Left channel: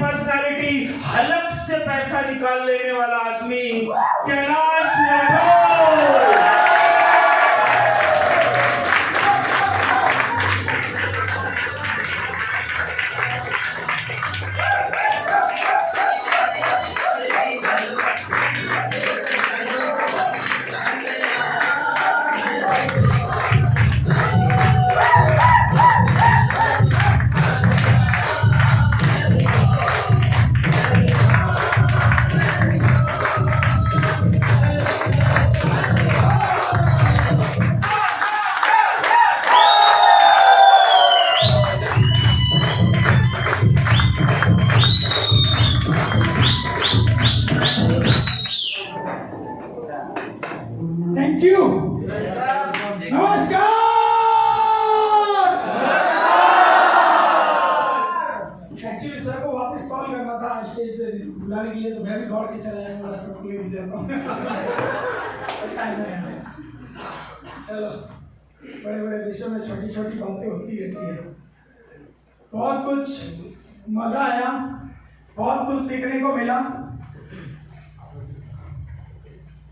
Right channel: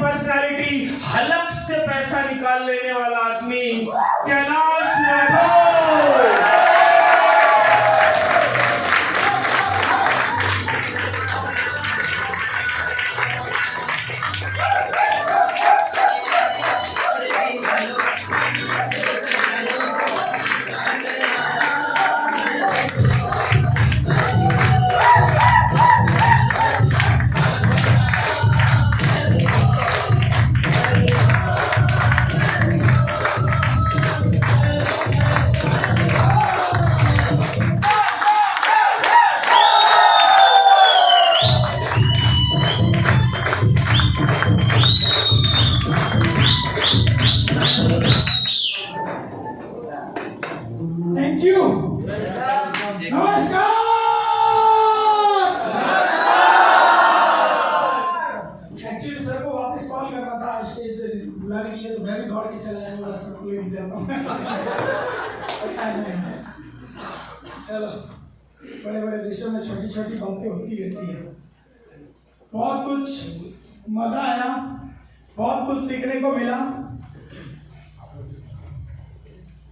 Personality, हलक से पैसा निकाल लेने वाला आदमी कैलाश राठौर। Thank you. नमस्कार। एक्चुअली सर को वापस कॉल करना था स्टेज पे बुलाने के लिए, तो मैं भी दौड़ के चला आया, बड़ा सबको ले देता हूँ। चलो, बड़े बड़े देशों में छोटी छोटी बातें होती रहती है। बहुत कुछ मजा आया, बहुत कुछ सीखने को मिला।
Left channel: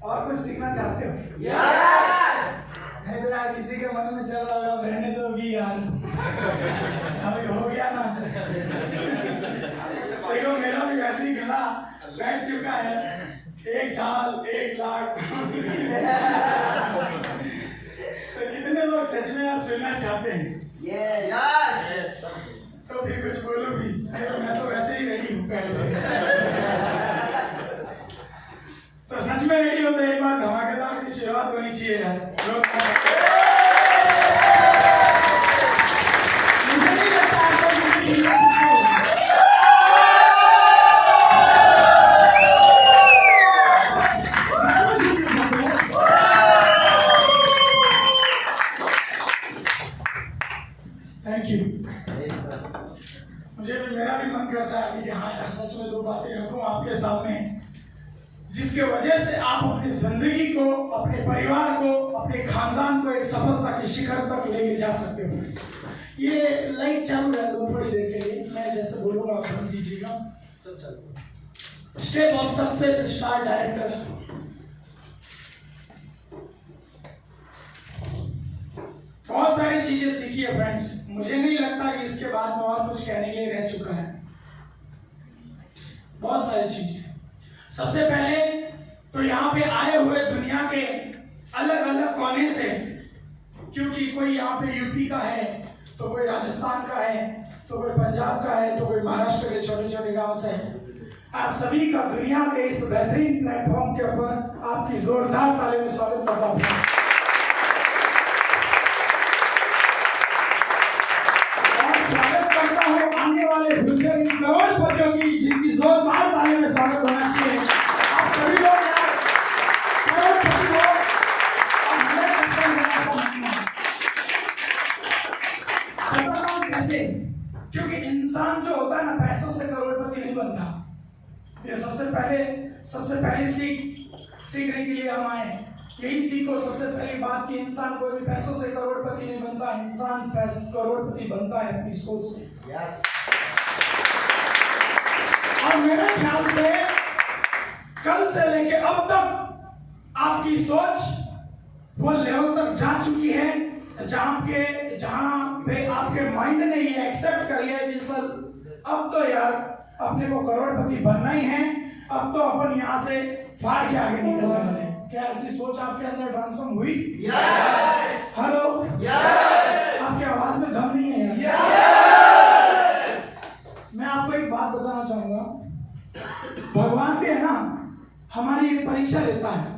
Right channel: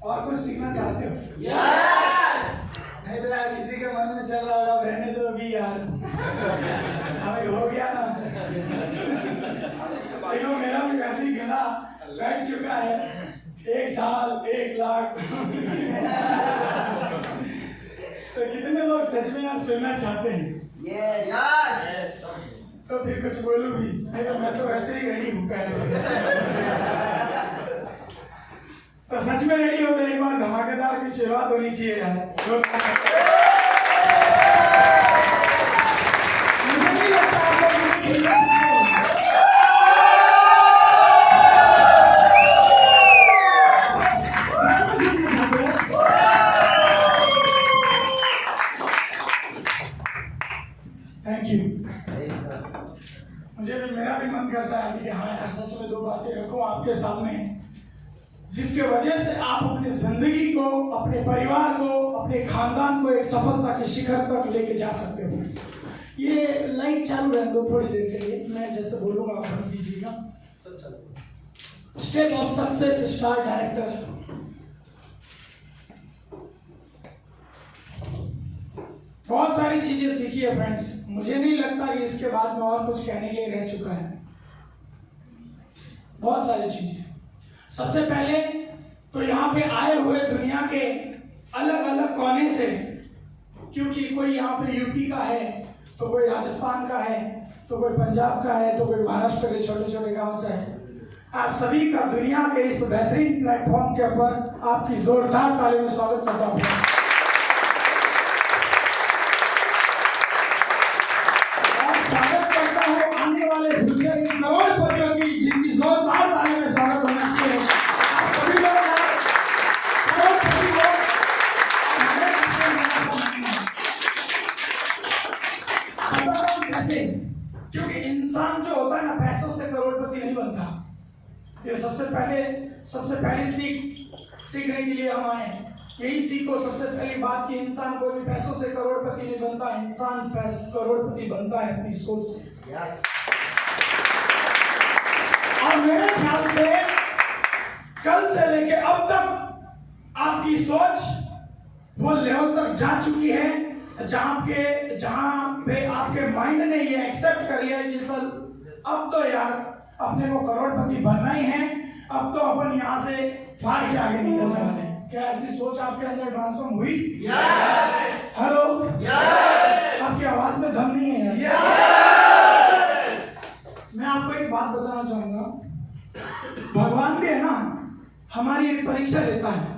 और कुछ सीखना चाहते हो? नहीं तो यार किसी के मन में चल रहा होगा रहने दो भी यार, अभी हो गया ना। देखो मेरा भी वैसे ही गला बैठ चुका है, 1 साल 1 लाख। तो कितने लोग सच में यार सुनना चाहते हैं? तो फिर कुछ बोलो भी, नहीं तो मैं तो वैसे ही रेडी हूँ पहले से। तो सच में रेडी होते एक बार धमाकेदार की शुरुआत होनी चाहिए। मुझे नहीं लगता थैंक यू। मुझे भी, मेरा भी मन करता है कि हाँ यार सच में 2 बातें रखूं आपके सामने, जिसके वजह से आप अपनी जिंदगी को, अपने परिवार को, अपने खानदान को एक सफलता के शिखर तक लेके जा सकते हो। ये लाइट चालू रहने दो थोड़ी देर के लिए, मैं जैसे बोलूंगा आप बंद कीजिएगा। Step of success star director. बहुत सारी चीजें सीखी है फ्रेंड्स, मुझे नहीं लगता कि इसके बाद में और कुछ कहने के लिए रह चुका है। बहुत सारी चीजें। सबसे पहले तो यहाँ पे आए हुए दुनिया के अलग अलग कोने से, क्योंकि कोई यहाँ पे यूपी का है, तो कोई राजस्थान का है, तो कोई पंजाब का है, तो कोई महाराष्ट्र के छोटे छोटे गांव से है। आप सभी का दुनिया के इस बेहतरीन प्लेटफॉर्म के ऊपर आपकी जोरदार तालियों में स्वागत करता हूँ। और स्वागत करता हूँ आने वाले फ्यूचर इन करोड़पतियों की, जिनकी जोरदार तालियों में स्वागत होना चाहिए। आप सभी लोग कैसे, क्योंकि इंसान जो होता है ना, पैसों से करोड़पति नहीं बनता। ये सबसे पहले सीखने के लिए हम आए। यही सीखो सबसे पहली बात कि इंसान कोई भी पैसों से करोड़पति नहीं बनता, इंसान करोड़पति बनता है अपनी सोच से। और मेरे ख्याल से कल से लेके अब तक आपकी सोच वो लेवल तक जा चुकी है जहां पे आपके माइंड ने ये एक्सेप्ट कर लिया कि सर अब तो यार अपने को करोड़पति बनना ही है, अब तो अपन यहाँ से फाड़ के आगे निकलने वाले हैं। क्या ऐसी सोच आपके अंदर ट्रांसफॉर्म हुई? यस। हेलो? यस। आपकी आवाज में दम नहीं है यार। यस। मैं आपको एक बात बताना चाहूंगा, भगवान भी है ना हमारी एक परीक्षा लेता है।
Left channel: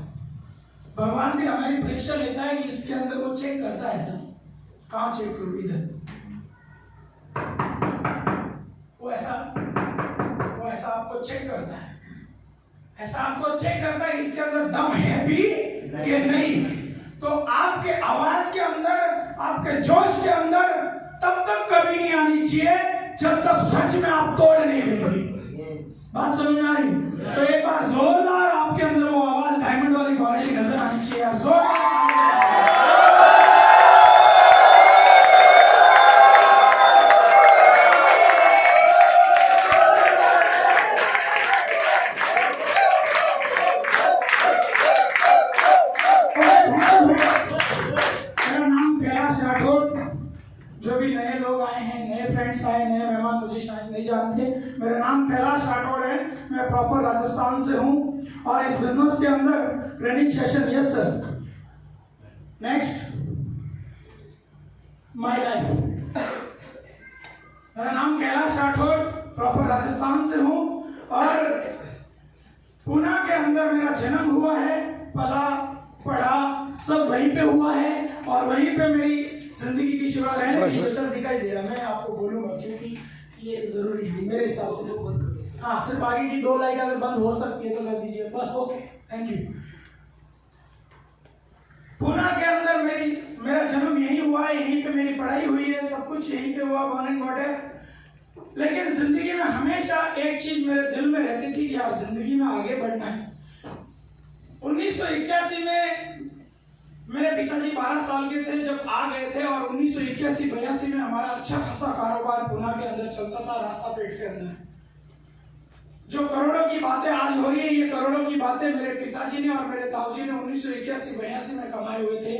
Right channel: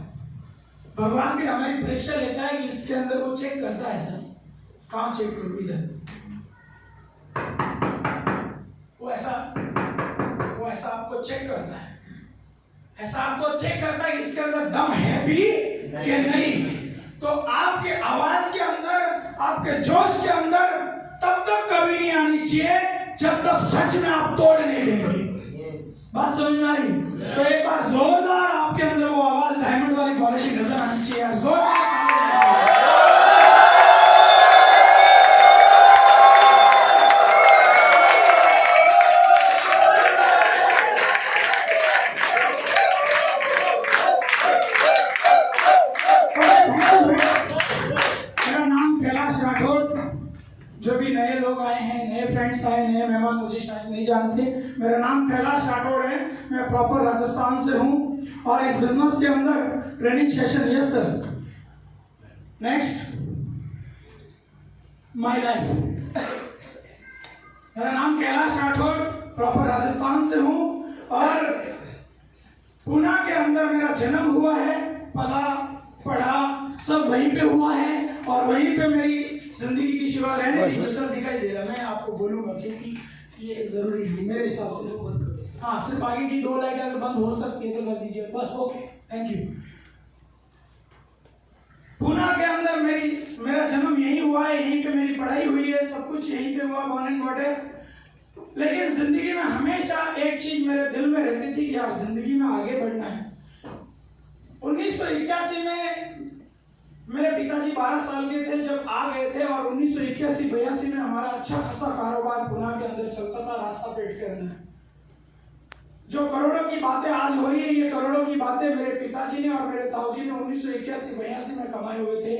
भगवान भी हमारी परीक्षा लेता है कि इसके अंदर वो चेक करता है। सर कहाँ चेक करूँ? इधर। वो ऐसा आपको चेक करता है, ऐसा आपको चेक करता है कि इसके अंदर दम है भी कि नहीं। तो आपके आवाज के अंदर, आपके जोश के अंदर तब तक कभी नहीं आनी चाहिए जब तक सच में आप तोड़ नहीं देंगे। बात समझ में आ रही? तो एक बार जोरदार आपके अंदर वो आवाज डायमंड वाली क्वालिटी नजर आनी चाहिए। जोरदार नहीं जानते, मेरा नाम कैलाश राठौड़ है, मैं प्रॉपर राजस्थान से हूँ और इस बिजनेस के अंदर training session. Yes sir. Next, my life. मेरा नाम कैलाश राठौड़, प्रॉपर राजस्थान से हूँ और पुणे के अंदर मेरा जन्म हुआ है, पला पढ़ा सब वहीं पे हुआ है और वहीं पे मेरी जिंदगी की शुरुआत है। सर दिखाई दे रहा, मैं आपको बोलूंगा क्योंकि ये जरूरी है मेरे हिसाब से। हाँ, सिर्फ आगे की 2 लाइट अगर बंद हो सकती है तो कर दीजिए बस। Okay, thank you. पुणे के अंदर मेरा जन्म यही हुआ है, यहीं पे मेरी पढ़ाई हुई है, सब कुछ यहीं पे हुआ, बॉर्न एंड बॉट है। लेकिन जिंदगी में हमेशा एक चीज मेरे दिल में रहती थी कि यार जिंदगी में आगे बढ़ना है। 1981 में मेरे पिताजी 12 साल के थे जब आ गए थे और 1981-82 में हमारा अच्छा खासा कारोबार पुणे के अंदर चलता था, रास्ता पेट के अंदर। जो करोड़ों की बातें आज हो रही है, ये करोड़ों की बातें मेरे पिताजी ने और मेरे ताऊजी ने 1981-82 में कमाए हुए थे।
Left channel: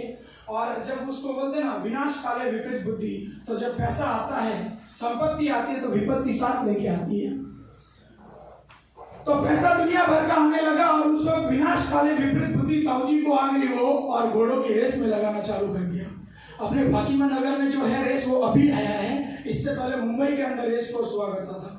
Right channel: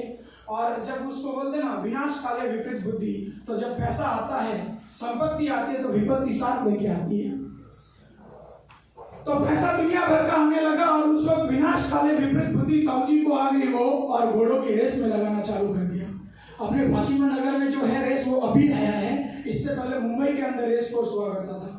और जब उसको बोलते ना विनाश काले विपरीत बुद्धि, तो जब पैसा आता है, संपत्ति आती है तो विपत्ति साथ लेके आती है। तो पैसा दुनिया भर का आने लगा और उस वक्त विनाश काले विपरीत बुद्धि ताऊजी को आ गई वो और घोड़ों की रेस में लगाना चालू कर दिया। अपने फातिमा नगर में जो है रेस वो अभी आया है, इससे पहले मुंबई के अंदर रेस कोर्स हुआ करता था।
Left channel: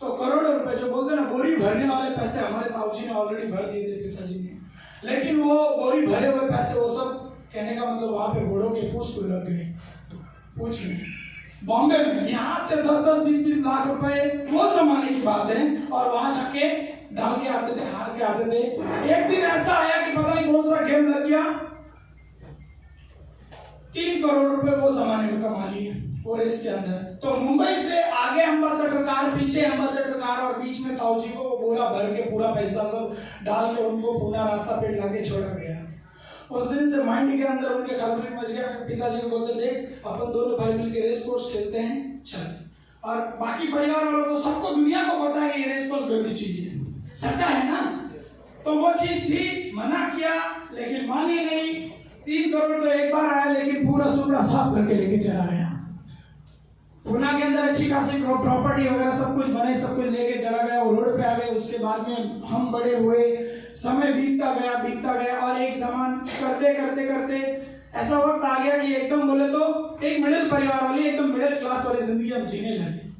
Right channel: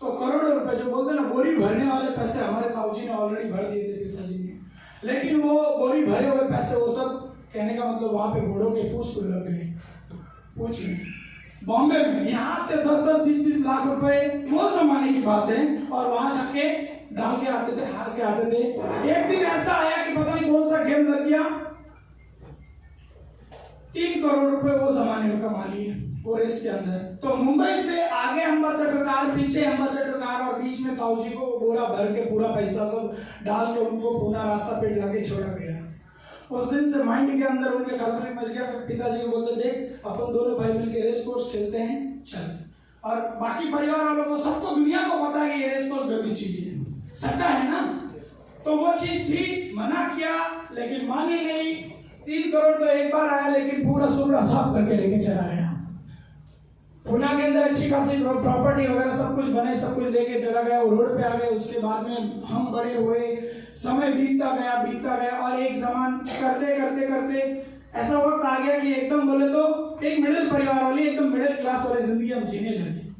तो करोड़ों रुपए जो बोलते ना बोरी भरने वाले पैसे हमारे ताऊजी ने ऑलरेडी भर दिए थे पिताजी ने। लेकिन वो बोरी भरे हुए पैसे वो सब कहने का मतलब वहां पे घोड़ों के पूछ को लग गए। पूछ बॉम्बे में यहाँ से 10-10, 20-20 लाख रुपए वो जमाने की बात है और वहां जाके डाल के आते थे, हार के आते थे। एक दिन ऐसा आया कि पता नहीं कौन सा गेम लग गया, 3 करोड़ रुपए वो जमाने में कमा लिए वो रेस के अंदर। तो मुंबई से आगे एम्बेसडर कार, पीछे एम्बेसडर कार और बीच में ताऊजी को बोरा भर के पूरा पैसा सब डाल के उनको पुणे रास्ता पे लाके छोड़ा गया। उस दिन से माइंड के अंदर उनके खलबली मच गया। पिताजी को बोलते, देख अपन दोनों भाई मिलके रेस कोर्स खेलते हैं, चल। और बाकी परिवार वालों को, सबको दुनिया को पता है कि ये रेस कोर्स गलती चीज है, सट्टा है ना। तो वो चीज थी, मना किया लेकिन मानी नहीं। 3 करोड़ तो एक बार आया लेकिन पूरा सुबड़ा साफ करके लेके चला गया। पुणे के अंदर अच्छी खासी प्रॉपर्टी वगैरह सब कुछ बने, सब कुछ लेके चला गया। वो रोड पे आ गए। उसके बाद में हम बड़े हुए, समय बीतता गया और एक जमान करते करते करते ऐसा वक्त आ गया कि एकदम बोले तो एक मिडिल परिवार वाली, एकदम मिडिल क्लास वाली जिंदगी हम जीने लगे।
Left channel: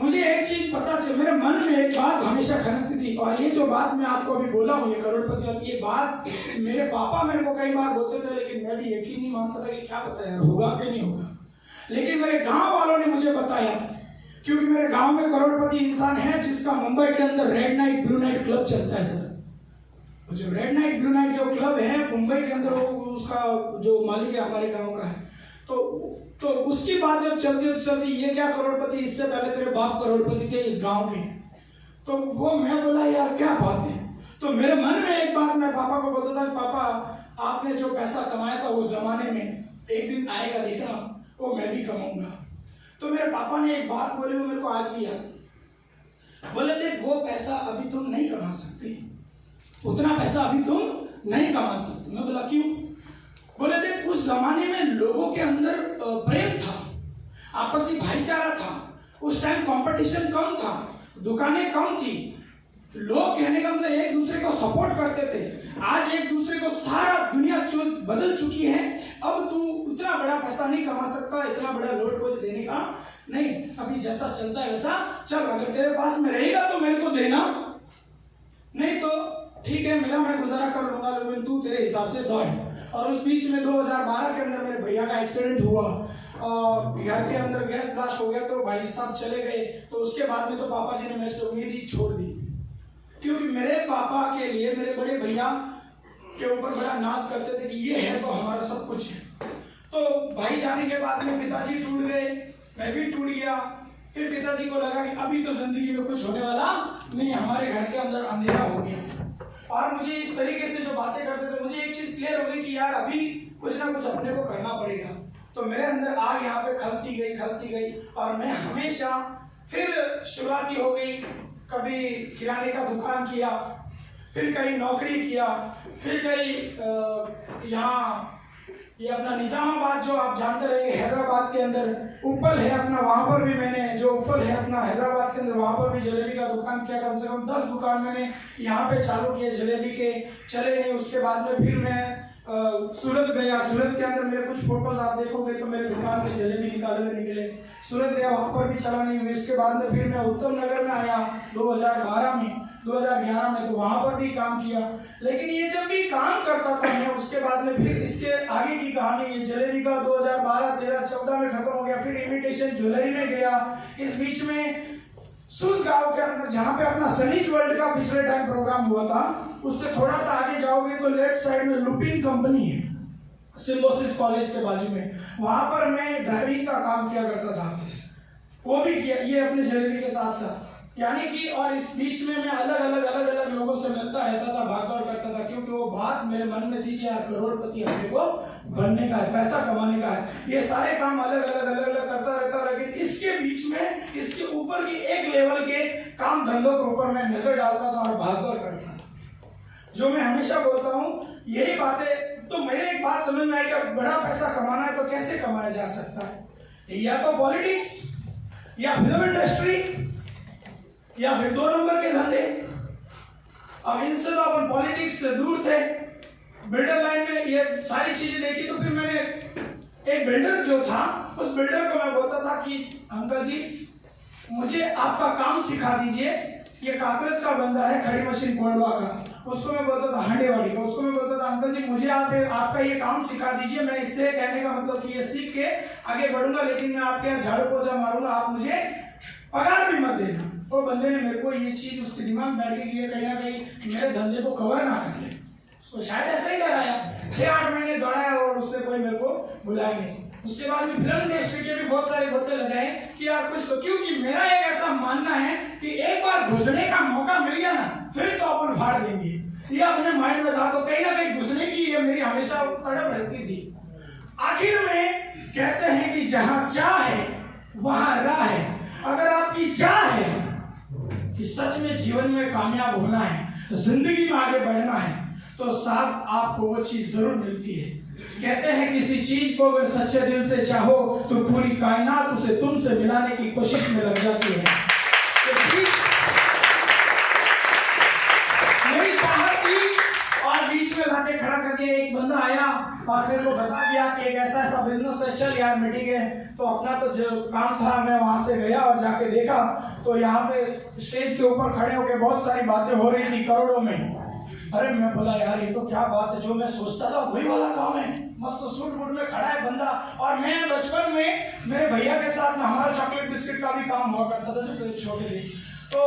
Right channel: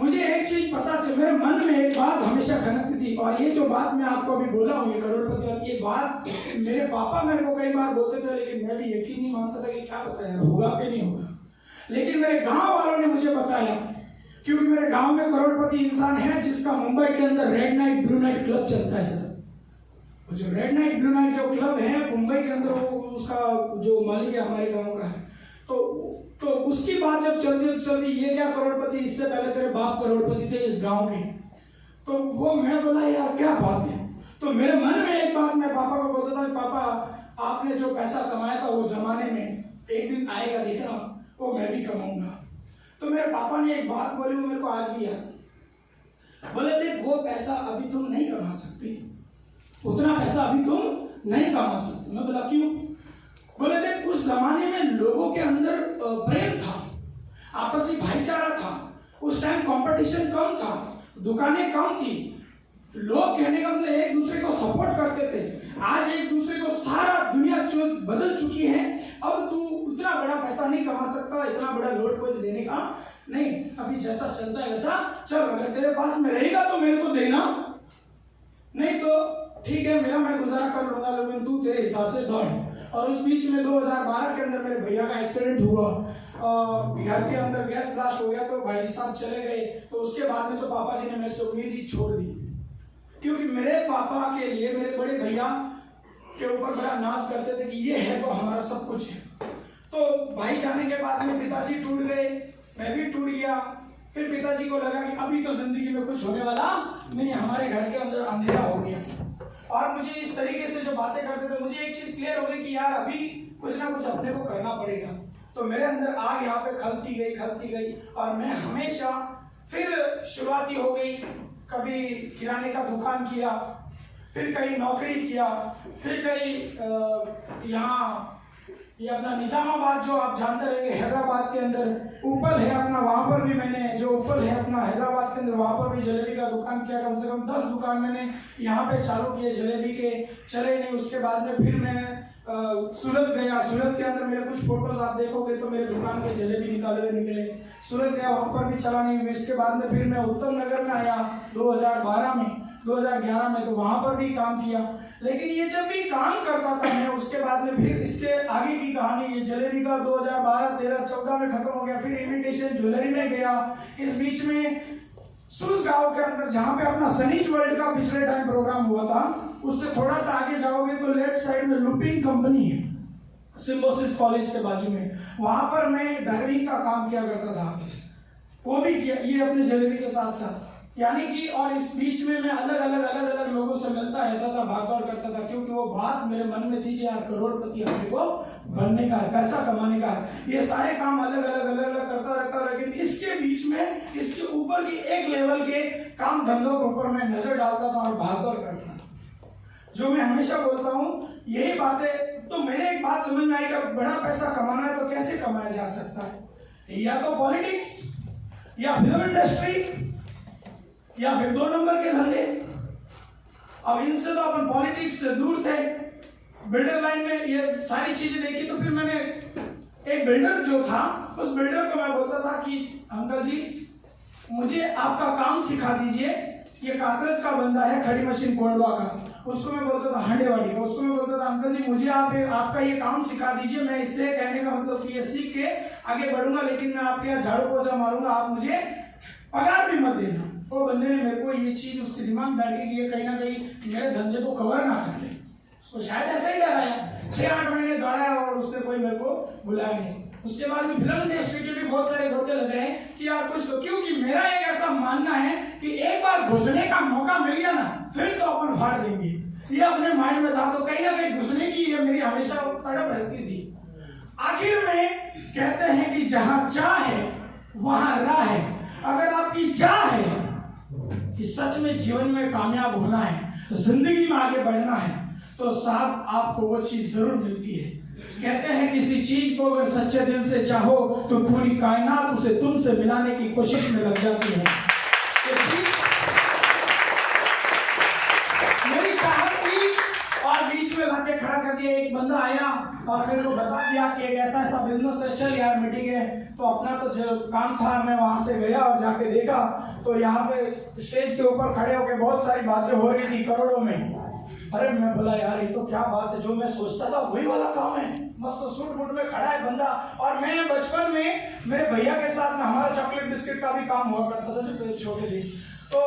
मुझे एक चीज पता चल, मेरे मन में एक बात हमेशा खनकती थी और ये जो बात मैं आपको अभी बोला हूँ, ये करोड़पति वाली ये बात मेरे पापा मेरे को कई बार बोलते थे, लेकिन मैं भी यकीन नहीं मानता था कि क्या पता यार होगा कि नहीं होगा। लेकिन मेरे गांव वालों ने मुझे बताया, क्योंकि मेरे गांव में करोड़पति इंसान है जिसका मुंबई के अंदर red night blue night club चलता है सर। जो रेड नाइट ब्लू नाइट जो क्लब है मुंबई के अंदर, उसका जो मालिक है हमारे गांव का है। तो उसकी बात जब चलती ये क्या करोड़पति, इससे पहले तेरे बाप करोड़पति थे इस गांव के। तो वो मैं बोला यार क्या बात है। तो मेरे मन में एक बात, मैं पापा को बोलता था, पापा आपने जो पैसा कमाया था उस जमाने में एक दिन आएगा देखना, वो मैं भी कमाऊंगा। तो मेरे पापा ने एक बात बोली, वो मेरे को आज भी याद। बोले देख, वो पैसा अभी तुम नहीं कमा सकते, उतना पैसा अभी तुम नहीं कमा सकते। मैं बोला क्यों? बोले देख, उस जमाने में लोगों के अंदर प्रेम था, आपसी भाईचारा था, उस टाइम कंपटीशन कम था, दुकानें कम थी, लोग कहने का मतलब एक दूसरे को सपोर्ट करते थे। आज एक दूसरे को सारा दुनिया बदल चुकी है। अब तू इतना बड़ा पैसा नहीं कमा सकता, इतना बड़ा लोड बोझ देने का नहीं। अभी जैसा चलता है वैसा चल, अगर तेरे पास में रहेगा तो मेरे को देना, नहीं तो ठीक है मेरा मैं गुजारा कर लूंगा, लेकिन तू तेरे हिसाब से दौड़। और उस बीच में 2012 के अंदर मेरे भैया का एक्सीडेंट हुआ और घर के अंदर गैस ब्लास्ट हो गया, तो भाई साहब चले गए। तो उसके बाद में तो पापा जी ने मेरे से उम्मीद ही छोड़ दी, क्योंकि मेरे पापा के लिए मेरे बड़े भैया के ऊपर बड़ा नाज करते थे कि ये है तो हमारा सब कुछ है। तो भाई जाने के बाद में पिताजी टूट गए, मैं भी टूट गया। फिर पिताजी को लगा कि अभी तो जिंदगी में कुछ होने वाला नहीं, हमारे घर के अंदर अंधेरा हो गया। और मुझे इस तरीके से जो बातें करते थे, मुझे एक चीज क्लियर हो गई कि यार अभी कुछ ना कुछ अपने को करना पड़ेगा। तो मेरे अंदर आग यहाँ पे खलती गई और मैं हमेशा फिर शुरुआती हो गई। कभी किराने का दुकान किया, फिर कहीं नौकरी किया, फिर कहीं यहाँ ये अपना निजामाबाद जो आप जानते रहेंगे हैदराबाद के अंदर उपल है अपना, वहाँ पर भी मैंने जो उपल है अपना हैदराबाद के अंदर, वहाँ पर भी जलेबी का दुकान किया। कम से कम 10 दुकान मैंने यहाँ पे चालू किए जलेबी के, चले नहीं। उसके बाद में फिर मैं सूरत गया। सूरत के अंदर मेरे कुछ फोटोज आप देखोगे तो मेरे दुकान के जलेबी निकाले हुए निकले। सूरत गया, वहाँ पर भी चला नहीं। इसके बाद में फिर मैं उत्तम नगर में आया 2011 में, तो वहाँ पर भी काम किया। लेकिन ये जब भी काम करता था मैं, उसके बाद में फिर इसके आगे की कहानी, ये जलेबी का 2012, 13, 14 में खत्म हो गया। फिर इमिटेशन ज्वेलरी में गया। इस बीच में सुस गांव के अंदर जहाँ पे अपना सनीज वर्ल्ड का पिछले टाइम प्रोग्राम हुआ था, उससे थोड़ा सा आगे जाओगे तो लेफ्ट साइड में लुपिन कंपनी है, सिम्बोसिस कॉलेज के बाजू में। वहां पर मैं ड्राइविंग का काम किया करता था, वो भी किया, ये अपने जलेबी के साथ साथ, यानी कि। और इस बीच में मैं अलग अलग लोगों से मिलता रहता था, भागदौड़ करता था, क्योंकि वो बात मेरे मन में थी कि यार करोड़पति अपने को बनने का है, पैसा कमाने का है। ये सारे काम अलग अलग करता रहता। लेकिन इसके बीच में इसके ऊपर की एक लेवल के काम धंधों के ऊपर मैं नजर डालता था और भागदौड़ करता था। जो मैं हमेशा बोलता हूँ यही बातें, तो मेरे एक बात समझ में आई कि बड़ा पैसा कमाना है तो कैसे कमाया जा सकता है, या तो पॉलिटिक्स, या फिल्म इंडस्ट्री, या फिर 2 नंबर के धंधे। अब इनसे तो अपन पॉलिटिक्स से दूर थे। बिल्डर लाइन में ये सारी चीजें देखी तो फिर मैंने एक बिल्डर जो था, उस बिल्डर को मैं बोलता था कि अंकल जी मुझे आपका काम सिखा दीजिए। ये कागज का बंदा है, खड़ी मशीन कोंडवा का, उसको मैं बोलता था हंडेवाड़ी का, उसको मैं बोलता था अंकल जी मुझे आपका ये काम सिखा दीजिए। मैं इससे कहने का मतलब कि ये सीख के आगे बढ़ूंगा, लेकिन मैं आपके यहाँ झाड़ू पोछा मारूंगा, आप मुझे पगार भी मत देना। वो बंदे ने मेरे को ये चीज उसके दिमाग में बैठ गई है, कहीं ना कहीं मेरे धंधे को कवर ना कर ले। उसको शायद ऐसा ही डराया। 6-8 महीने दौड़ाया और उसने कोई मेरे को बुलाया नहीं। उसके बाद में फिल्म इंडस्ट्री के भी बहुत सारे होते लगे हैं कि यार कुछ तो, क्योंकि मेरा एक ऐसा मानना है कि एक बार घुसने का मौका मिल गया ना, फिर तो अपन फाड़ देंगे। ये अपने माइंड में था, तो कहीं ना कहीं घुसने की ये मेरी हमेशा तड़प रहती थी। आखिर में कहते हैं कि जहां चाह है वहां राह है। अगर आपकी चाह है कि सच में जीवन में कामयाब होना है, जिंदगी में आगे बढ़ना है, तो साथ आपको वो चीज जरूर मिलती है। कहते हैं किसी चीज को अगर सच्चे दिल से चाहो तो पूरी कायनात उसे तुमसे मिलाने की कोशिश में लग जाती है। तो मेरी चाहत थी और बीच में लाके खड़ा कर दिया। एक बंदा आया और मेरे को बता दिया कि एक ऐसा बिजनेस है, चल यार मीटिंग है। तो अपना तो जो काम था मैं वहां से गया और जाके देखा तो यहाँ पे स्टेज के ऊपर खड़े होकर बहुत सारी बातें हो रही थी करोड़ों में। अरे मैं बोला यार ये तो क्या बात है, जो मैं सोचता था वही वाला काम है। मस्त सूट बूट में खड़ा है बंदा। और मैं बचपन में मेरे भैया के साथ में हमारा चॉकलेट बिस्किट का भी काम हुआ करता था जब छोटे थे। तो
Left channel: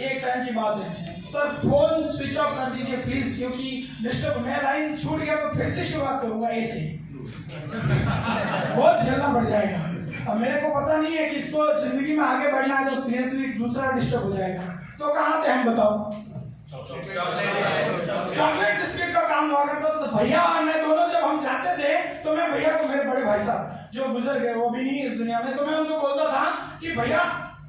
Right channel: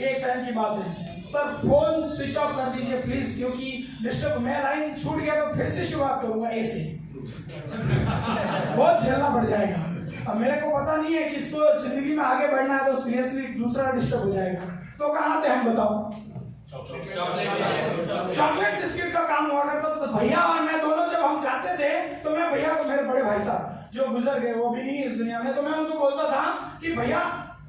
एक टाइम की बात है, सर फोन स्विच ऑफ कर दीजिए प्लीज, क्योंकि डिस्टर्ब, मैं लाइन छूट गया तो फिर से शुरुआत करूंगा ऐसे बहुत झेलना पड़ जाएगा। अब मेरे को पता नहीं है किसको जिंदगी में आगे बढ़ना है, तो सीरियसली दूसरा डिस्टर्ब हो जाएगा। तो कहाँ थे हम, बताओ? चॉकलेट बिस्किट का काम हुआ करता। तो भैया और मैं दोनों जब हम जाते थे तो मैं भैया को, मेरे बड़े भाई साहब जो गुजर गए वो भी नहीं इस दुनिया में, तो मैं उनको बोलता था कि भैया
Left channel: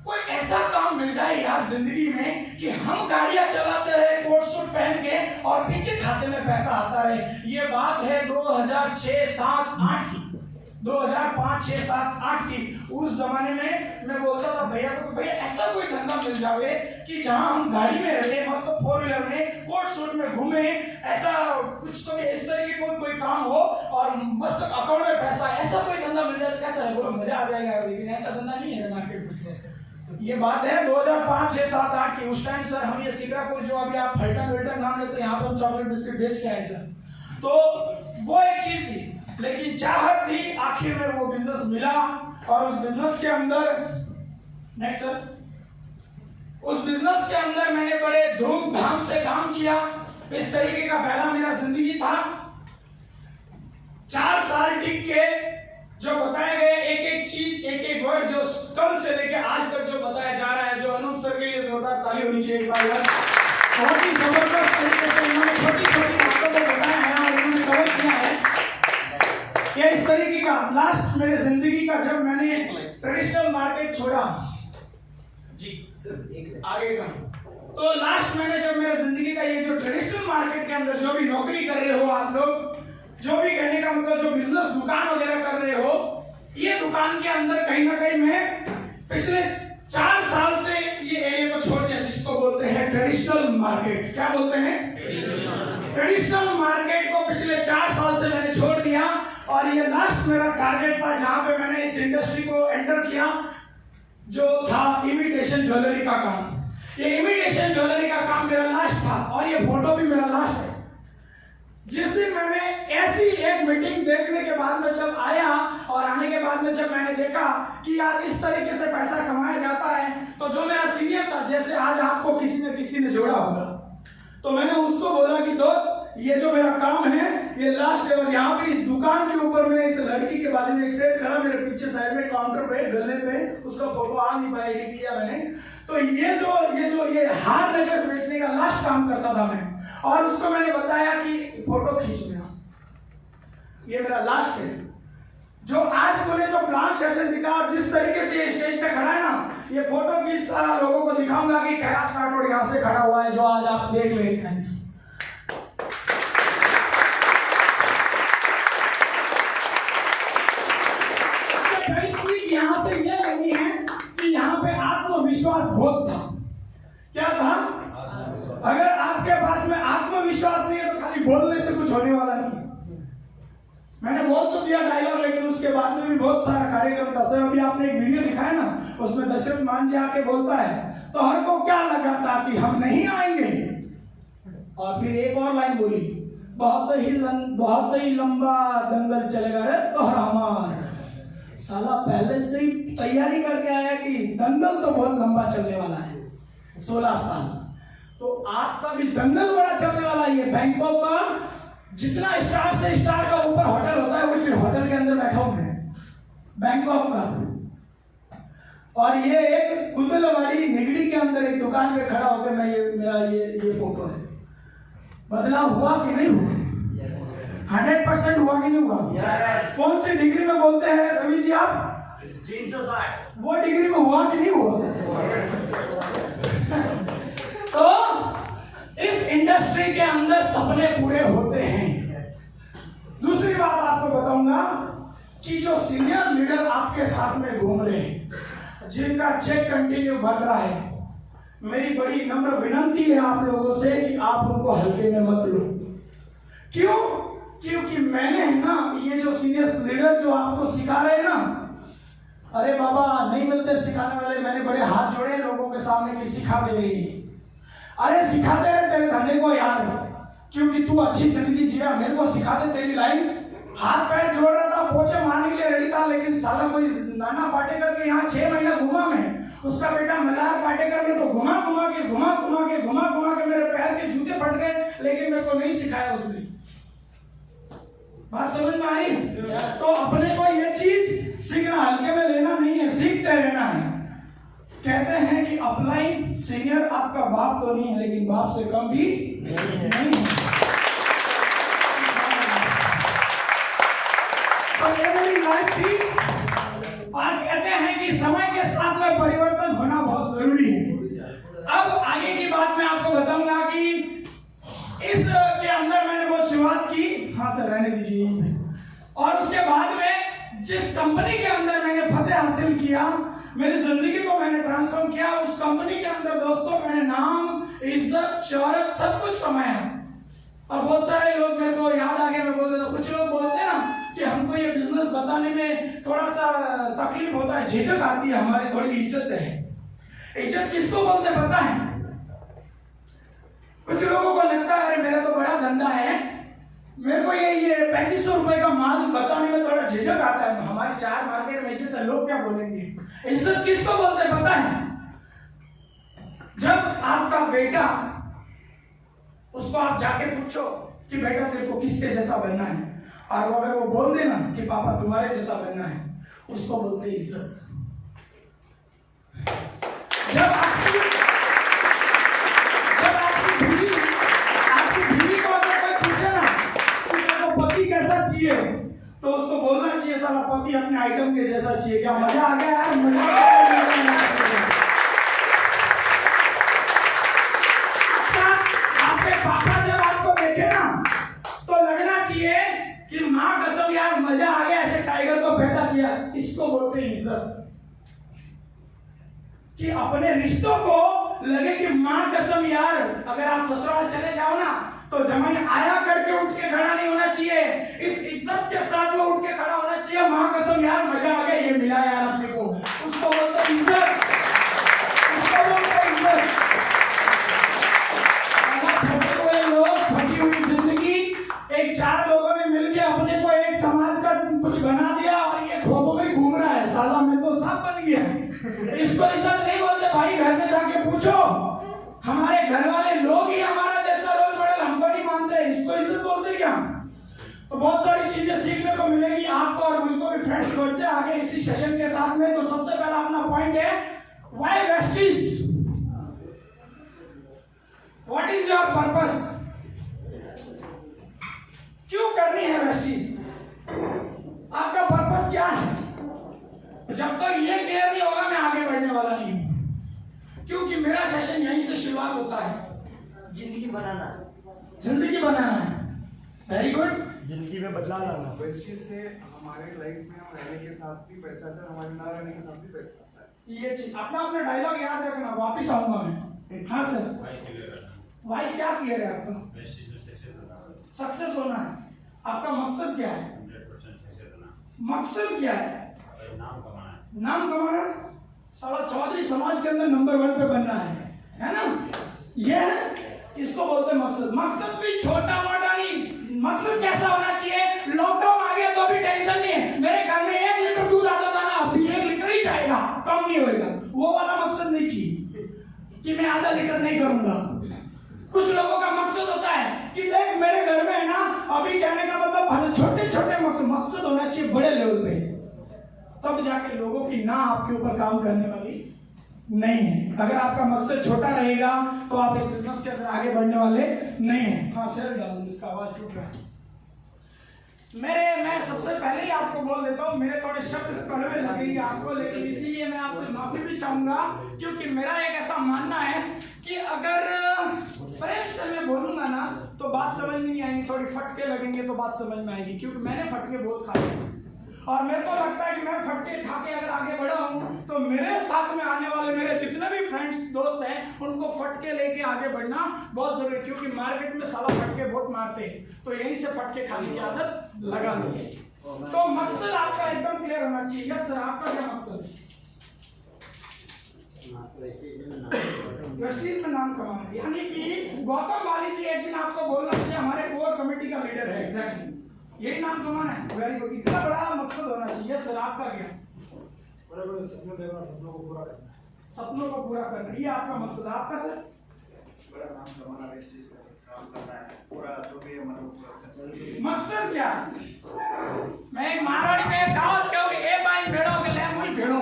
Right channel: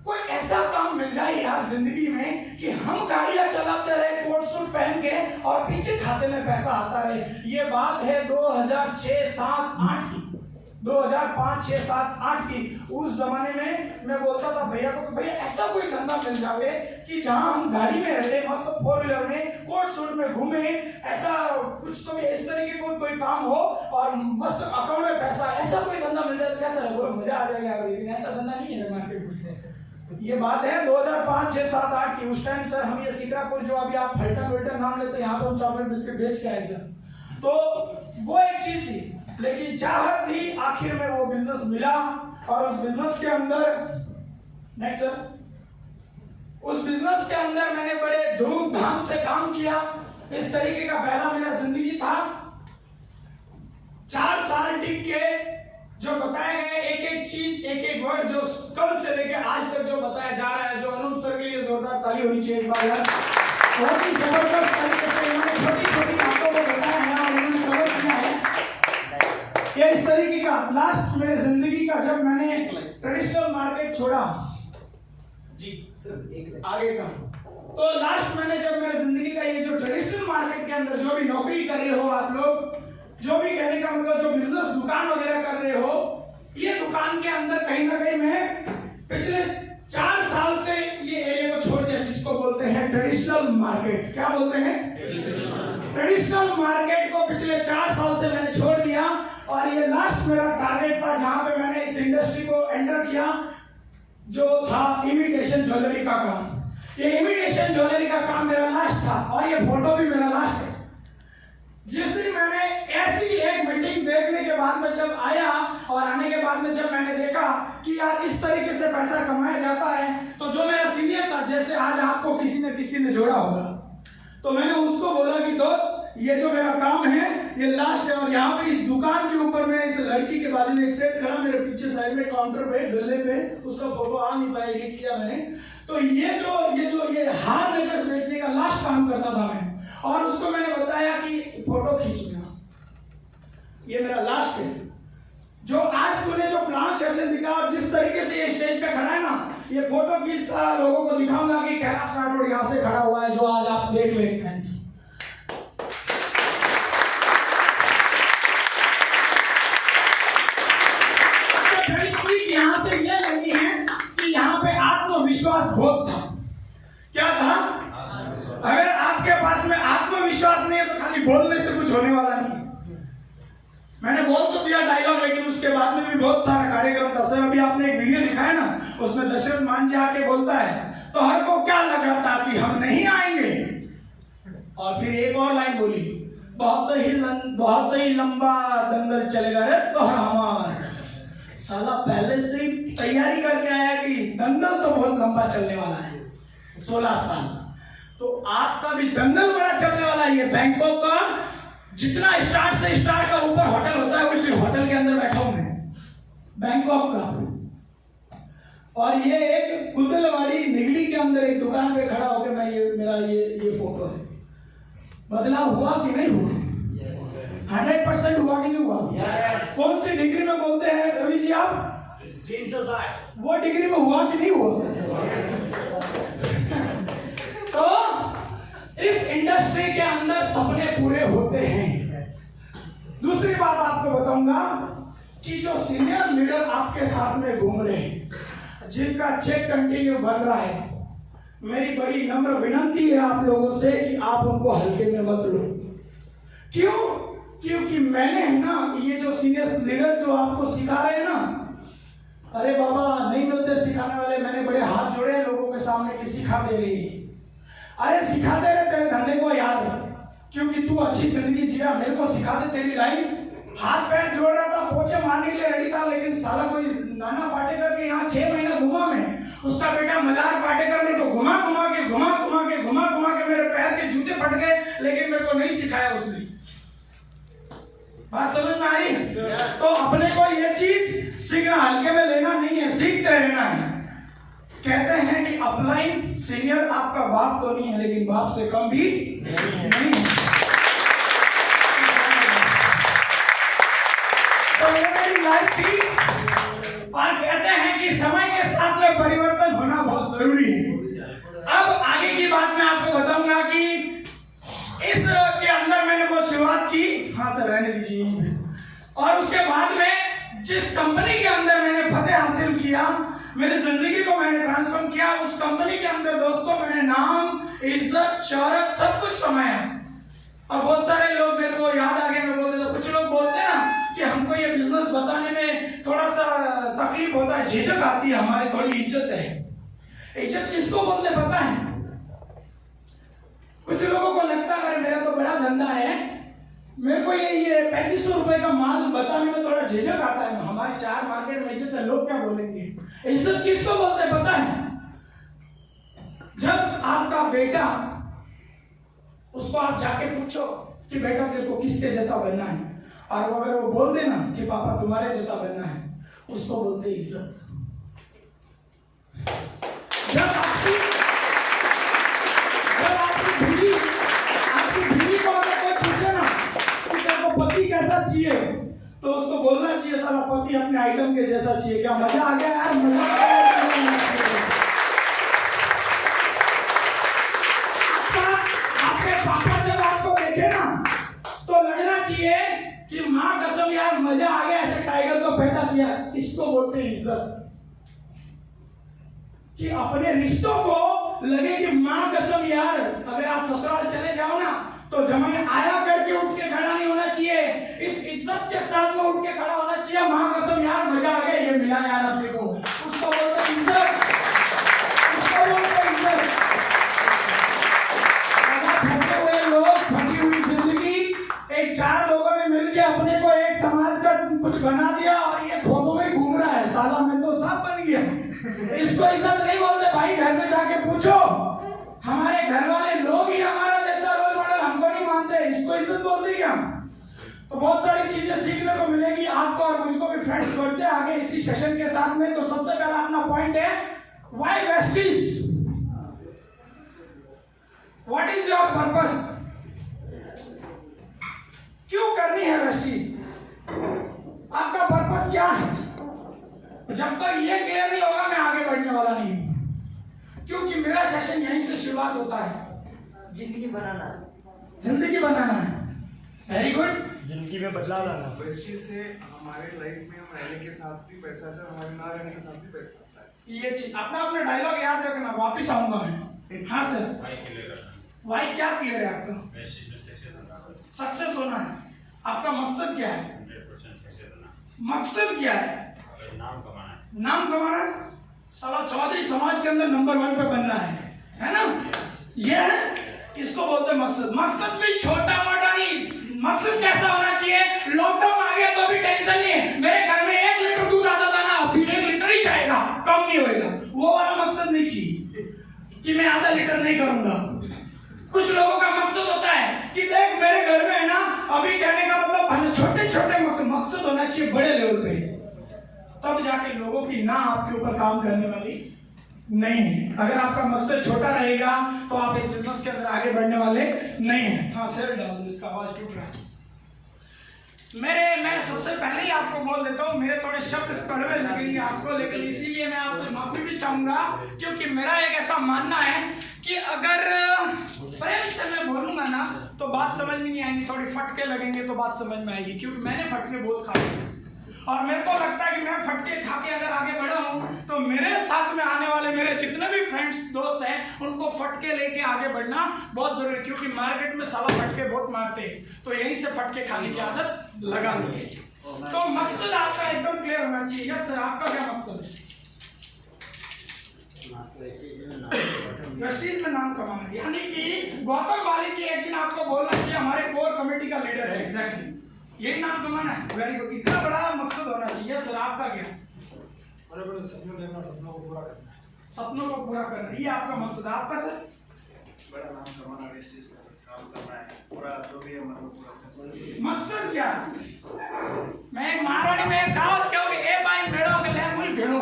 कोई ऐसा काम मिल जाए यार जिंदगी में कि हम गाड़ियां चलाते रहे कोट सूट पहन के और पीछे खाते में पैसा आता रहे। ये बात है 2006, 7, 8 की, 2005, 6, 7, 8 की। उस जमाने में मैं बोलता था भैया को, भैया ऐसा कोई धंधा मिल जावे कि जहां हम गाड़ी में रहे, मस्त 4 व्हीलर में कोट सूट में घूमे, ऐसा कुछ तो इस तरह की कोई काम हो और मस्त अकाउंट में पैसा, ऐसा कोई धंधा मिल जाए तो कैसा है, मजा आ जाएगा। लेकिन ऐसा धंधा नहीं है मार्केट में। ये बात है 2005, 6, 7, 8 की। उस टाइम सर हम ये सिकरापुर जो अभी आप फल्टन विल्टन नाम लेते हैं, यहाँ पर हम चॉकलेट बिस्किट बेच के आए सर। तो वो एक चीज थी, लेकिन चाहत थी। आखिर में वो बिजनेस मिला और उस बिजनेस के अंदर, नेक्स्ट सर, उस बिजनेस के अंदर मैंने बड़े धूमधाम से काम किया। इस तरीके का पहला मेरा जिंदगी था। 4 साल टिक के जो बताए गए एक चीज, एक वर्ड जो कल से लेके आज तक जो बताया जा रहा है, जो अनंत सर के लिए जोरदार ताली होनी चाहिए एक बार यार। बहुत ही जबरदस्त तरीके से इन्होंने छोटी बातों को बताया है और इन्होंने कवर किया है। ये इस तरीके का लास्ट मेरे जिंदगी का, जब मैंने ट्रेडिशनल मार्केट छोड़ा जी सर, एक आगे का, तो लास्ट मैंने जब मेरे जिंदगी का ये जो ट्रेडिशनल मार्केट के अंदर जो भी नौकरी कर रहे हो आप लोग, जो भी कहने का मतलब जो बिजनेस दुकान वगैरह कर रहे हो, ये दुकान के अंदर कहीं ना कहीं मैं पिछले 4 साल से ये एरिया को छोड़ दिया, जिसको बोलते हैं ट्रेडिशनल मार्केट। क्या बोलते हैं? ट्रेडिशनल मार्केट को पिछले 4 साल से मैंने छोड़ दिया, और ये लास्ट मेरा टारगेट था जहां पे मैंने इस इंडस्ट्री को एंटर किया, जो था इमिटेशन ज्वेलरी का काम। ये इमिटेशन ज्वेलरी का काम मेरा लास्ट था, और ये फोटो भी मेरा लास्ट है। जिस दिन मैंने ऐसी एक मीटिंग देखने के बाद में जब आया, और आने के बाद में जब मैंने देखा कि यार इस तरीके से पैसा कमाया जाता है, तो जो मेरा सीनियर था, जैसे आज आपको किसी ने जोड़ा होगा, तो मैंने उसको बोला कि दोस्त ये जो मेरा काम है ये लास्ट है, और यहाँ पे इस दुकान के ऊपर में इस लड़की के बाजू में एक सेट खड़ा मेरे पीछे साइड में काउंटर पे गले पे, उसका फोटो आ नहीं पाया, एडिट किया मैंने। तो ये हार नेकलेस बेचने का लास्ट काम करता था मैं, और उसको मैंने बताया कि फोटो खींच मेरा, ये मेरा लास्ट है। जो आज तूने जो प्लान सेशन दिखा, और जिस तरीके से ये स्टेज पे खड़ा है ना, ये फोटो की सारा लोगों को दिखाऊंगा कि कैलाश राठौड़ यहाँ से खड़ा हुआ है, जो आज आप देख ले फ्रेंड्स। यहाँ से ये लगी है कि यहाँ पे आत्मविश्वास बहुत था। क्या था? अगर आपके पास में आत्मविश्वास नहीं है तो खाली बोलने से कुछ होने वाला नहीं। मैंने बोल तो दिया डायलॉग, लेकिन उसके बाद में भी बहुत सारा कार्यक्रम था। सर अभी आपने एक वीडियो दिखाया ना, उसमें दशरथ मान जी आके बोलता है, तो हर को क्या लगा था कि हम नहीं आएंगे, और फिर एक और लाइन बोली, बहुत ही लंबा दंगल चलेगा रे तो हमारा। साला पहले से ही तैयारी करके आया कि दंगल तो बहुत लंबा चलने वाला है, 16 साल। तो आपका भी दंगल बड़ा चलने वाला है। ये बैंकॉक का जितना स्टार का ऊपर होटल होता है, उसी होटल के अंदर बैठा हूं मैं, बैंकॉक का। और ये एक कुंदलवाड़ी निगड़ी के अंदर एक दुकान पे खड़ा होकर मैं मेरा ये फोटो है। बदलाव हुआ कि नहीं हुआ? 100% हुआ कि नहीं हुआ? कौन सी डिग्री में बोलते हैं रवि जी आप? वो डिग्री में हुआ कि नहीं हुआ? तो इस इंडस्ट्री के अंदर सपने पूरे होते हैं। दूसरी बात आपको बताऊंगा कि जो सीनियर लीडर आपके साथ में घूम रहे हैं, जिनका चेक कंटिन्यू बढ़ रहा है, मेरी बड़ी नम्र विनती है आप लोगों से कि आप उनको हल्के में मत लो। क्यों? क्योंकि मैंने है ना, ये जो सीनियर लीडर जो आपको सिखा रहे हैं ना, अरे बाबा नहीं मिलते सिखाने वाले। मैंने बड़े हाथ जोड़े हैं लोगों के सामने कि सिखा दे रही है। अरे सिखा दे रहे तेरे धंधे को यार, क्योंकि तू अच्छी जिंदगी जिया, मेरे को सिखा दे तेरी लाइन। हाथ पैर जोड़ रहा था, पोछे मारने के लिए रेडी था, लेकिन साला कोई नाना पाटेकर के यहाँ 6 महीना घुमा मैं, उसका बेटा मल्हार पाटेकर ने तो घुमा घुमा के मेरे पैर के जूते फट गए, लेकिन मेरे को नहीं सिखाया उसने। बात समझ में आई? तो अपने को ये चीज सीखना, हल्के में लेना नहीं है, सीखते रहना है। कहते हैं कि अपलाइन सीनियर आपका बाप तो नहीं है, लेकिन बाप से कम भी नहीं है। तो ये मेरी लाइफ थी, और कहते हैं कि समय के साथ में परिवर्तन होना बहुत जरूरी है। अब आगे की बात मैं आपको बताऊंगा कि इस के अंदर मैंने बहुत शुरुआत की। हाँ सर रहने दीजिए। और उसके बाद में जिस कंपनी के अंदर मैंने फतेह हासिल किया, मेरी जिंदगी को मैंने ट्रांसफॉर्म किया, उस कंपनी के अंदर दोस्तों मैंने नाम, इज्जत, शोहरत सब कुछ कमाया। और बहुत सारे लोग मेरे को याद आ गए, मैं बोलते तो कुछ लोग बोलते हैं ना कि हमको ये बिजनेस बताने में थोड़ा सा तकलीफ होता है, झिझक आती है, हमारी थोड़ी इज्जत है। इज्जत किसको बोलते पता है? कुछ लोगों को लगता है अरे मेरा तो बड़ा धंधा है, मेरे को ये 3500 रुपए का माल बताने में थोड़ा झिझक आता है। हमारी 4 मार्केट में इज्जत है, लोग क्या बोलेंगे? इज्जत किसको बोलते पता है? जब आपका बेटा, उसको आप जाके पूछो कि बेटा तेरे को किसके जैसा बनना है, और अगर वो बोल देना कि पापा तुम्हारे जैसा बनना है, उसको बोलते इज्जत। जब आपकी बीवी को अगर कोई पूछे ना कि तेरे को पति कैसा चाहिए, तो उसको बोलना चाहिए साला पति अपने आइटम के जैसा चाहिए। क्या मजा आ गया यार? मजा आ गया। आपके पापा जब आपको देखे ना, तो लगना चाहिए कि अपने रिश्तों को लगे कि माँ कसम यार, अगर आप ससुराल चले जाओ ना तो जमाई आया करके उठ के खड़ा नहीं होना चाहिए, इस इज्जत के साथ में उठ के खड़ा होना चाहिए। माँ कसम यार मजा आ गया, ये मिला यार अपने को, उसको बोलते इज्जत, उसको बोलते इज्जत। ठगे हुए लोग, ठगी हुई जिंदगी, एक 4 लोगों ने मिलके अपने को एक समाज का कुछ बना दिया और ये खोबों में घूम रहा है, साला मैं तो सांप बन गया। इसको इज्जत नहीं बोलते भाई, घर में जाके पूछो, हमारे घर वाले लोग ही हमारा जैसा रोल मॉडल हमको नहीं मानते, इसको इज्जत बोलते क्या? तो बहुत सारी चीजें सीखने को मिलेगी आपको और मुझको भी फ्रेंड्स। बढ़ते आगे इसी सेशन के साथ में, तो सबसे पहला अपना पॉइंट है why Vestige, what is your purpose, क्यों करनी है वेस्टीज, आपका पर्पस क्या है? जब तक ये क्लियर नहीं होगा मैं आगे बढ़ने वाला नहीं हूं, क्योंकि मेरा सेशन यहीं से शुरुआत होता है। जिंदगी बनाना, जिंदगी बनाना है, वेरी गुड, जिंदगी में बदलाव लाना। वेस्टीज से हमारे लाइफ में हम रहने के साथ भी पैसा आता है, हमारे ना रहने के साथ भी पैसा आता है। ये चीज अपना अपना डायलॉग याद रखना, वापस आऊंगा मैं। हाँ सर, वाई क्या क्लियर है आपका? सक्सेस होना है, आपका मकसद क्या है? मकसद क्या है? नाम कमाना है, साला चौधरी समाज के अंदर नंबर 1 पे बनना है ना? ये है, इसको बोलते हैं मकसद। मकसद भी छोटा मोटा नहीं, मकसद कैसा होना चाहिए? लॉकडाउन आ गया तो भी टेंशन नहीं है, मेरे घर में 1 लीटर दूध आता था ना, अभी 1 लीटर ही जाएगा, कम नहीं होएगा, वो वाला मकसद नहीं चाहिए कि मैं आधा लीटर नहीं करूंगा। कुछ लोगों का मकसद होता है कि देख मेरे घर में है ना, अभी कहने का मतलब छोटे छोटे मकसद होना चाहिए बड़े लेवल पे, तब जाके लोगों की ना आपके ऊपर काम करने वाली नहीं है। अगर आपका मकसद छोटा रहेगा तो आप इस बिजनेस के अंदर आगे बढ़ने वाले नहीं है। हाँ सर, डाल इसका आवाज टूट रहा है। मैं सबसे पहले ही आपको बोल देता हूँ, मेरे थोड़े शब्द कड़वे लगेंगे आपको, लेकिन इसीलिए मैं आपसे माफी भी चाहूंगा, क्योंकि मेरा एक ऐसा मानना है कि अगर प्रेम से मैं बोलूंगा ना तो बात समझ में नहीं आएगी, थोड़ी फटके लगेंगे तो बात समझ में आएगी, क्योंकि मैंने फटके बहुत खाए और मेरे को लगता है कि मैं फटके खा के अगर आगे बढ़ा हूँ तो मेरे साथ में आने वाले मेरे जितने भी फ्रेंड्स दोस्त हैं उनको फटके लेके आगे बढ़ना बहुत जरूरी है, क्योंकि मार्केट में साला फटके बहुत मारते हैं, तो यहीं से फटके खाने की आदत लगा लो। तो मकसद आपका एकदम क्लियर होना चाहिए। यस सर, आपका क्या मकसद है? वेस्टीज में नाम कमाना, यानी कि गौतम बाली जी एक दिन आपको बोलना चाहिए हमारे कोर कमेटी का लीडर है, एग्जैक्टली यही नाम कमाना है। वेरी गुड, इतना बड़ा मकसद होना चाहिए। सर आपका क्या? बड़े बड़े सपने देखना, सपनों को पूरा करना, सपनों को पूरा करना, ये आपका मकसद है। आपका सर? बड़ा नाम कमाना, वेस्टीज का काम करना है, पूरा जो भी है मतलब पूरा करना। मकसद क्या? मैं एक महारानी में दावत क्यों ए बाई भेड़ो के ले मुई भेड़ो,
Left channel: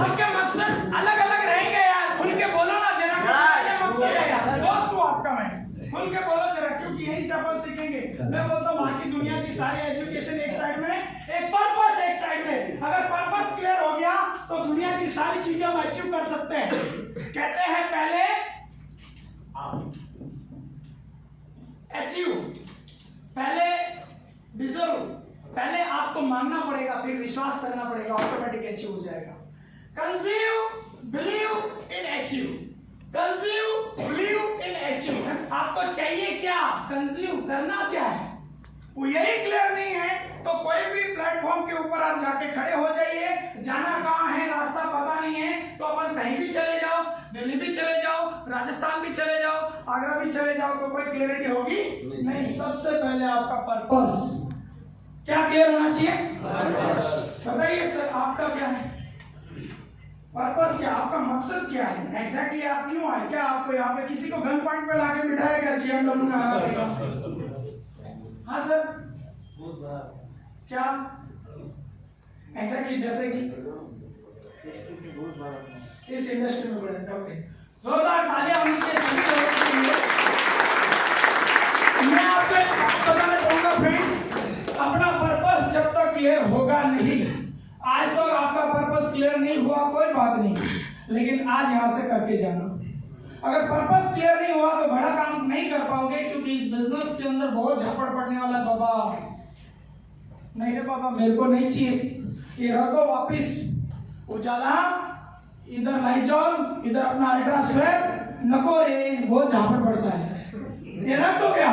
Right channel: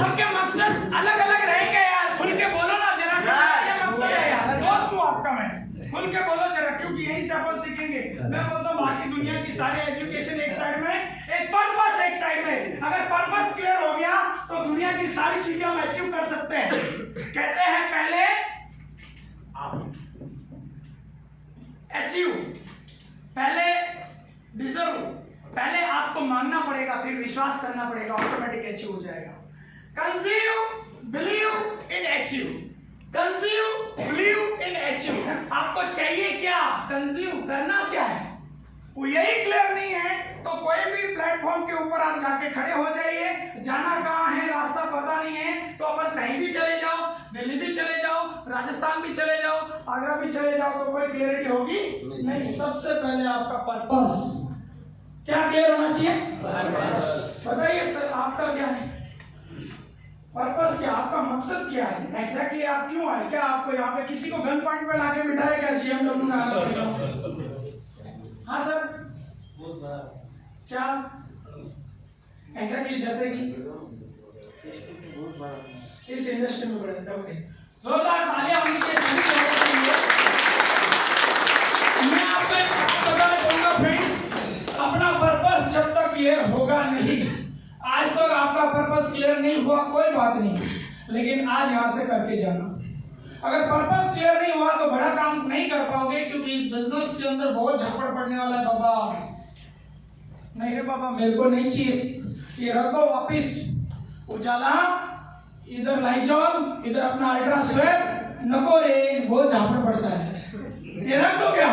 सबके मकसद अलग अलग रहेंगे यार, खुल के बोलो ना जरा, क्या मकसद है यार? दोस्त हूं आपका मैं, खुल के बोलो जरा, क्योंकि यही से अपन सीखेंगे। मैं बोलता हूँ बाकी दुनिया की सारी एजुकेशन एक साइड में, एक पर्पस एक साइड में। अगर पर्पस क्लियर हो गया तो दुनिया की सारी चीजें हम अचीव कर सकते हैं। कहते हैं पहले अचीव, पहले डिजर्व, पहले आपको मानना पड़ेगा, फिर विश्वास करना पड़ेगा, ऑटोमेटिक अचीव हो जाएगा। Conceive, believe in achieve, conceive, believe in achieve. आपको चाहिए क्या? कंसीव करना क्या है वो यही क्लियर नहीं है तो कोई भी प्लेटफॉर्म के ऊपर आप जाके खड़े हो जाइए, जाना कहाँ है रास्ता पता नहीं है तो अपन कहीं भी चले जाओ, दिल्ली भी चले जाओ, राजस्थान भी चले जाओ, आगरा भी चले जाओ, तो कोई क्लियरिटी होगी नहीं। सबसे पहले आपका पर्पस क्या क्लियर होना चाहिए? बताइए सर आपका क्या है पर्पस? क्या आपका मकसद क्या है? एग्जैक्टली आप क्यों आए? क्या आपको यहाँ पे किसी को गन पॉइंट पे लाके बिठाया क्या GMW में आना पड़ेगा? हाँ सर, क्या एग्जैक्टली जैसे कि इस इंडस्ट्री में बढ़े थे। ओके, जोरदार तालियां होनी चाहिए सभी लोगों के लिए। मैं आपको एक बात बताना चाहूंगा फ्रेंड्स, अपना पर्पस जब तक क्लियर होगा नहीं, आज तक आपका पर्पस क्लियर नहीं हुआ कोई बात नहीं, लेकिन आज यहां से करके जाना। अगर पर्पस क्लियर नहीं हुआ तो बड़ा काम नहीं कर पाओगे, क्योंकि इस बिजनेस के अंदर बहुत झपड़ पड़ने वाला है। बाबा नहीं रे बाबा, मेरे को नहीं चाहिए, ये रखो वापिस, उजाला, इधर लाइजॉल, इधर अपना अल्ट्रा स्वेट, नको रे बहुत झापड़ पड़ता है, ये रख दो क्या।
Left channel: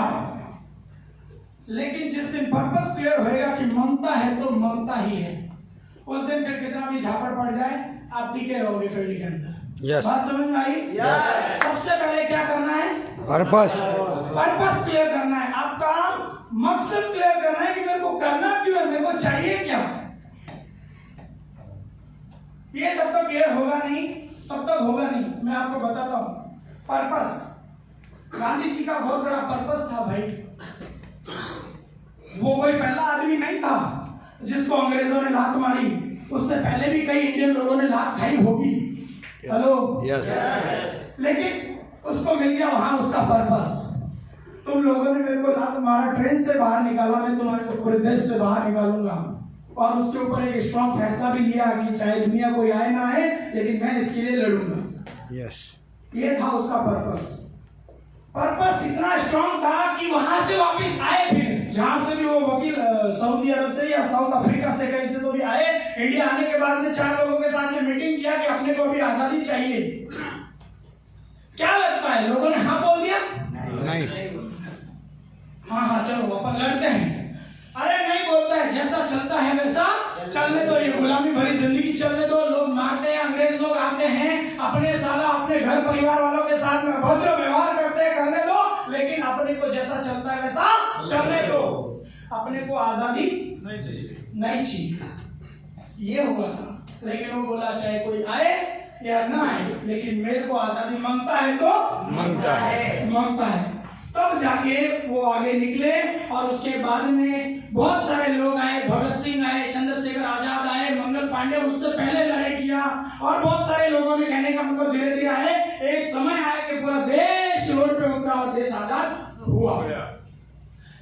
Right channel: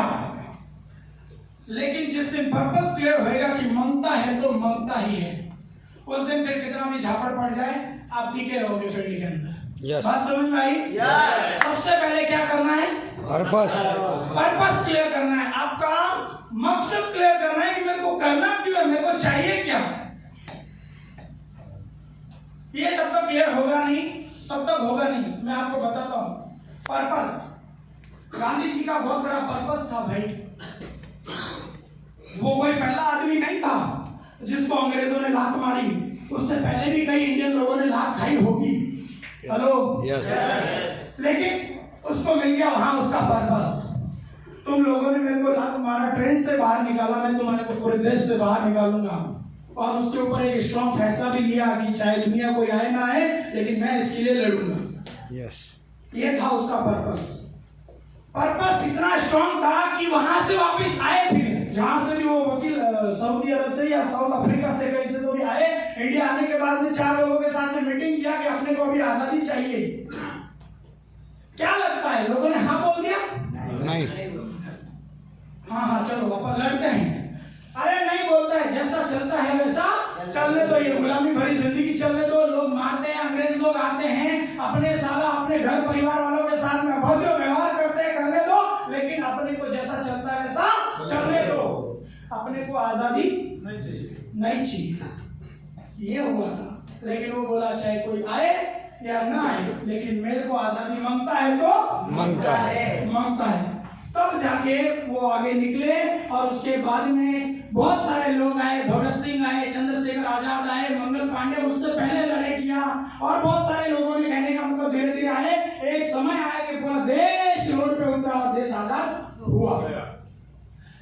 लेकिन जिस दिन पर्पस क्लियर होएगा कि ममता है तो ममता ही है, उस दिन फिर कितना भी झापड़ पड़ जाए आप टिके रहोगे फील्ड के अंदर। बात समझ में आई? सबसे पहले क्या करना है? पर्पस क्लियर करना है, आपका मकसद क्लियर करना है कि मेरे को करना क्यों है, मेरे को चाहिए क्या। ये जब तक क्लियर होगा नहीं तब तक होगा नहीं। मैं आपको बताता हूं पर्पस। गांधी जी का बहुत बड़ा पर्पस था भाई। वो कोई पहला आदमी नहीं था जिसको अंग्रेजों ने लात मारी, उससे पहले भी कई इंडियन लोगों ने लात खाई होगी। Hello yes. लेकिन उसको मिल गया वहां उसका पर्पस। तुम लोगों ने मेरे को लात मारा, ट्रेन से बाहर निकाला, मैं तुम्हारे को पूरे देश से बाहर निकालूंगा। और उसके ऊपर एक स्ट्रॉन्ग फैसला भी लिया कि चाहे दुनिया कोई आए ना आए लेकिन मैं इसके लिए लड़ूंगा। यस। ये था उसका पर्पस। पर्पस इतना स्ट्रॉन्ग था कि वहां से वापस आए, फिर जहां से भी वो वकील सऊदी अरब से या साउथ अफ्रीका से कहीं से तो भी आए, इंडिया आने के बाद में 4 लोगों के साथ में मीटिंग किया कि अपने को अभी आजादी चाहिए। क्या लगता है लोगों ने हाँ बोल दिया? नहीं। हाँ चलो अपन लड़ते हैं। अरे नहीं बोलता है, जैसा चलता है वैसा चलने दो, ये गुलामी भरी जिंदगी चलने दो। लोग मारते हैं, अंग्रेज लोग आते हैं, अपने सारा अपने घर परिवार वालों के साथ में अभद्र व्यवहार करते हैं, करने दो, लेकिन अपने को जैसा चलता है वैसा चलने दो। अपने को आजादी नहीं चाहिए, ये हुआ था। लेकिन वो बोला चाहे कोई आए या ना आए, लेकिन मेरे को आजादी मांगता है तो मांगता है। तब जाके वो आगे निकले और उसके बाद में बहुत सारे लोग आए, भगत सिंह आए, चंद्रशेखर आजाद आए, मंगल पांडे उससे पहले लड़ाई किया, और बहुत सारे लोगों ने, कहने का मतलब धीरे धीरे आए। एक समय आया कि पूरा देश रोड पे उतरा और देश आजाद हुआ।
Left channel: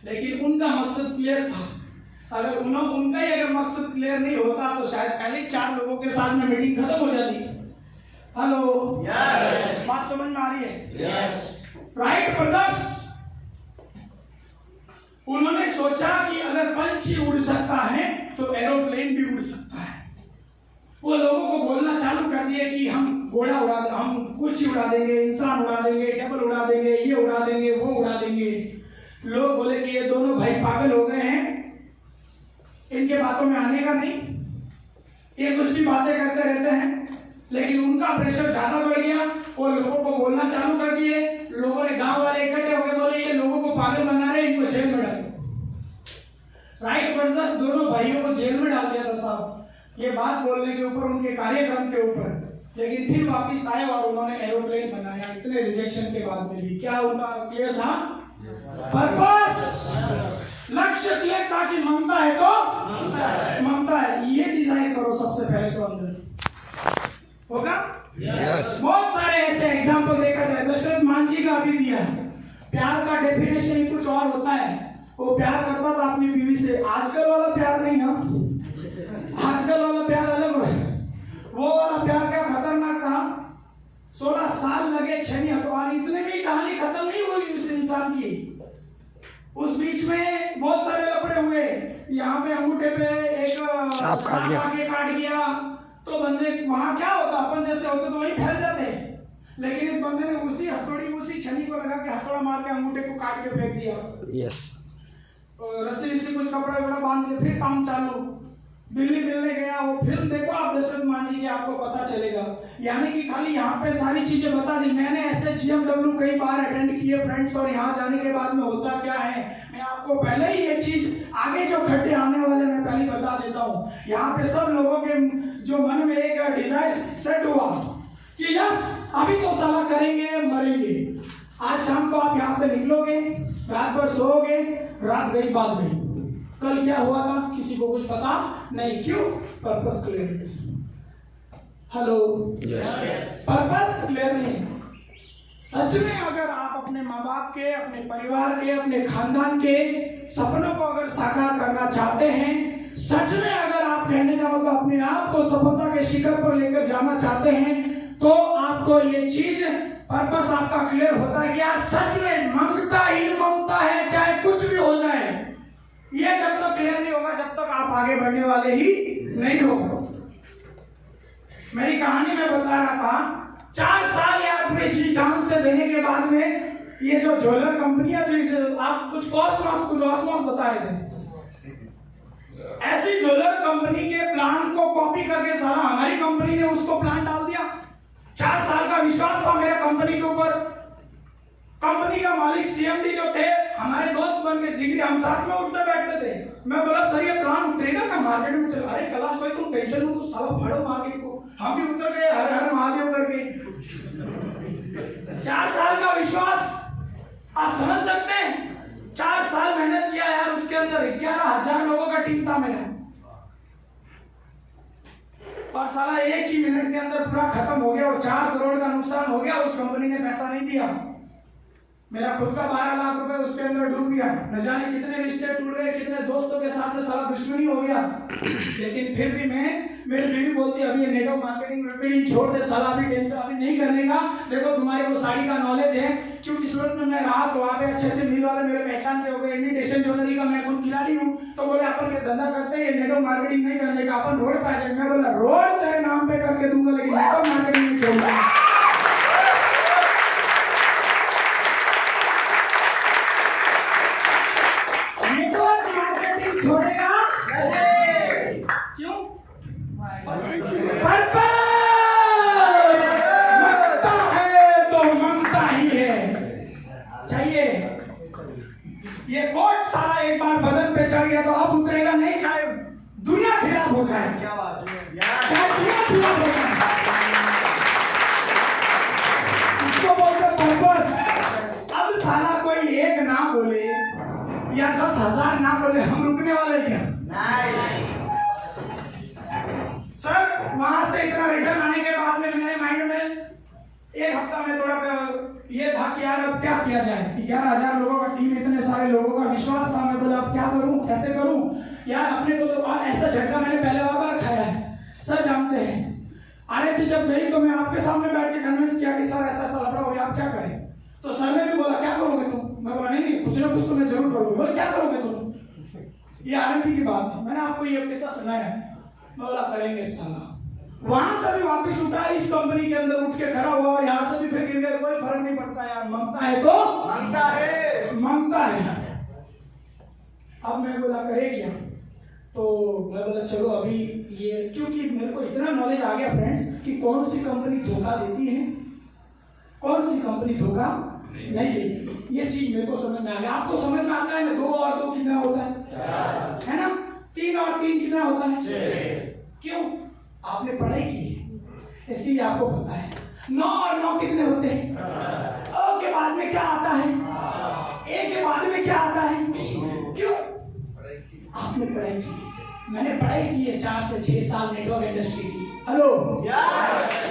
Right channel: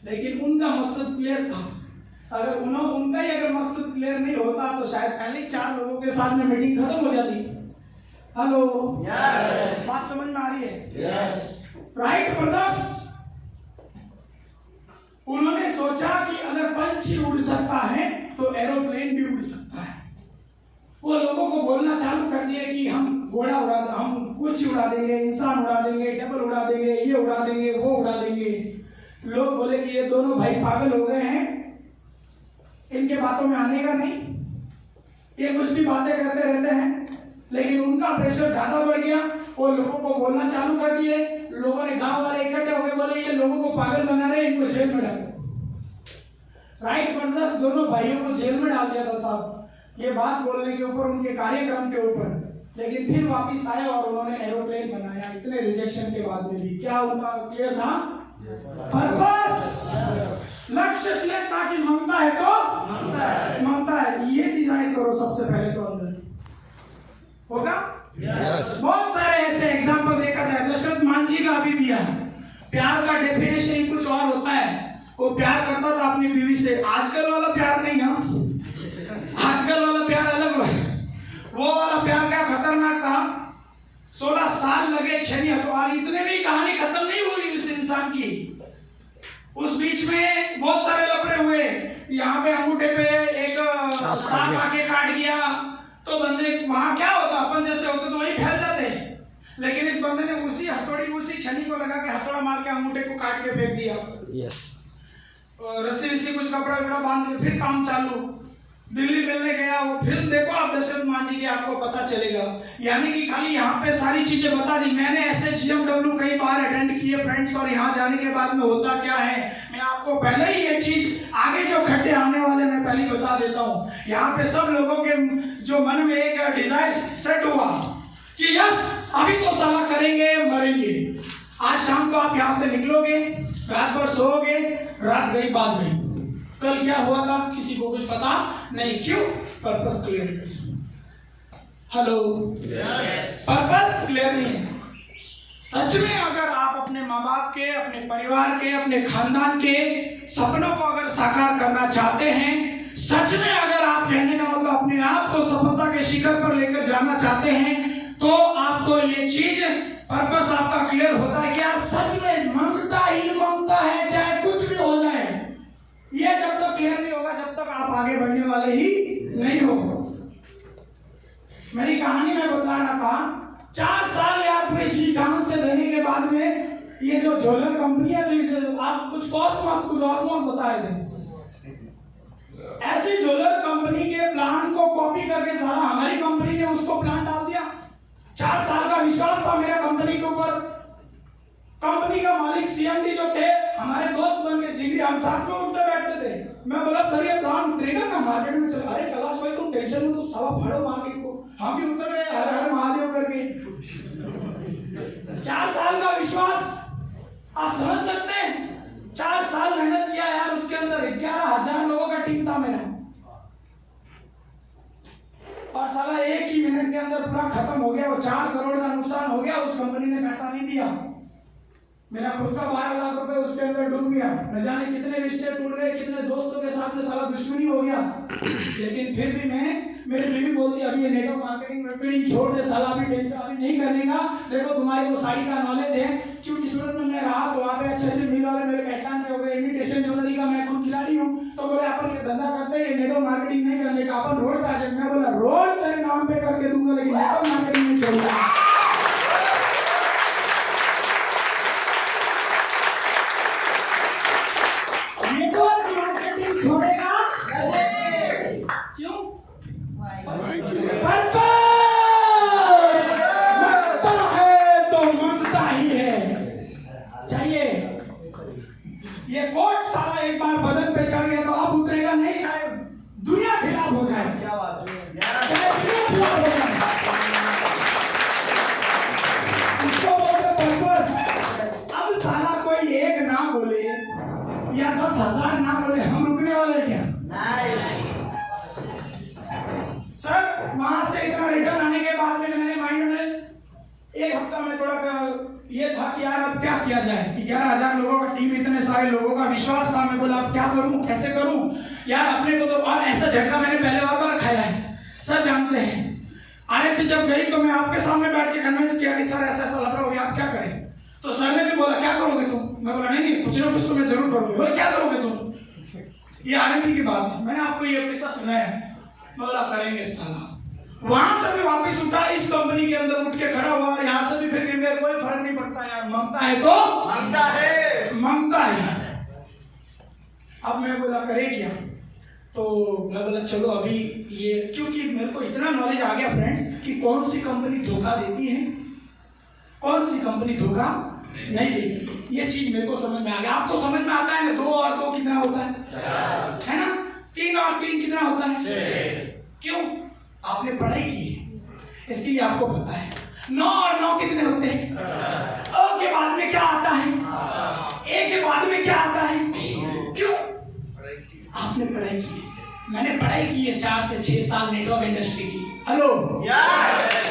लेकिन उनका मकसद क्लियर था। अगर उनका ही अगर मकसद क्लियर नहीं होता तो शायद पहले 4 लोगों के साथ में मीटिंग खत्म हो जाती। हेलो बात समझ में आ रही है? राइट ब्रदर्स, उन्होंने सोचा कि अगर पंछी उड़ सकता है तो एरोप्लेन भी उड़ सकता है। वो लोगों को बोलना चालू कर दिए कि हम घोड़ा उड़ा, हम कुछ उड़ा देंगे, इंसान उड़ा देंगे, टेबल उड़ा देंगे, ये उड़ा देंगे, वो उड़ा देंगे। लोग बोले कि ये दोनों भाई पागल हो गए हैं, इनके बातों में आने का नहीं, ये कुछ भी बातें करते रहते हैं। लेकिन उनका प्रेशर ज्यादा बढ़ गया, वो लोगों को बोलना चालू कर दिए। लोगों ने, गांव वाले इकट्ठे होकर बोले ये लोगों को पागल बना रहे, इनको जेल में डालो। राइट ब्रदर्स दोनों भाइयों को जेल में डाल दिया था साहब, ये बात बोलने के ऊपर, उनके कार्यक्रम के ऊपर। लेकिन फिर वापस आए और उन्होंने एरोप्लेन बनाया, इतने रिजेक्शन के बाद में भी। क्या उनका क्लियर था? पर्पस, लक्ष्य क्लियर था कि ममता है तो ममता है। ये डिजाइन करो सबसे पहले तो अंदर होगा। बहुत सारे ऐसे एग्जाम्पल देखा जाए, दशरथ मान जी का अभी दिया। प्यार का डेफिनेशन कुछ और होता है। वो प्यार करता था अपनी बीवी से, आजकल वाला प्यार नहीं है, आजकल वाला प्यार अलग है। वो वाला प्यार क्या खतरनाक था, 16 साल लगे छेनी हथौड़ा, इतने में ही कहानी खत्म नहीं हुई उस इंसान की। उस बीच में बहुत सारे लफड़े हुए, यहाँ पे अंगूठे पे एक सांप आके काट गया, तो बंदे वहां क्या होता, अपन जैसे होते तो वही फैल जाते। लेकिन इस बंदे ने उसी हथौड़ी, उसी छनी को लगा के हथौड़ा मार के अंगूठे को काट के फेंक दिया। यस। रस्सी वस्सी कुछ कपड़ा वपड़ा बांध के फिर काम चालू। दिल्ली मिलने गया वो फिल्म देखो आप दशरथ मान जी के, आपको पता चलेगा। यानी कि खाली यहाँ पे सारी चीजें बता दी मैंने। ऐसे GMW कई बार अटेंड किए फ्रेंड्स, और यहाँ जाने के बाद में होता क्या है, मैं आपको पहले ही ये चीज, आगे जो खड्डे आने वाले मैं पहले ही बता देता हूँ। यहाँ पे सब लोगों के जो मन में एक डिजायर सेट हुआ कि यस अभी तो साला करेंगे, मरेंगे। आज शाम को आप यहाँ से निकलोगे, रात भर सोओगे, रात गई बाद में। कल क्या हुआ था किसी को कुछ पता नहीं। क्यों? Purpose clear. Hello, purpose clear नहीं है। सच में अगर आप अपने माँ बाप के, अपने परिवार के, अपने खानदान के सपनों को अगर साकार करना चाहते हैं, सच में अगर आप, कहने का मतलब अपने आप को सफलता के शिखर पर लेकर जाना चाहते हैं, तो आपको ये चीज, पर्पस आपका क्लियर होता है कि यार सच में मांगता ही मांगता है, चाहे कुछ भी हो जाए। ये जब तक क्लियर नहीं होगा, जब तक आप आगे बढ़ने वाले ही नहीं हो। मेरी कहानी में बता रहा था 4 साल यार पूरे जी जान से देने के बाद में ये जो ज्वेलर कंपनी है, जो आप कुछ ऑसमॉस बता रहे थे, ऐसी ज्वेलर कंपनी के प्लान को कॉपी करके सारा हमारी कंपनी ने उसको प्लान डाल दिया। 4 साल का विश्वास था मेरे कंपनी के ऊपर। कंपनी का मालिक सीएमडी जो थे हमारे दोस्त बन के जिगरी, हम साथ में उठते बैठते थे। मैं बोला सर ये प्लान उतरेगा क्या मार्केट में? चल अरे कैलाश भाई तुम टेंशन में, तो साला फाड़ो मार्केट को। हम भी उतर गए हर हर महादेव करके। 4 साल का विश्वास आप समझ सकते हैं। 4 साल मेहनत किया यार, उसके अंदर 11,000 लोगों का टीम था मेरा, और साला एक ही मिनट के अंदर पूरा खत्म हो गया। वो 4 करोड़ का नुकसान हो गया। उस कंपनी ने पैसा नहीं दिया। मेरा खुद का 12 लाख रुपए उसके अंदर डूब गया। न जाने कितने रिश्ते टूट गए, कितने दोस्तों के साथ में साला दुश्मनी हो गया। लेकिन फिर भी मेरी बीवी बोलती अभी ये नेटवर्क मार्केटिंग में छोड़ दे साला, अभी टेंशन अभी नहीं करने का। देखो तुम्हारे को साड़ी का नॉलेज है, क्योंकि सूरत में मैं रहा तो वहाँ पे अच्छे मिल वाले मेरे पहचान के हो गए। इमिटेशन ज्वेलरी का मैं खुद खिलाड़ी हूँ। तो बोले अपन ये धंधा करते हैं, नेटवर्क मार्केटिंग नहीं करने का, अपन रोड पे आ जाएंगे। मैं बोला रोड तेरे नाम पे करके दूंगा, लेकिन नेटवर्क मार्केटिंग नहीं छोड़ूंगा। छोड़ेगा क्यों? मंगता है तो मंगता ही है। चाहिए ये कोट सारा एक बार बदन पे चढ़ गया तो अब उतरेगा नहीं, चाहे दुनिया खिलाफ हो जाए। क्या बात है, चाहे दुनिया खिलाफ हो जाए। इसको बोलते पर्पस। अब साला कोई एक ना बोले या 10,000 ना बोले, हम रुकने वाले क्या? नहीं। सर वहां से इतना रिटर्न आने के बाद में मेरे माइंड में एक हफ्ता में थोड़ा ये था कि यार अब क्या किया जाए। 11,000 लोगों का टीम, इतने सारे लोगों का विश्वास था। मैं बोला अब क्या करूं, कैसे करूं यार अपने को तो। और ऐसा झटका मैंने पहले और बार खाया है, सर जानते हैं। आरएमपी जब गई तो मैं आपके सामने बैठ के कन्विंस किया कि सर ऐसा ऐसा लफड़ा हो गया, आप क्या करें? तो सर ने भी बोला क्या करोगे तुम? मैं बोला नहीं कुछ ना कुछ तो मैं जरूर करूंगा। बोला क्या करोगे तुम? ये आरएमपी की बात है, मैंने आपको ये किस्सा सुनाया। मैं बोला करेंगे साला। वहां से भी वापस उठा, इस कंपनी के अंदर उठ के खड़ा हुआ, और यहाँ से भी फिर गिर गया। कोई फर्क नहीं पड़ता यार, मांगता है तो मांगता है। अब मैं बोला करे क्या? तो मैं बोला चलो अभी ये, क्योंकि मेरे को इतना नॉलेज आ गया फ्रेंड्स कि कौन सी कंपनी धोखा देती है, कौन सी कंपनी धोखा नहीं देती। ये चीज मेरे को समझ में आ गया। आपको समझ में आता है ना 2 और 2 कितना होता है ना? 3 और 3 कितना होता है? क्यों? आपने पढ़ाई की है इसलिए आपको पता है। 9 और 9 कितने होते हैं? अ के बाद में क्या आता है? ए के बाद में क्या आता है? क्यों? आपने पढ़ाई की है। मैंने पढ़ाई की है 4 से 6 साल नेटवर्क इंडस्ट्री की। हेलो,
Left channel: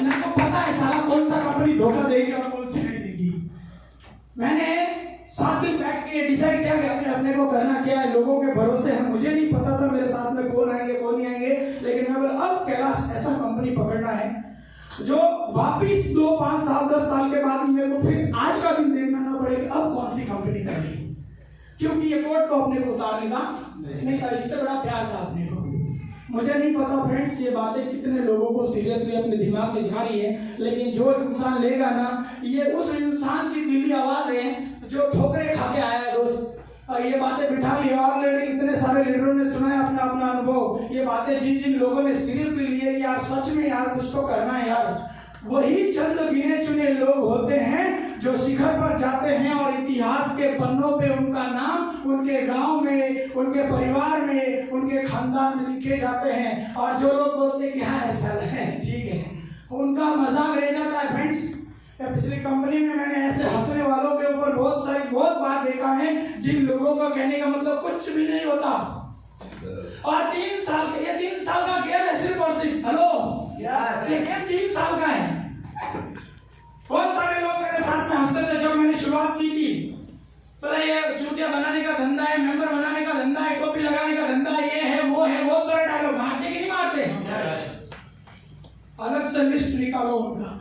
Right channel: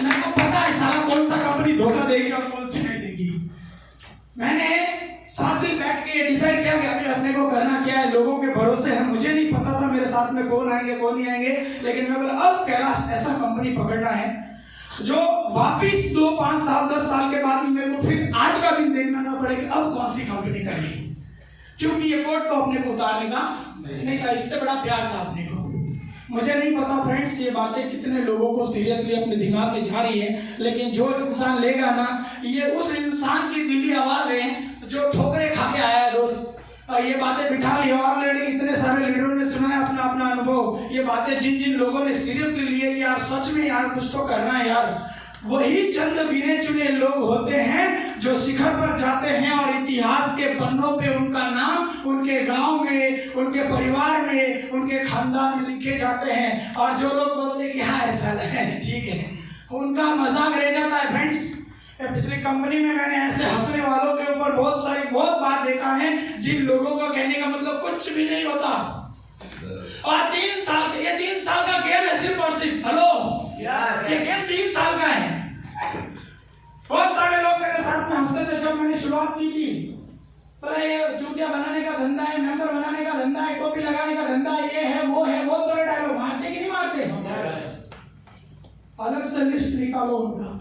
मेरे को पता है साला कौन सा कंपनी धोखा देगी और कौन सी नहीं देगी। मैंने 7 दिन बैठ के डिसाइड किया कि अभी अपने को करना क्या है। लोगों के भरोसे है, मुझे नहीं पता था मेरे साथ में कौन आएंगे कौन नहीं आएंगे, लेकिन मैं बोला अब कैलाश ऐसा कंपनी पकड़ना है जो वापिस 2, 5 साल 10 साल के बाद मेरे को फिर आज का दिन देखना ना पड़े कि अब कौन सी कंपनी करनी। क्योंकि ये कोट तो अपने को उतारने का नहीं था, इससे बड़ा प्यार था अपने को। मुझे नहीं पता फ्रेंड्स ये बातें कितने लोगों को सीरियसली अपने दिमाग में जा रही है, लेकिन जो इंसान लेगा ना, ये उस इंसान की दिली आवाज है जो ठोकरे खा के आया है दोस्त। और ये बातें बिठा ली, ऑलरेडी इतने सारे लीडरों ने सुना है अपना अपना अनुभव। ये बातें जिन जिन लोगों ने सीरियसली लिए कि यार सच में यार कुछ तो करना है यार, वही चंद गिने चुने लोग होते हैं जो शिखर पर जाते हैं और इतिहास के पन्नों पे उनका नाम उनके गांव में, उनके परिवार में, उनके खानदान में लिखे जाते हैं। और जो लोग बोलते हैं कि हाँ ऐसा है ठीक है, उनका मजाक रह जाता है फ्रेंड्स। पिछली कंपनी में मैंने ऐसे हंसने वालों के ऊपर बहुत बार देखा है जिन लोगों का कहने का मतलब कुछ भी नहीं होता। और 3 साल का गेम है सिर्फ और सिर्फ। हेलो, ये गेम 3 साल का है। बहुत सारे लोग मेरे साथ में हंसते थे जब मैंने शुरुआत की थी। पता ये जूतियां बनाने का धंधा है, मेंबर बनाने का धंधा है, टोपी लगाने का धंधा है, ये है वो है, बहुत सारे डायलॉग मारते कि नहीं मारते? अलग से लिस्ट निकालो, उनका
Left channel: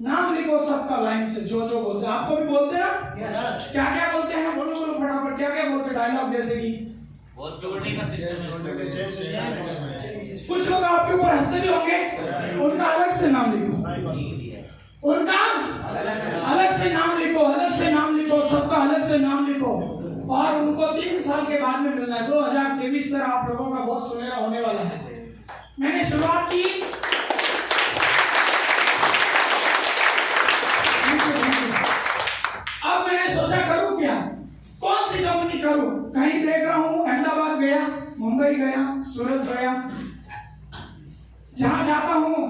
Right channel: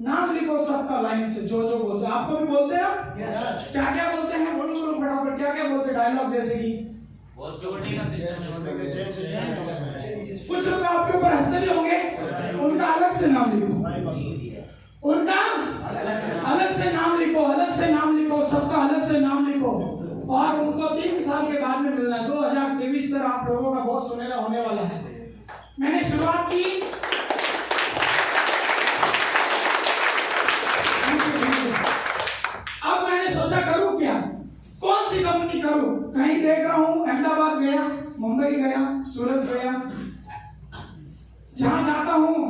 नाम लिखो सबका लाइन से, जो जो बोलते हैं। आपको भी बोलते हैं ना? क्या क्या बोलते हैं? बोलो बोलो फटाफट, क्या क्या बोलते हैं डायलॉग? जैसे कि बहुत जोड़ने का सिस्टम है। कुछ लोग आपके ऊपर हंसते भी होंगे, उनका अलग से नाम लिखो, उनका अलग से नाम लिखो, अलग से नाम लिखो, सबका अलग से नाम लिखो, और उनको 3 साल के बाद में मिलना है। 2023 सर आप लोगों का बहुत सुनहरा होने वाला है। मैंने शुरुआत की, अब मैंने सोचा करूं क्या, कौन सी कंपनी करूं। कहीं देख रहा हूं, अहमदाबाद गया, मुंबई गया, सूरत गया, जहां जाता हूं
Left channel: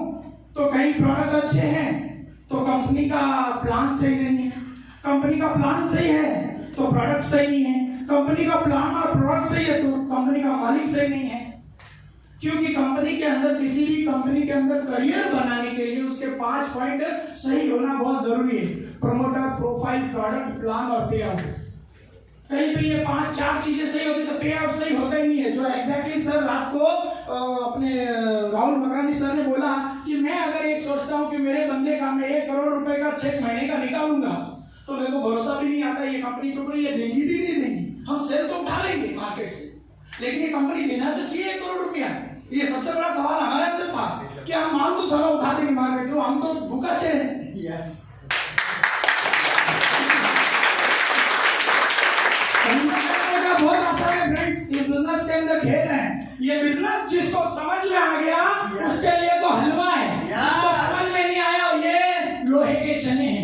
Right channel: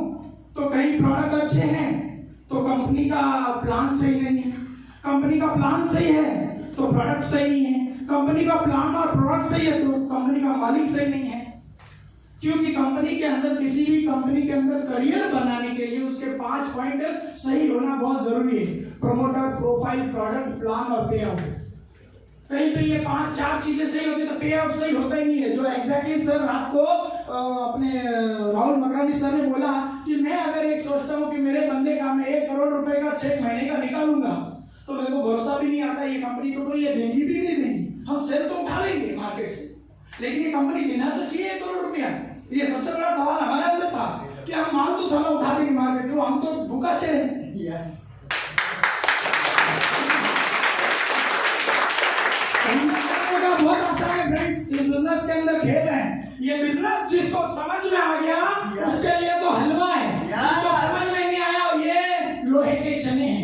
तो कहीं प्रोडक्ट अच्छे हैं तो कंपनी का प्लान सही नहीं है, कंपनी का प्लान सही है तो प्रोडक्ट सही नहीं है, कंपनी का प्लान और प्रोडक्ट सही है तो कंपनी का मालिक सही नहीं है। क्योंकि कंपनी के अंदर, किसी भी कंपनी के अंदर करियर बनाने के लिए उसके 5 पॉइंट सही होना बहुत जरूरी है। प्रमोटर, प्रोफाइल, प्रोडक्ट, प्लान और पे आउट। कहीं पे ये 5-4 चीजें सही होती तो पे आउट सही होता ही नहीं है। जो एग्जैक्टली सर रात को अपने राहुल मकरानी सर ने बोला कि मैं अगर एक सोचता हूँ कि मेरे बंदे का मैं 1 करोड़ रुपए का चेक महीने का निकालूंगा तो मेरे को भरोसा भी नहीं आता ये कंपनी टूट ये देगी भी नहीं देगी। हम सेल तो उठा लेंगे मार्केट से, लेकिन ये कंपनी देना तो चाहिए 1 करोड़ रुपया। ये सबसे बड़ा सवाल हमारे अंदर था कि हम माल तो सारा उठा देंगे मार्केट, क्यों, हम तो भूखा से हैं। बहुत आसान है फ्रेंड्स, इस बिजनेस के अंदर खेल है। ये बिजनेस जिसको समझ में आ गया उसके लिए तो हलवा है, जिसको समझ में नहीं आया ये लोहे के चने हैं।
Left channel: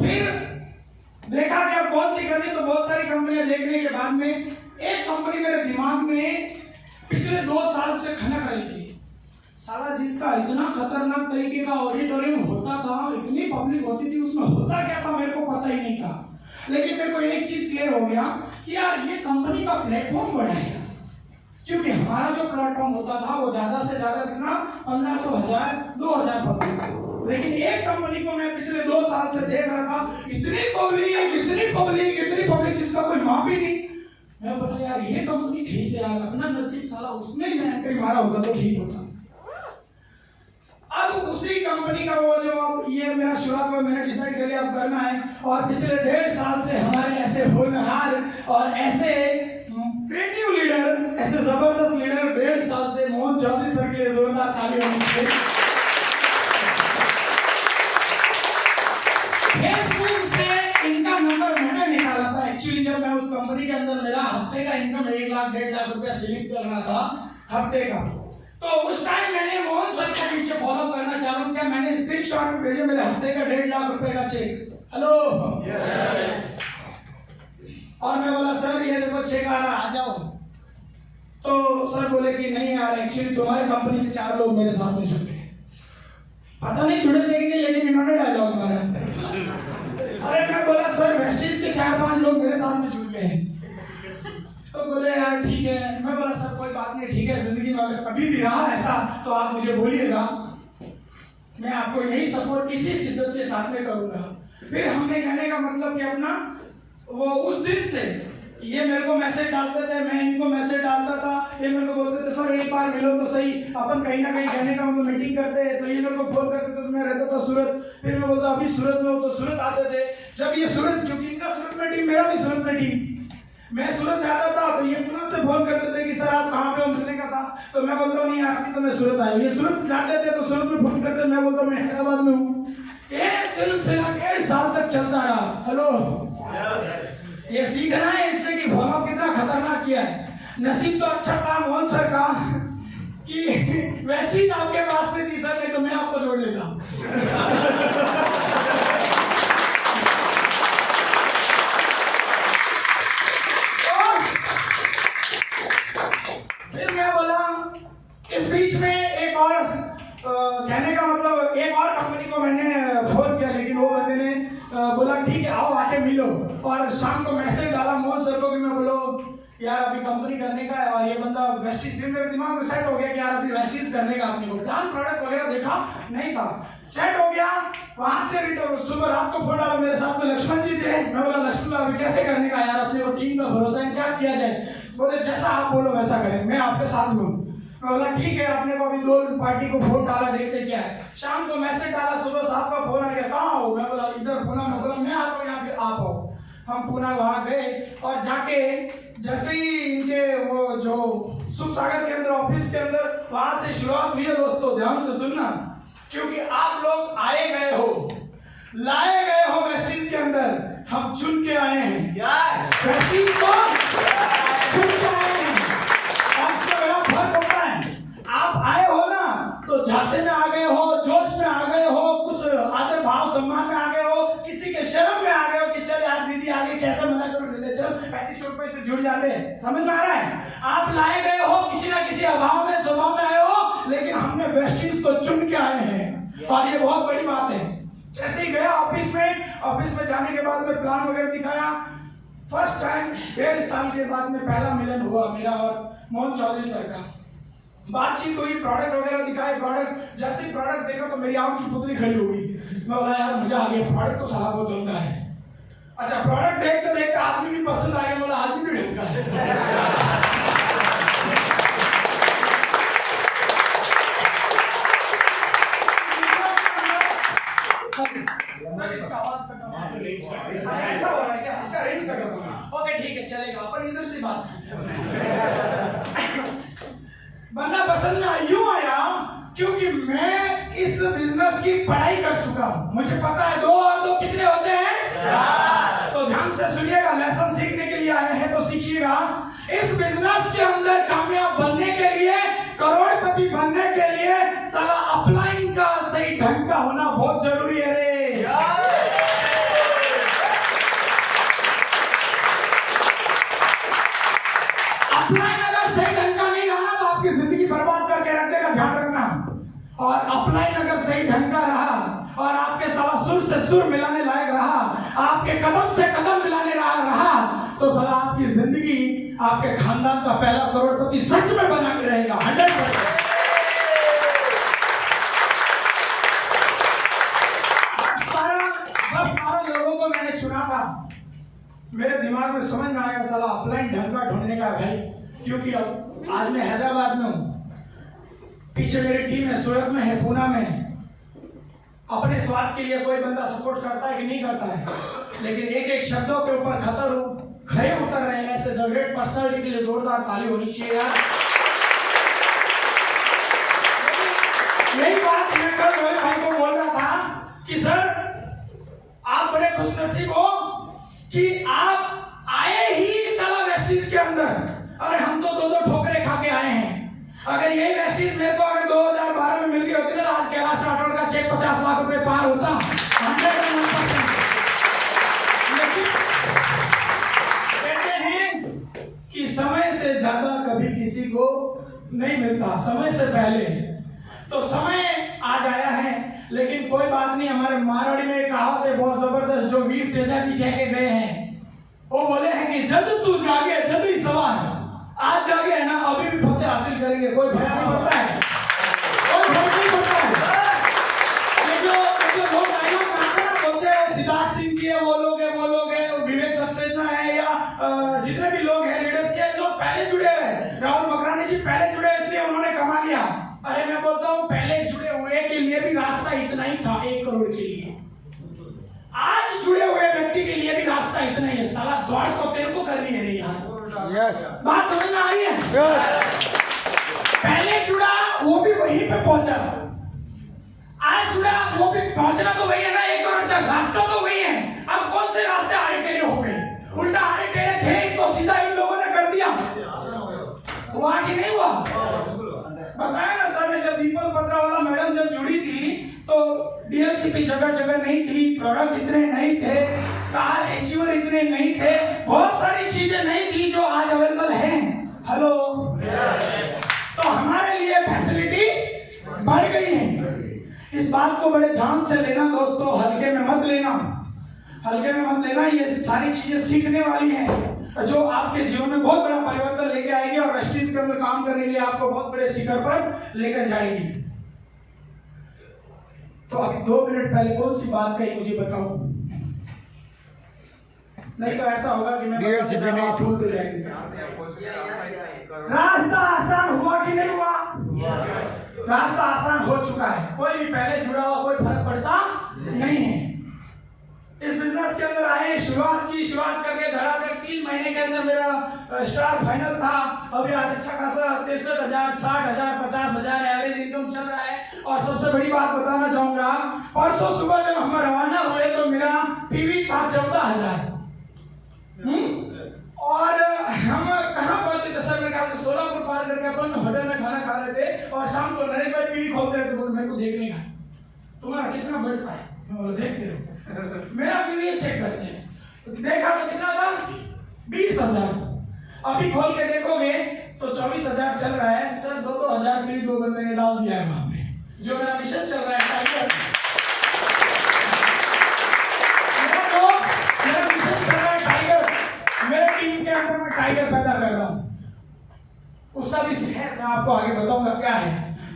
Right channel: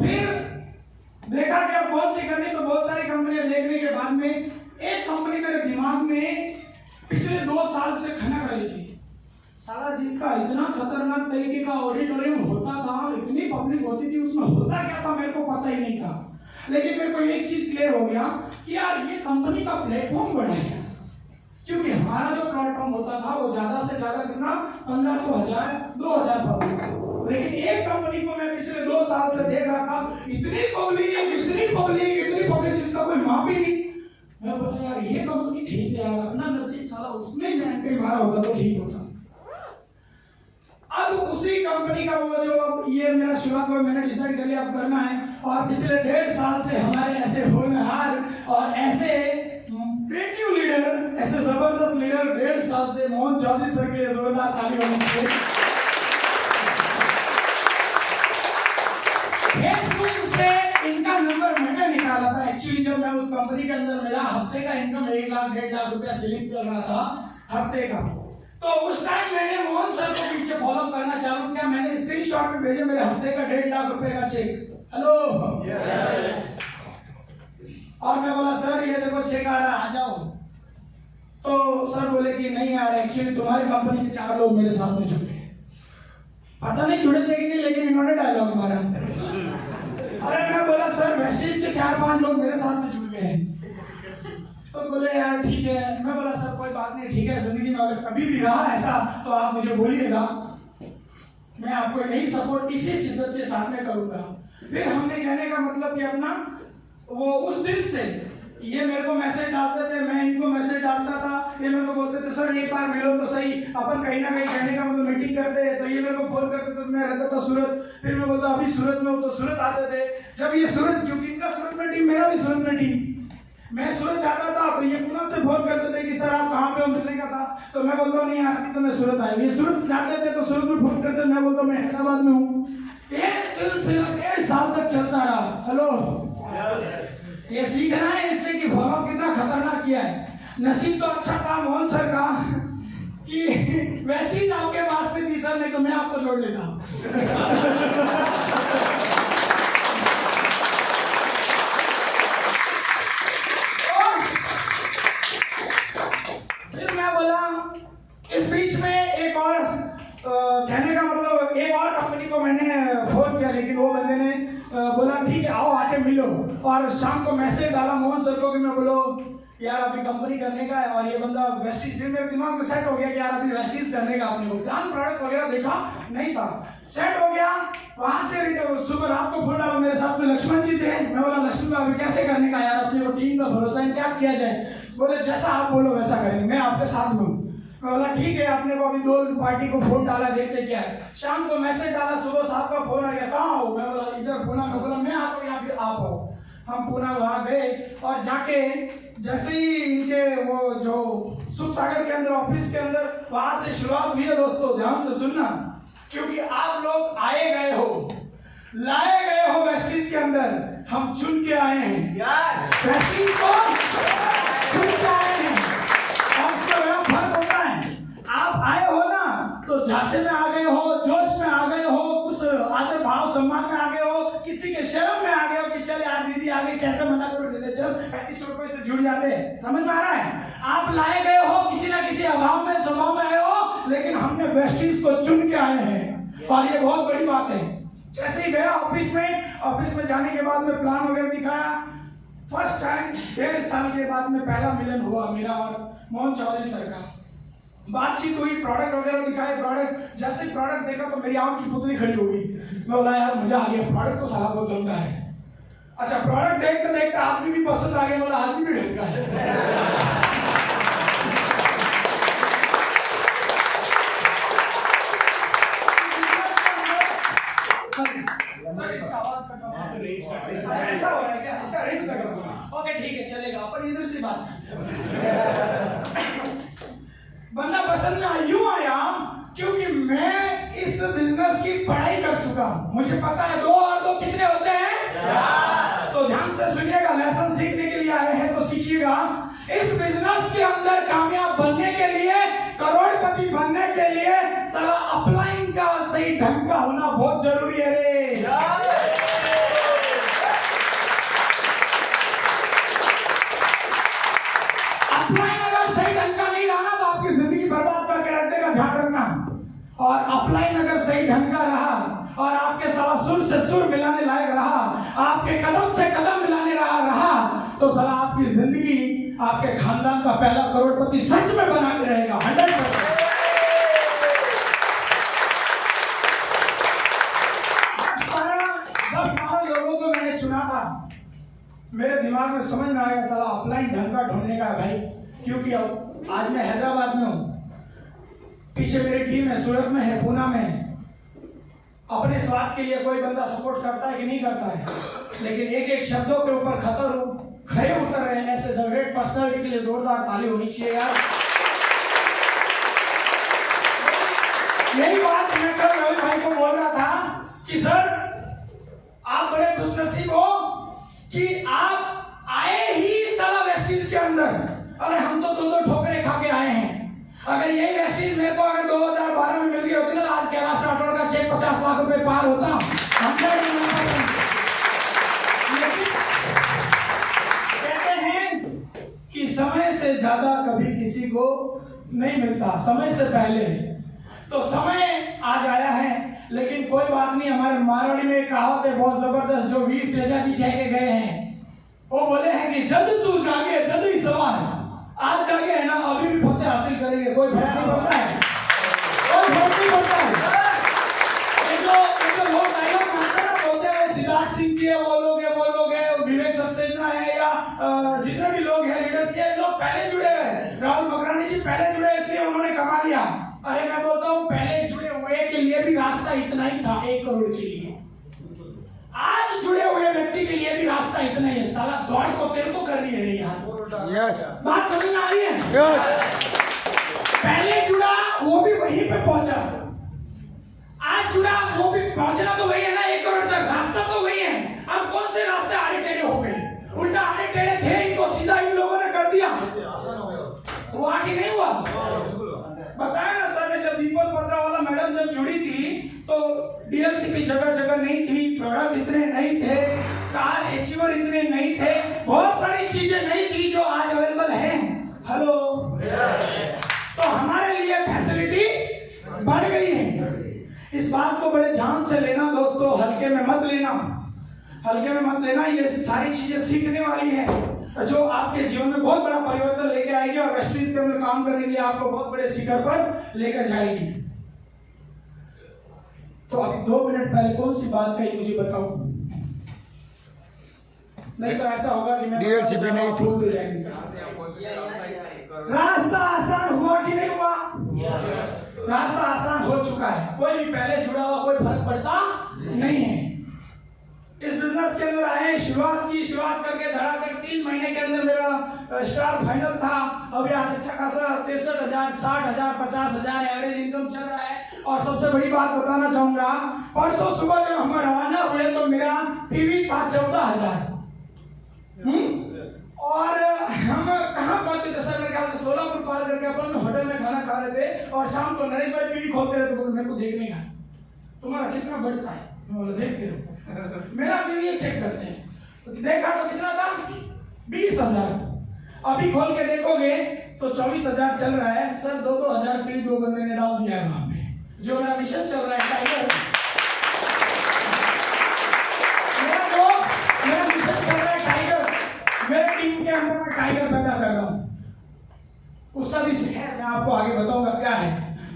फिर देखा कि अब कौन सी करनी, तो बहुत सारी कंपनियां देखने के बाद में एक कंपनी मेरे दिमाग में पिछले 2 साल से खनक रही थी। साला जिसका इतना खतरनाक तरीके का ऑडिटोरियम होता था, इतनी पब्लिक होती थी, उसमें होता क्या था मेरे को पता ही नहीं था। लेकिन मेरे को एक चीज क्लियर हो गया कि यार ये कंपनी का प्लेटफॉर्म बढ़ाएगा, क्योंकि हमारा जो प्लेटफॉर्म होता था वो ज्यादा से ज्यादा कितना 1500, 1000, 2000 पब्लिक। लेकिन एक कंपनी को मैं पिछले 2 साल से देख रहा था, इतनी पब्लिक जिसका कोई माप ही नहीं। मैं बोला यार ये कंपनी ठीक है यार, अपना नसीब साला उसमें एंट्री मारा होता तो ठीक होता। अब उसी कंपनी का वो जो अब ये मेरा शुरुआत में मैंने डिसाइड कर लिया अब करना है। और पिछले 1.5 साल से हमारे ऐसे होनहार और ऐसे क्रिएटिव लीडर, ऐसे जबरदस्त लीडर 1.5 साल से मोहन चौधरी सर के लिए जोरदार ताली होनी चाहिए। फेसबुक से इनका नंबर मैंने निकाला था। एक्चुअली जब मैं उस कंपनी के अंदर, मेरा हफ्ते का इनकम 1 लाख 1.5 लाख रुपया सीलिंग चल रहा था हफ्ते का, तो उस टाइम मैंने मोहन सर को पीछे फॉलो करना चालू किया। मैंने स्क्रीनशॉट में भेजे मेरे हफ्ते का 1.5 लाख रुपए का चेक। हेलो और मैं बोला सर ये देखो चेक आ रहा, आ जाओ। तो सर बोले कि नहीं यार, एक्चुअली तुम्हारी कंपनी के 4 लोग मेरे सामने जुड़े, पता नहीं जुड़े थे कि नहीं, लेकिन इन्होंने डायलॉग मारा। अरे मैं बोला सर वेस्टीज के 4-5 लोग मेरे सामने जुड़ गए हैं। तो बोले यार ठीक है। मैं बोला सर कोई बात नहीं, ठीक है, जिंदगी में अगर कभी भी रहा ऐसा तो आप मुझे बोलिएगा, मैं आपको यही सपोर्ट इसी शिद्दत के साथ में करूंगा। फिर हमने कहने का मतलब कि अपना वो उस दिन से ये मेरे को मैसेज डालते थे, मैं इनको मैसेज डालता था, ये मेरे को बोलते थे सर एक बार मिलो तो सही, अपन कहीं ना कहीं कहने का मतलब मीटिंग करते हैं। तो ये मेरे को फोन करते थे, तो मैं रहता था सूरत, फिर मैं बोलता अभी सूरत में हूँ, तो सूरत आते थे। जब ये सूरत, क्योंकि इनका सूरत में टीम, मेरा भी सूरत में टीम, मैं सूरत जाता था तो ये पुनः से फोन करते थे कि सर आप कहाँ पे हो, मिलने का था। तो मैं बोलता हूँ नहीं यार तो मैं सूरत आया हूँ। ये सूरत जाते थे तो सूरत में फोन करते, मैं बोलता हूँ मैं हैदराबाद में हूँ। ये सिलसिला 1.5 साल तक चलता रहा। हेलो ये सीखना है इससे कि फॉलो कितना खतरनाक किया है। नसीब तो अच्छा था मोहन सर का कि वेस्टीज आपके पास में थी सर, नहीं तो मैं आपको जोड़ लेता। फिर मैं बोला इस बीच में एक और कहने का मतलब एक और कंपनी को मैंने फोन किया, लेकिन वो बंदे ने बोला ठीक है आओ आके मिलो। और शाम को मैसेज डाला मोहन सर को कि मैं बोलो यार अभी कंपनी करने का है, और ये बंदा वेस्टीज, फिर मेरे दिमाग में सेट हो गया कि यार अभी वेस्टीज करने का, अपने को प्लान प्रोडक्ट वगैरह देखा नहीं था, सेट हो गया। वहां से सुबह रात को फोन डाला, मेरे साथ में लक्ष्मण जी थे। मैं बोला लक्ष्मण अभी कैसे करने का यार, अपने को टीम का भरोसा है, क्या किया जाए। बोले जैसा आप बोलो वैसा करेंगे, मैं आपके साथ में हूँ। मैं बोला ठीक है, आपने को अभी 2 पार्टी को फोन डाला, देखते क्या है। शाम को मैसेज डाला, सुबह साहब का फोन आ गया, कहाँ हो? मैं बोला इधर पुणे में। बोला मैं आता हूँ यहाँ, फिर आप आओ। हम पुणे वहाँ गए और जाके जैसे ही इनके वो जो सुख सागर के अंदर ऑफिस के अंदर वहां से शुरुआत हुई है। दोस्तों ध्यान से सुनना, क्योंकि आप लोग आए गए हो, लाए गए हो वेस्टिज के अंदर, हम चुन के आए हैं। वेस्टिज को चुन के आए हैं और इसका बड़ा फर्क होता है। आप आए हो ना तो झांसे में आ गए हो, जोश में आ गए हो, कुछ आदर भाव सम्मान में आ गए हो, किसी के शर्म में आ गए हो कि चल यार दीदी आ गई, कैसे मना करो, ले चल 3500 रुपए से जुड़ जाते हैं। समझ में आ रहा है? आप लाए गए हो किसी ना किसी अभाव में, स्वभाव में आए हो, लेकिन हमने वेस्टिज को चुन के आए हैं और ये बहुत बड़ी बात है। जैसे ही गया ऑफिस में जाने के बाद में प्लान वगैरह दिखाया। फर्स्ट टाइम 1.5 साल के बाद में पहला मिलन हुआ मेरा और मोहन चौधरी सर का। बातचीत हुई, प्रोडक्ट वगैरह दिखाए। प्रोडक्ट जैसे प्रोडक्ट देखा तो मेरी आंख की पुतली खड़ी हो गई। मैं बोला यार मजा आ गया, प्रोडक्ट तो साला बहुत ढंग का है। अच्छा, प्रोडक्ट देखते देखते आदमी भी पसंद आ गया। बोला आदमी भी ढंग का है। सर इसका आवाज कट रहा है, ऐसा हो रहा है क्या? इसका अरेंज कर दो। ओके ठीक है चलेगा, पर इधर से बात बंदा पसंद में यूं आया क्योंकि मैं इस बिजनेस की पढ़ाई कर चुका हूं। मुझे पता है 2 और 2 कितने होते हैं? 4। तो ध्यान से सुनिएगा, लेसन सीखने के लिए आए हैं तो सीखिएगा। इस बिजनेस के अंदर कामयाब बनने के लिए, करोड़पति बनने के लिए सारा अपलाइन का सही ढंग का होना बहुत जरूरी है रे। अपलाइन अगर सही ढंग का नहीं रहा तो आपकी जिंदगी बर्बाद करके रख देगा, ध्यान रखना। और अपलाइन अगर सही ढंग का रहा और आपके सारा सुर से सुर मिलाने लायक रहा, आपके कदम से कदम मिलाने रहा तो साला आपकी जिंदगी, आपके खानदान का पहला करोड़पति सच में बना के रहेगा 100%। 10-12 लोगों को मैंने चुना था। मेरे दिमाग में समझ में आया साला अपलाइन ढंग का ढूंढने का भाई, क्योंकि अब आज मैं हैदराबाद में हूँ, पीछे मेरी टीम है, सूरत में है, पुणे में। अपने स्वार्थ के लिए कोई बंदा सपोर्ट करता है कि नहीं करता है, लेकिन एक एक शब्दों के ऊपर खड़े उतर रहे हैं। ऐसे द ग्रेट पर्सनालिटी के लिए जोरदार ताली होनी चाहिए यार। यही बात मैं कल रोहित भाई को बोल रहा था कि सर आप बड़े खुशनसीब हो कि आप आए ही साला वेस्टिज के अंदर। अरे हम तो 2-2 ठोकरे खा के आए हैं। अगर यही वेस्टिज मेरे को अगर 2012 में मिल गई होती ना, आज कैलाश राठौड़ का चेक 50 लाख रुपए पार होता। लेकिन कहते हैं कि समय से ज्यादा कभी किसी को नहीं मिलता, समय से पहले। तो समय आज आया है, लेकिन कोई बात नहीं। हमारे मारवाड़ी में एक कहावत है बहुत जबरदस्त, जो वीर तेजा जी कह के गए हैं। वो बोले हैं कि जल्द सू जागे जल्द ही सवार। आज जागे है ना, अभी भी फतेह हासिल करेंगे, कोई भय नहीं पड़ता है, कोई भय नहीं पड़ता है। ये जो लोग डायलॉग मारते ना, बोलते हैं सिद्धार्थ सिंह जी है, वो लोग है, विवेक सक्सेना है, या जितने भी लोग हैं लीडर्स के, लोग पहले जुड़े हुए। राहुल मकरानी जी पहले जुड़े, इसलिए उन्होंने कमा लिया। अरे मैं बोलता हूँ पहले जुड़े हुए के लिए भी रास्ता इतना ही था, 1 करोड़ के लिए। आज जुड़े हुए व्यक्ति के लिए भी रास्ता इतना ही है। साला दौड़ को तेरे को करनी है नहीं यार। यस बात समझ में आ रही है? पहले जुड़ा वो भी वहीं पे पहुंचा, आज जुड़ा वो भी पहुंचना तो वही है ना, 1 करोड़ तक रास्ता तो वही है। अब कौन से रास्ते आड़े टेढ़े हो गए? उल्टा आड़े टेढ़े थे, इनको सीधा इन लोगों ने कर दिया। हुआ कि नहीं हुआ? बताया ना सर ने, जब दीपक पत्रा वाला मैडम जब जुड़ी थी तो डीएलसी पे जगह जगह नहीं थी, प्रोडक्ट इतने नहीं थे, कार अचीवर इतने नहीं थे, बहुत सारी चीजें नहीं थी जो आज अवेलेबल हैं। हेलो, तो हमारे लिए फैसिलिटी बढ़ गई है। इस बात को बड़े ध्यान से लेना दोस्तों, हल्के में मत लेना, हल्के में मत लेना। ये सारी चीजें सीखने वाली हैं जो आपके जीवन में बहुत बड़ा परिवर्तन लेके आएगी और वेस्टिज के अंदर काम करने के लिए आपको बहुत बड़े शिखर पर लेकर जाएगी। तो अभी 2 मिनट पहले कौन सी बात कही मुझे बताओ, नहीं तो ऐसा होगा कि मैं डीएलसीपी नहीं भूलते जाएंगे। रास्ता आसान हुआ कि नहीं हुआ? रास्ता आसान हो चुका है, कोई भी पहले जुड़ा हुआ कोई फर्क पड़ता नहीं है। इस बिजनेस के अंदर आए, शुरुआत करके धड़ाधड़ 3 महीने के अंदर मेरा स्टार फाइनल था। अभी आज अच्छा खासा 63,000, 60,000, 50,000 एवरेज इनकम चल रहा है। और सबसे बड़ी बात बताना चाहूंगा, परसों सुबह जब हम रवाना हुए तो मेरा पीवी था 14,000। और हम कहाँ पहुंचे थे सर? मेरे ख्याल से सोलापुर पार करके अपन होटल में खाना खा रहे थे और शाम को नरेश भाई पीवी खोलते रहे तो मेरे को देखने का तुम्हारा कितना बढ़ता है, मैं बोला देखते रहो। मेरा पीवी चेक करते हैं, देखा तो कितना था 20,000। अभी खोल के देखोगे तो 24,000 चल रहा है सर। 2-2 पीवी 2 बंदे ने डाल दिया है वहां पे। जो मेरा मिशन चल रहा है टाइगर, मेरा मिशन चल रहा है टाइगर, मेरे टीम के अंदर मैं टाइगर पैदा कर रहा हूँ। उसका भी है, मैं आपको आगे बताऊंगा क्या है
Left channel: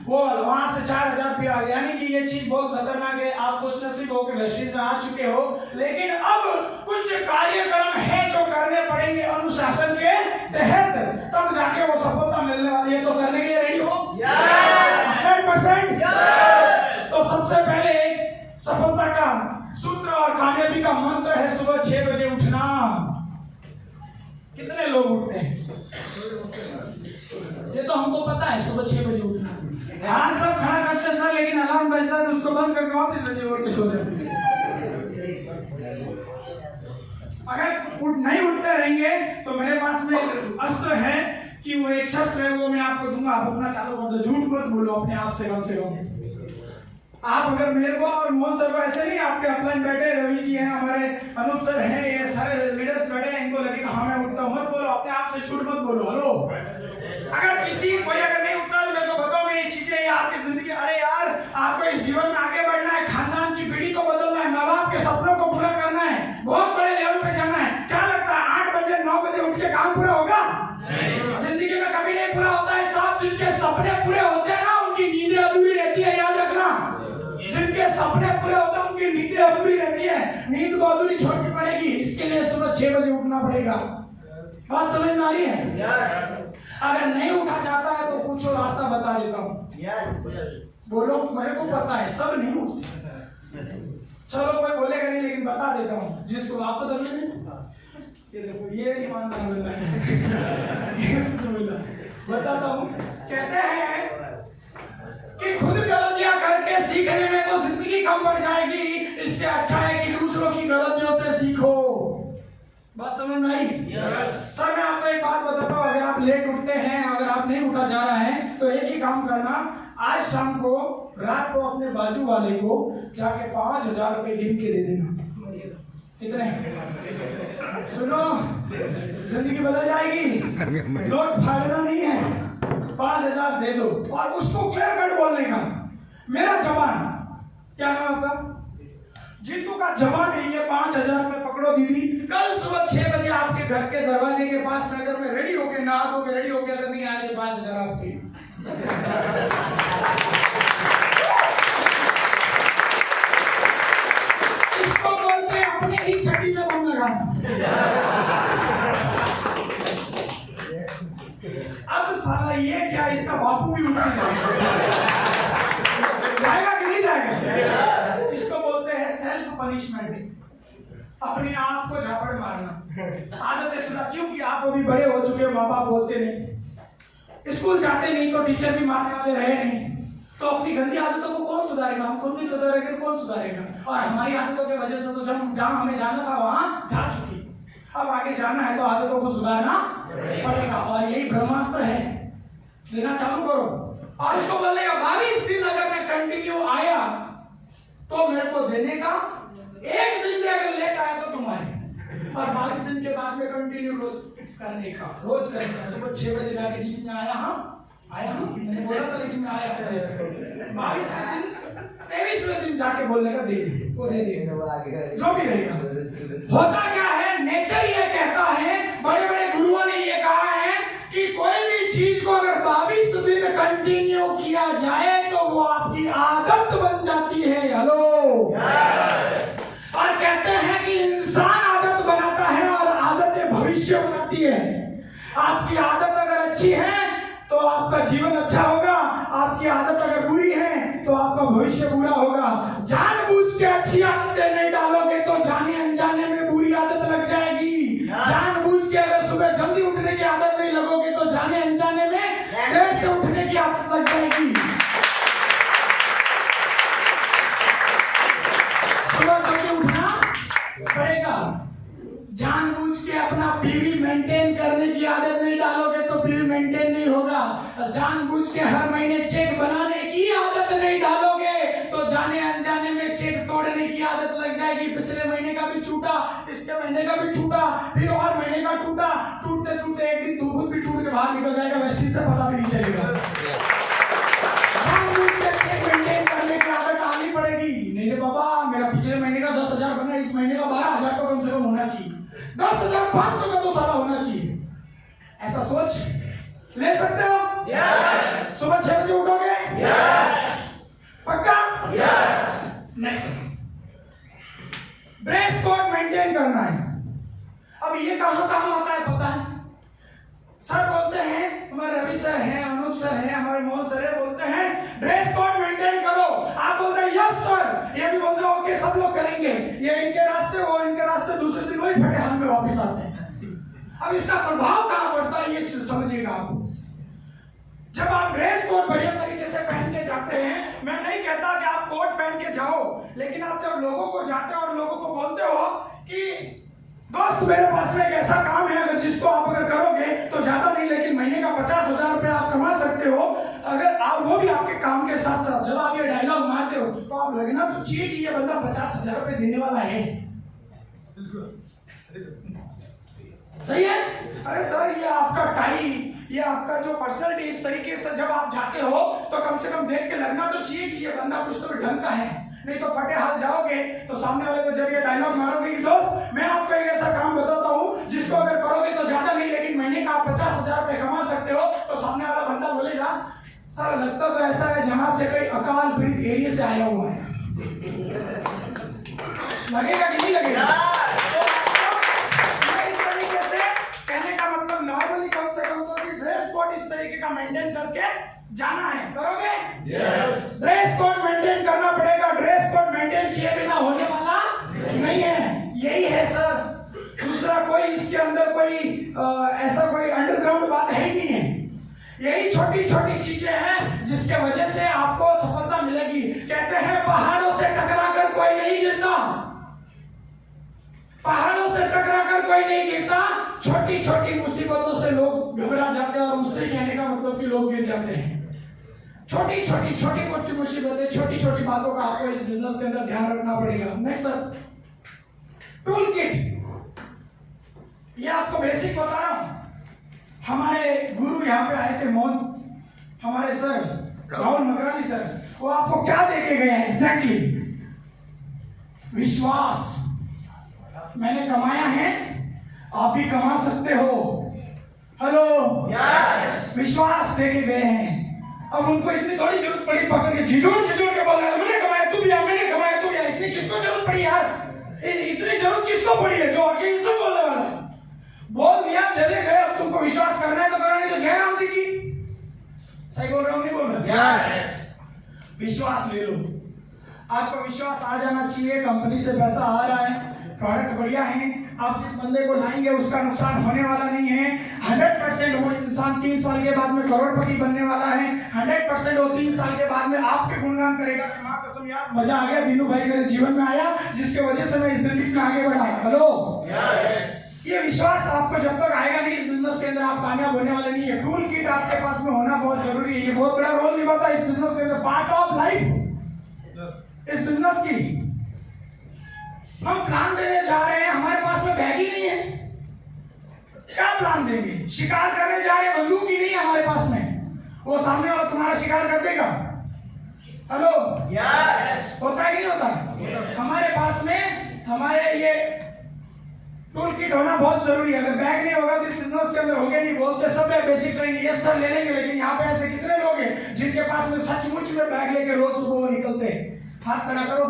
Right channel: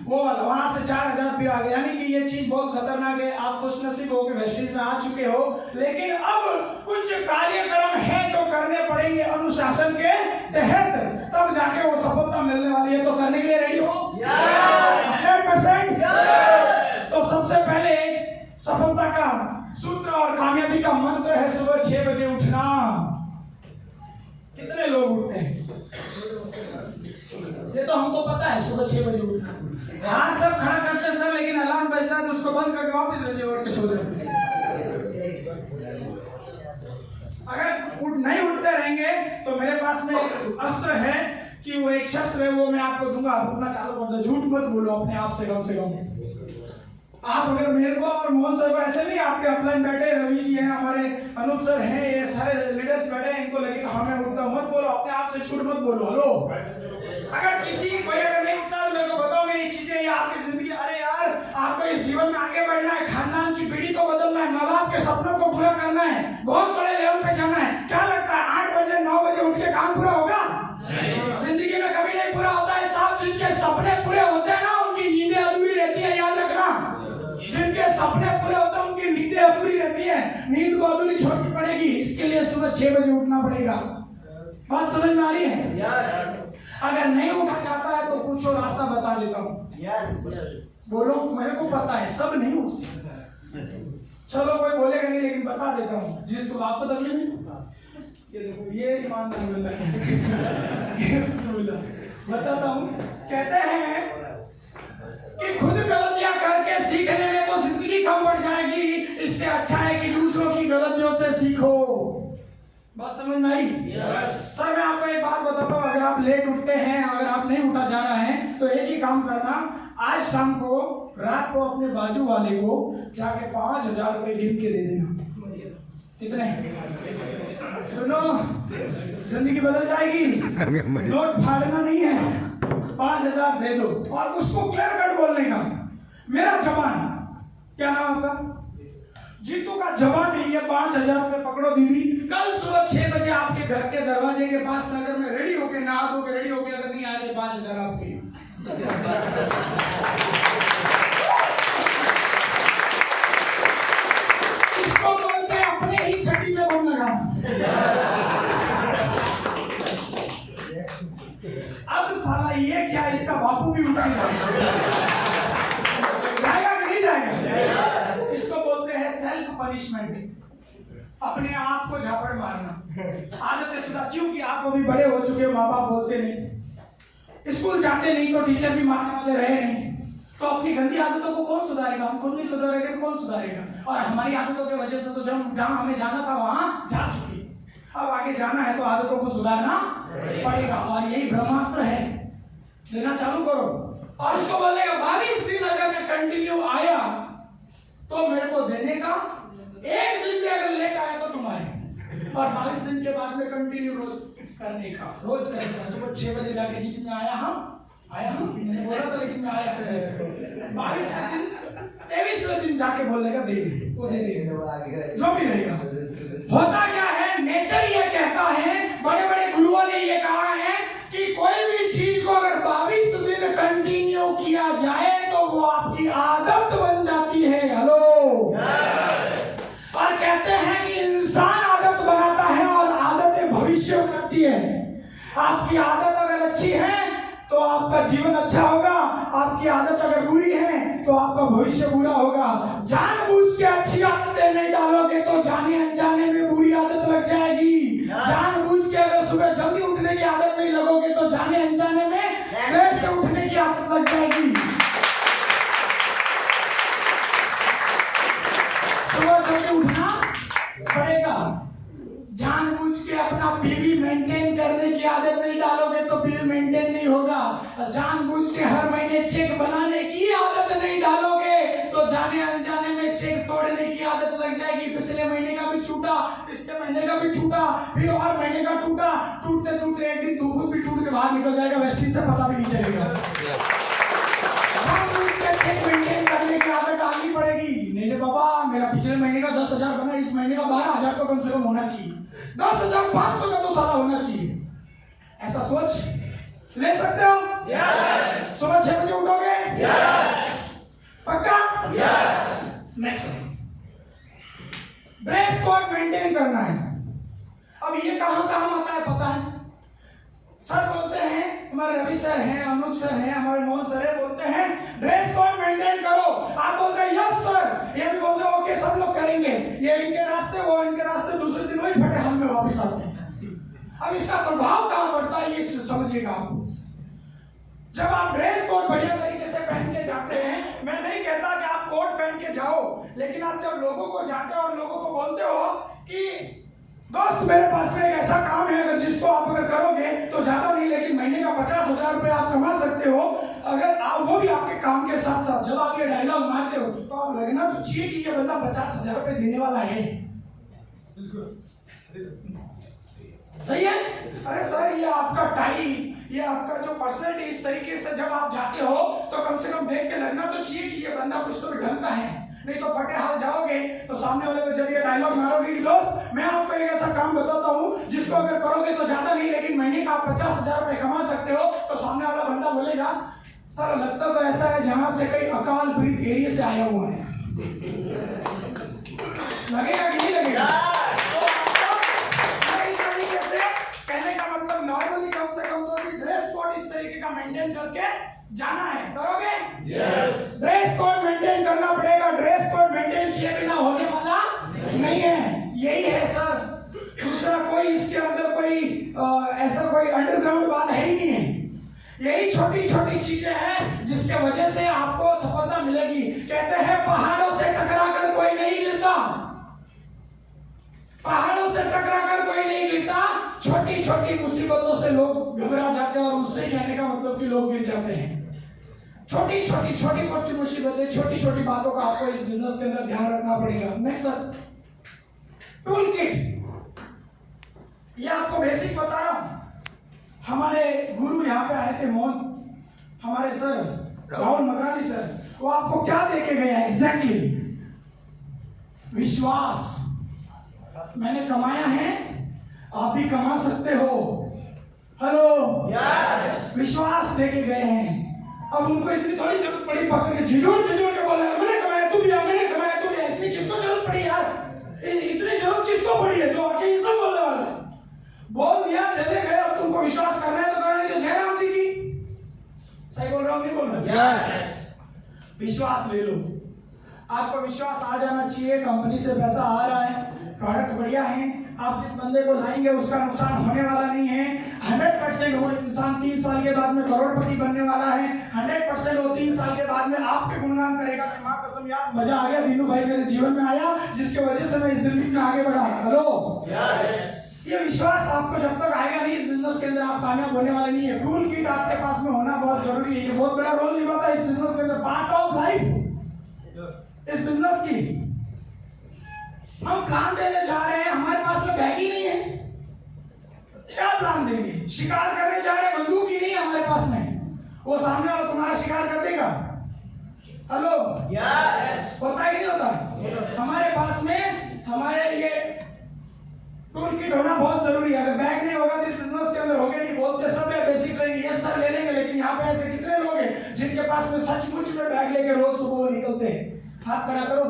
वो। वहां से 4,000 पे आ गया, यानी कि ये चीज बहुत खतरनाक है। आप खुश नसीब हो कि वेस्टिज में आ चुके हो, लेकिन अब कुछ कार्यक्रम है जो करने पड़ेंगे अनुशासन के तहत, तब जाके वो सफलता मिलने वाली है। तो करने के लिए रेडी हो? 100%। तो सबसे पहले सफलता का सूत्र और कामयाबी का मंत्र है सुबह 6 बजे उठना। कितने लोग उठते हैं? ये तो हमको पता है, सुबह 6 बजे उठना। हाथ सब खड़ा करते सर, लेकिन अलार्म बजता है तो उसको बंद करके वापस बजे उठ के सो जाते हैं। अगर नहीं उठते रहेंगे तो मेरे पास में अस्त्र है कि वो एक शस्त्र है, वो मैं आपको दूंगा। आप अपना चालू कर दो, झूठ मत बोलो अपने आप से कम से कम। आप अगर मेरे को और मोहन सर को ऐसे नहीं, आपके अपलाइन बैठे रवि जी हैं, हमारे अनूप सर हैं, ये सारे लीडर्स बैठे हैं, इनको लगेगा हाँ मैं उठता हूं, मत बोलो अपने आप से, झूठ मत बोलो। हेलो, अगर किसी कोई अगर नहीं उठता तो मेरे को बताओ, ये चीजें ये आपकी जिंदगी। अरे यार, आपको इस जीवन में आगे बढ़ना है, खानदान की पीढ़ी को बदलना है, माँ बाप के सपनों को पूरा करना है, बहुत बड़े लेवल पे जाना है। क्या लगता है 8 बजे 9 बजे उठ के काम पूरा होगा? जिंदगी में कभी नहीं पूरा होता है साहब। जिनके सपने पूरे होते हैं ना, उनकी नींदें अधूरी रहती है, याद रखना। जिनके सपने पूरे होते हैं उनकी नींदें अधूरी रहती है, नींद को अधूरी छोड़नी पड़ेगी। इसके लिए सुबह 6 बजे उठना पड़ेगा। बात समझ में आ रही है? अगर नहीं उठा जाता है तो पूछो, रास्ता बता देता हूँ। बोलो, मेरे को पता है सब नहीं उठते। चलो कोई बोलेगा नहीं, लेकिन बता देता हूँ जिसको आप बता नहीं। ये देखो, ये ईमानदार बंदा है। बताता हूँ, कहते हैं कि खुद गलतियां करके सीखने में तो जिंदगी कम पड़ जाएगी, इससे अच्छा है कि दूसरों की गलतियों से सीखो। बात समझ में आई? सर मैं आपको एक बात बताता हूँ, अगर आप लेट उठते हैं, अगर आप नहीं उठा जा रहा है तो एक ही काम करना, आज शाम को रात को अपने बाजू वाले को जाके 5,000 रुपए गिन के दे देना। कितने? सुनो, जिंदगी बदल जाएगी। नोट फाड़ना नहीं है, 5,000 दे दो और उसको क्लियर कट बोलने का, मेरा जवान, क्या नाम आपका? जीतू का जवान है, ये 5,000 रुपए पकड़ो दीदी, कल सुबह 6 बजे आपके घर के दरवाजे के पास नगर में रेडी होके, नहा धो के रेडी होके, अगर नहीं आए 5,000 आपकी। इसको बोलते हैं अपने ही छठी में बम लगाना। अब साला ये क्या, इसका बापू भी उठा जाएगा कि नहीं जाएगा? इसको बोलते हैं सेल्फ पनिशमेंट, अपने आप को झापड़ मारना। आदतें सुधा, क्योंकि आप अभी बड़े हो चुके हो, माँ बाप बोलते नहीं, स्कूल जाते नहीं तो टीचर भी मारने वाले रहे नहीं, तो अपनी गंदी आदतों को कौन सुधारेगा? हम खुद नहीं सुधारेंगे तो कौन सुधारेगा? और हमारी आदतों की वजह से तो जब जहां हमें जाना था वहां जा चुकी, अब आगे जाना है तो आदतों को सुधारना पड़ेगा। और यही ब्रह्मास्त्र है, लेना चालू करो। और इसको बोलेगा 22 दिन अगर मैं कंटिन्यू आया तो मेरे को देने का, एक दिन भी अगर लेट आया तो तुम्हारे, और 22 दिन के बाद में कंटिन्यू रोज करने का, रोज करने का। सुबह 6 बजे जाके गीत में आया हम मैंने बोला था, लेकिन मैं आया 22वें दिन 23वें दिन जाके बोलने का, दे दे वो, दे दे जो भी रहेगा। होता क्या है, नेचर ये कहता है, बड़े बड़े गुरुओं ने ये कहा है कि कोई भी चीज को अगर 22 दिन कंटिन्यू किया जाए तो वो आपकी आदत बन जाती है। हेलो, और कहते हैं कि इंसान आदत बनाता है और आदतें भविष्य बनाती है। आपकी आदत अगर अच्छी है तो आपका जीवन अच्छा होगा, आपकी आपकी आदत अगर बुरी है तो आपका भविष्य बुरा होगा। जानबूझ के अच्छी आदतें नहीं डालोगे तो जाने अनजाने में बुरी आदत लग जाएगी। जानबूझ के अगर सुबह जल्दी उठने की आदत नहीं लगोगे तो जाने अनजाने में देर से उठने की आदत लग जाएगी। सुबह जल्दी उठना पड़ेगा। जानबूझ के अपना पीवी मेंटेन करने की आदत नहीं डालोगे तो पीवी मेंटेन नहीं होगा। जानबूझ के हर महीने चेक बनाने की आदत नहीं डालोगे तो जाने अनजाने में चेक तोड़ने की आदत लग जाएगी। पिछले महीने का भी छूटा, इसके महीने का भी छूटा, फिर और महीने का छूटा, टूटते टूटते एक दिन तू खुद भी टूट के बाहर निकल जाएगा, वेस्टिज से पता भी नहीं चलेगा। जानबूझ के चेक मेंटेन करने की आदत डालनी पड़ेगी। नहीं रे बाबा, मेरा पिछले महीने का 10,000 बना, इस महीने का 12,000 तो कम से कम होना चाहिए, 10,500 का तो सारा होना चाहिए। ऐसा सोच ले सकते हो? yes. सुबह 6 बजे उठोगे? yes. पक्का? yes. Next, dress code maintain करना है। अब ये कहां आता है पता है? सर बोलते हैं, हमारे रवि सर हैं, अनूप सर हैं, हमारे मोहन सर हैं, बोलते हैं ड्रेस कोड मेंटेन करो। आप बोलते हैं यस सर, ये भी बोलते हैं ओके सब लोग करेंगे। ये इनके रास्ते, वो इनके रास्ते, दूसरे दिन वही फटे हाथ में वापस आते हैं। अब इसका प्रभाव कहां पड़ता है ये समझिएगा आप। जब आप ड्रेस कोड बढ़िया तरीके से पहन के जाते हैं, मैं नहीं कहता कि आप कोट पहन के जाओ, लेकिन आप जब लोगों को जाते हो और लोगों को बोलते हो कि दोस्त मेरे पास में एक ऐसा काम है, अगर जिसको आप अगर करोगे तो ज्यादा नहीं लेकिन महीने का 50,000 रुपए आप कमा सकते हो, अगर आप वो भी आपके काम के साथ साथ, जब आप ये डायलॉग मारते हो तो आप लगना तो चाहिए कि ये बंदा 50,000 रुपए देने वाला है। सही है? अरे सर ये आपका टाई, ये आपका जो पर्सनैलिटी, इस तरीके से जब आप जाते हो तो कम से कम देख के लगना तो चाहिए कि ये बंदा कुछ तो ढंग का है। नहीं तो फटे हाल जाओगे तो सामने वाले को जब ये डायलॉग मारोगे कि दोस्त मैं आपको एक ऐसा काम बताता हूँ जिसको अगर करोगे तो ज्यादा नहीं लेकिन महीने का आप 50,000 रुपए कमा सकते हो, तो सामने वाला बंदा बोलेगा सर लगता तो ऐसा है जहां से कोई अकाल पीड़ित एरिया से आया हुआ है। लगेगा कि नहीं लगेगा? इस तरीके से कहने का मतलब नॉर्मली कम से कम तो ड्रेस कोड इस तरीके का मेंटेन करके जाना है। करोगे? यस। ड्रेस कोड मेंटेन करना पड़ेगा। ड्रेस कोड मेंटेन किए बिना होने वाला नहीं है। यही है सर, दूसरा कोई इसके अंदर कोई ऐसा कोई अंडरग्राउंड बात है ही नहीं है। यही छोटी छोटी चीजें हैं जिसके वजह से आपको सफलता मिलेगी। कहते हैं पहाड़ों से टकरा कर कोई नहीं गिरता, पहाड़ों से टकरा कर कोई नहीं गिरता, छोटी छोटी मुसीबतों से लोग घबरा जाते हैं और उससे कहने का मतलब कि लोग गिर जाते हैं। छोटी मोटी मुसीबतें, छोटी छोटी बातों का आपको इस बिजनेस के अंदर ध्यान रखना पड़ेगा। Next sir, tool kit. ये आपको बेसिक बता रहा हूं। हमारे गुरु यहाँ पे आए थे, मोहन हमारे सर राहुल मकरानी सर, वो आपको क्या देके गए हैं एग्जैक्टली? विश्वास। मैंने कमाया है, आप भी कमा सकते हो। हेलो, विश्वास देके गए हैं। अब उनको इतनी थोड़ी जरूरत पड़ी पकड़ के झिझोड़ के बोलना मैंने कमाया तू भी आ, मैंने कमाया तू भी आ। इतनी किसको जरूरत पड़ी यार? इतनी जरूरत किसको पड़ी है जो आके ये सब बोलने वाला है? बोल दिया, चले गए। अब तुमको विश्वास करना है तो करो, नहीं तो जयराम जी की। सही बोल रहा हूँ नहीं बोल रहा? विश्वास ले लो। आपको विश्वास आ जाना चाहिए, कंपनी से पैसा आ रहा है, प्रोडक्ट बढ़िया है, आप जिस बंदे को लाएंगे उसका नुकसान होने वाला नहीं है। 100% वो इंसान 3 साल के बाद में करोड़पति बनने वाला है। 100% वो 3 साल के बाद में आपके गुणगान करेगा कि माँ कसम यार मजा आ गया, दीनू भाई मेरे जीवन में आया जिसके वजह से मैं इस जिंदगी में आगे बढ़ा। हेलो, ये विश्वास आपको जब तक आएगा नहीं इस बिजनेस के अंदर आप कामयाब होने वाले नहीं है। टूल किट आपके पास में होना बहुत जरूरी है। ये बहुत बड़ा रोल निभाता है इस बिजनेस के अंदर, पार्ट ऑफ लाइफ इस बिजनेस की। हम प्लान देने जा रहे हैं, हमारे पास में बैग ही नहीं है, क्या प्लान देंगे? शिकार करने जा रहे हैं, बंदूक ही नहीं है हमारे पास में, वो सामने वाला तुम्हारा शिकार कर देगा। हेलो, होता है कि नहीं होता? हमारे पास में हमारे ये टूल किट होना बहुत जरूरी है। अगर बैग नहीं होगा तो इस बिजनेस के अंदर होगे नहीं। बोलते सब है बेसिक ट्रेनिंग, यस सर ले लेंगे, लेकिन यहाँ पे ऐसे कितने लोग हैं जिनके पास में सचमुच में बैग लेके रोज सुबह वो निकलते हैं? हाथ खड़ा करो।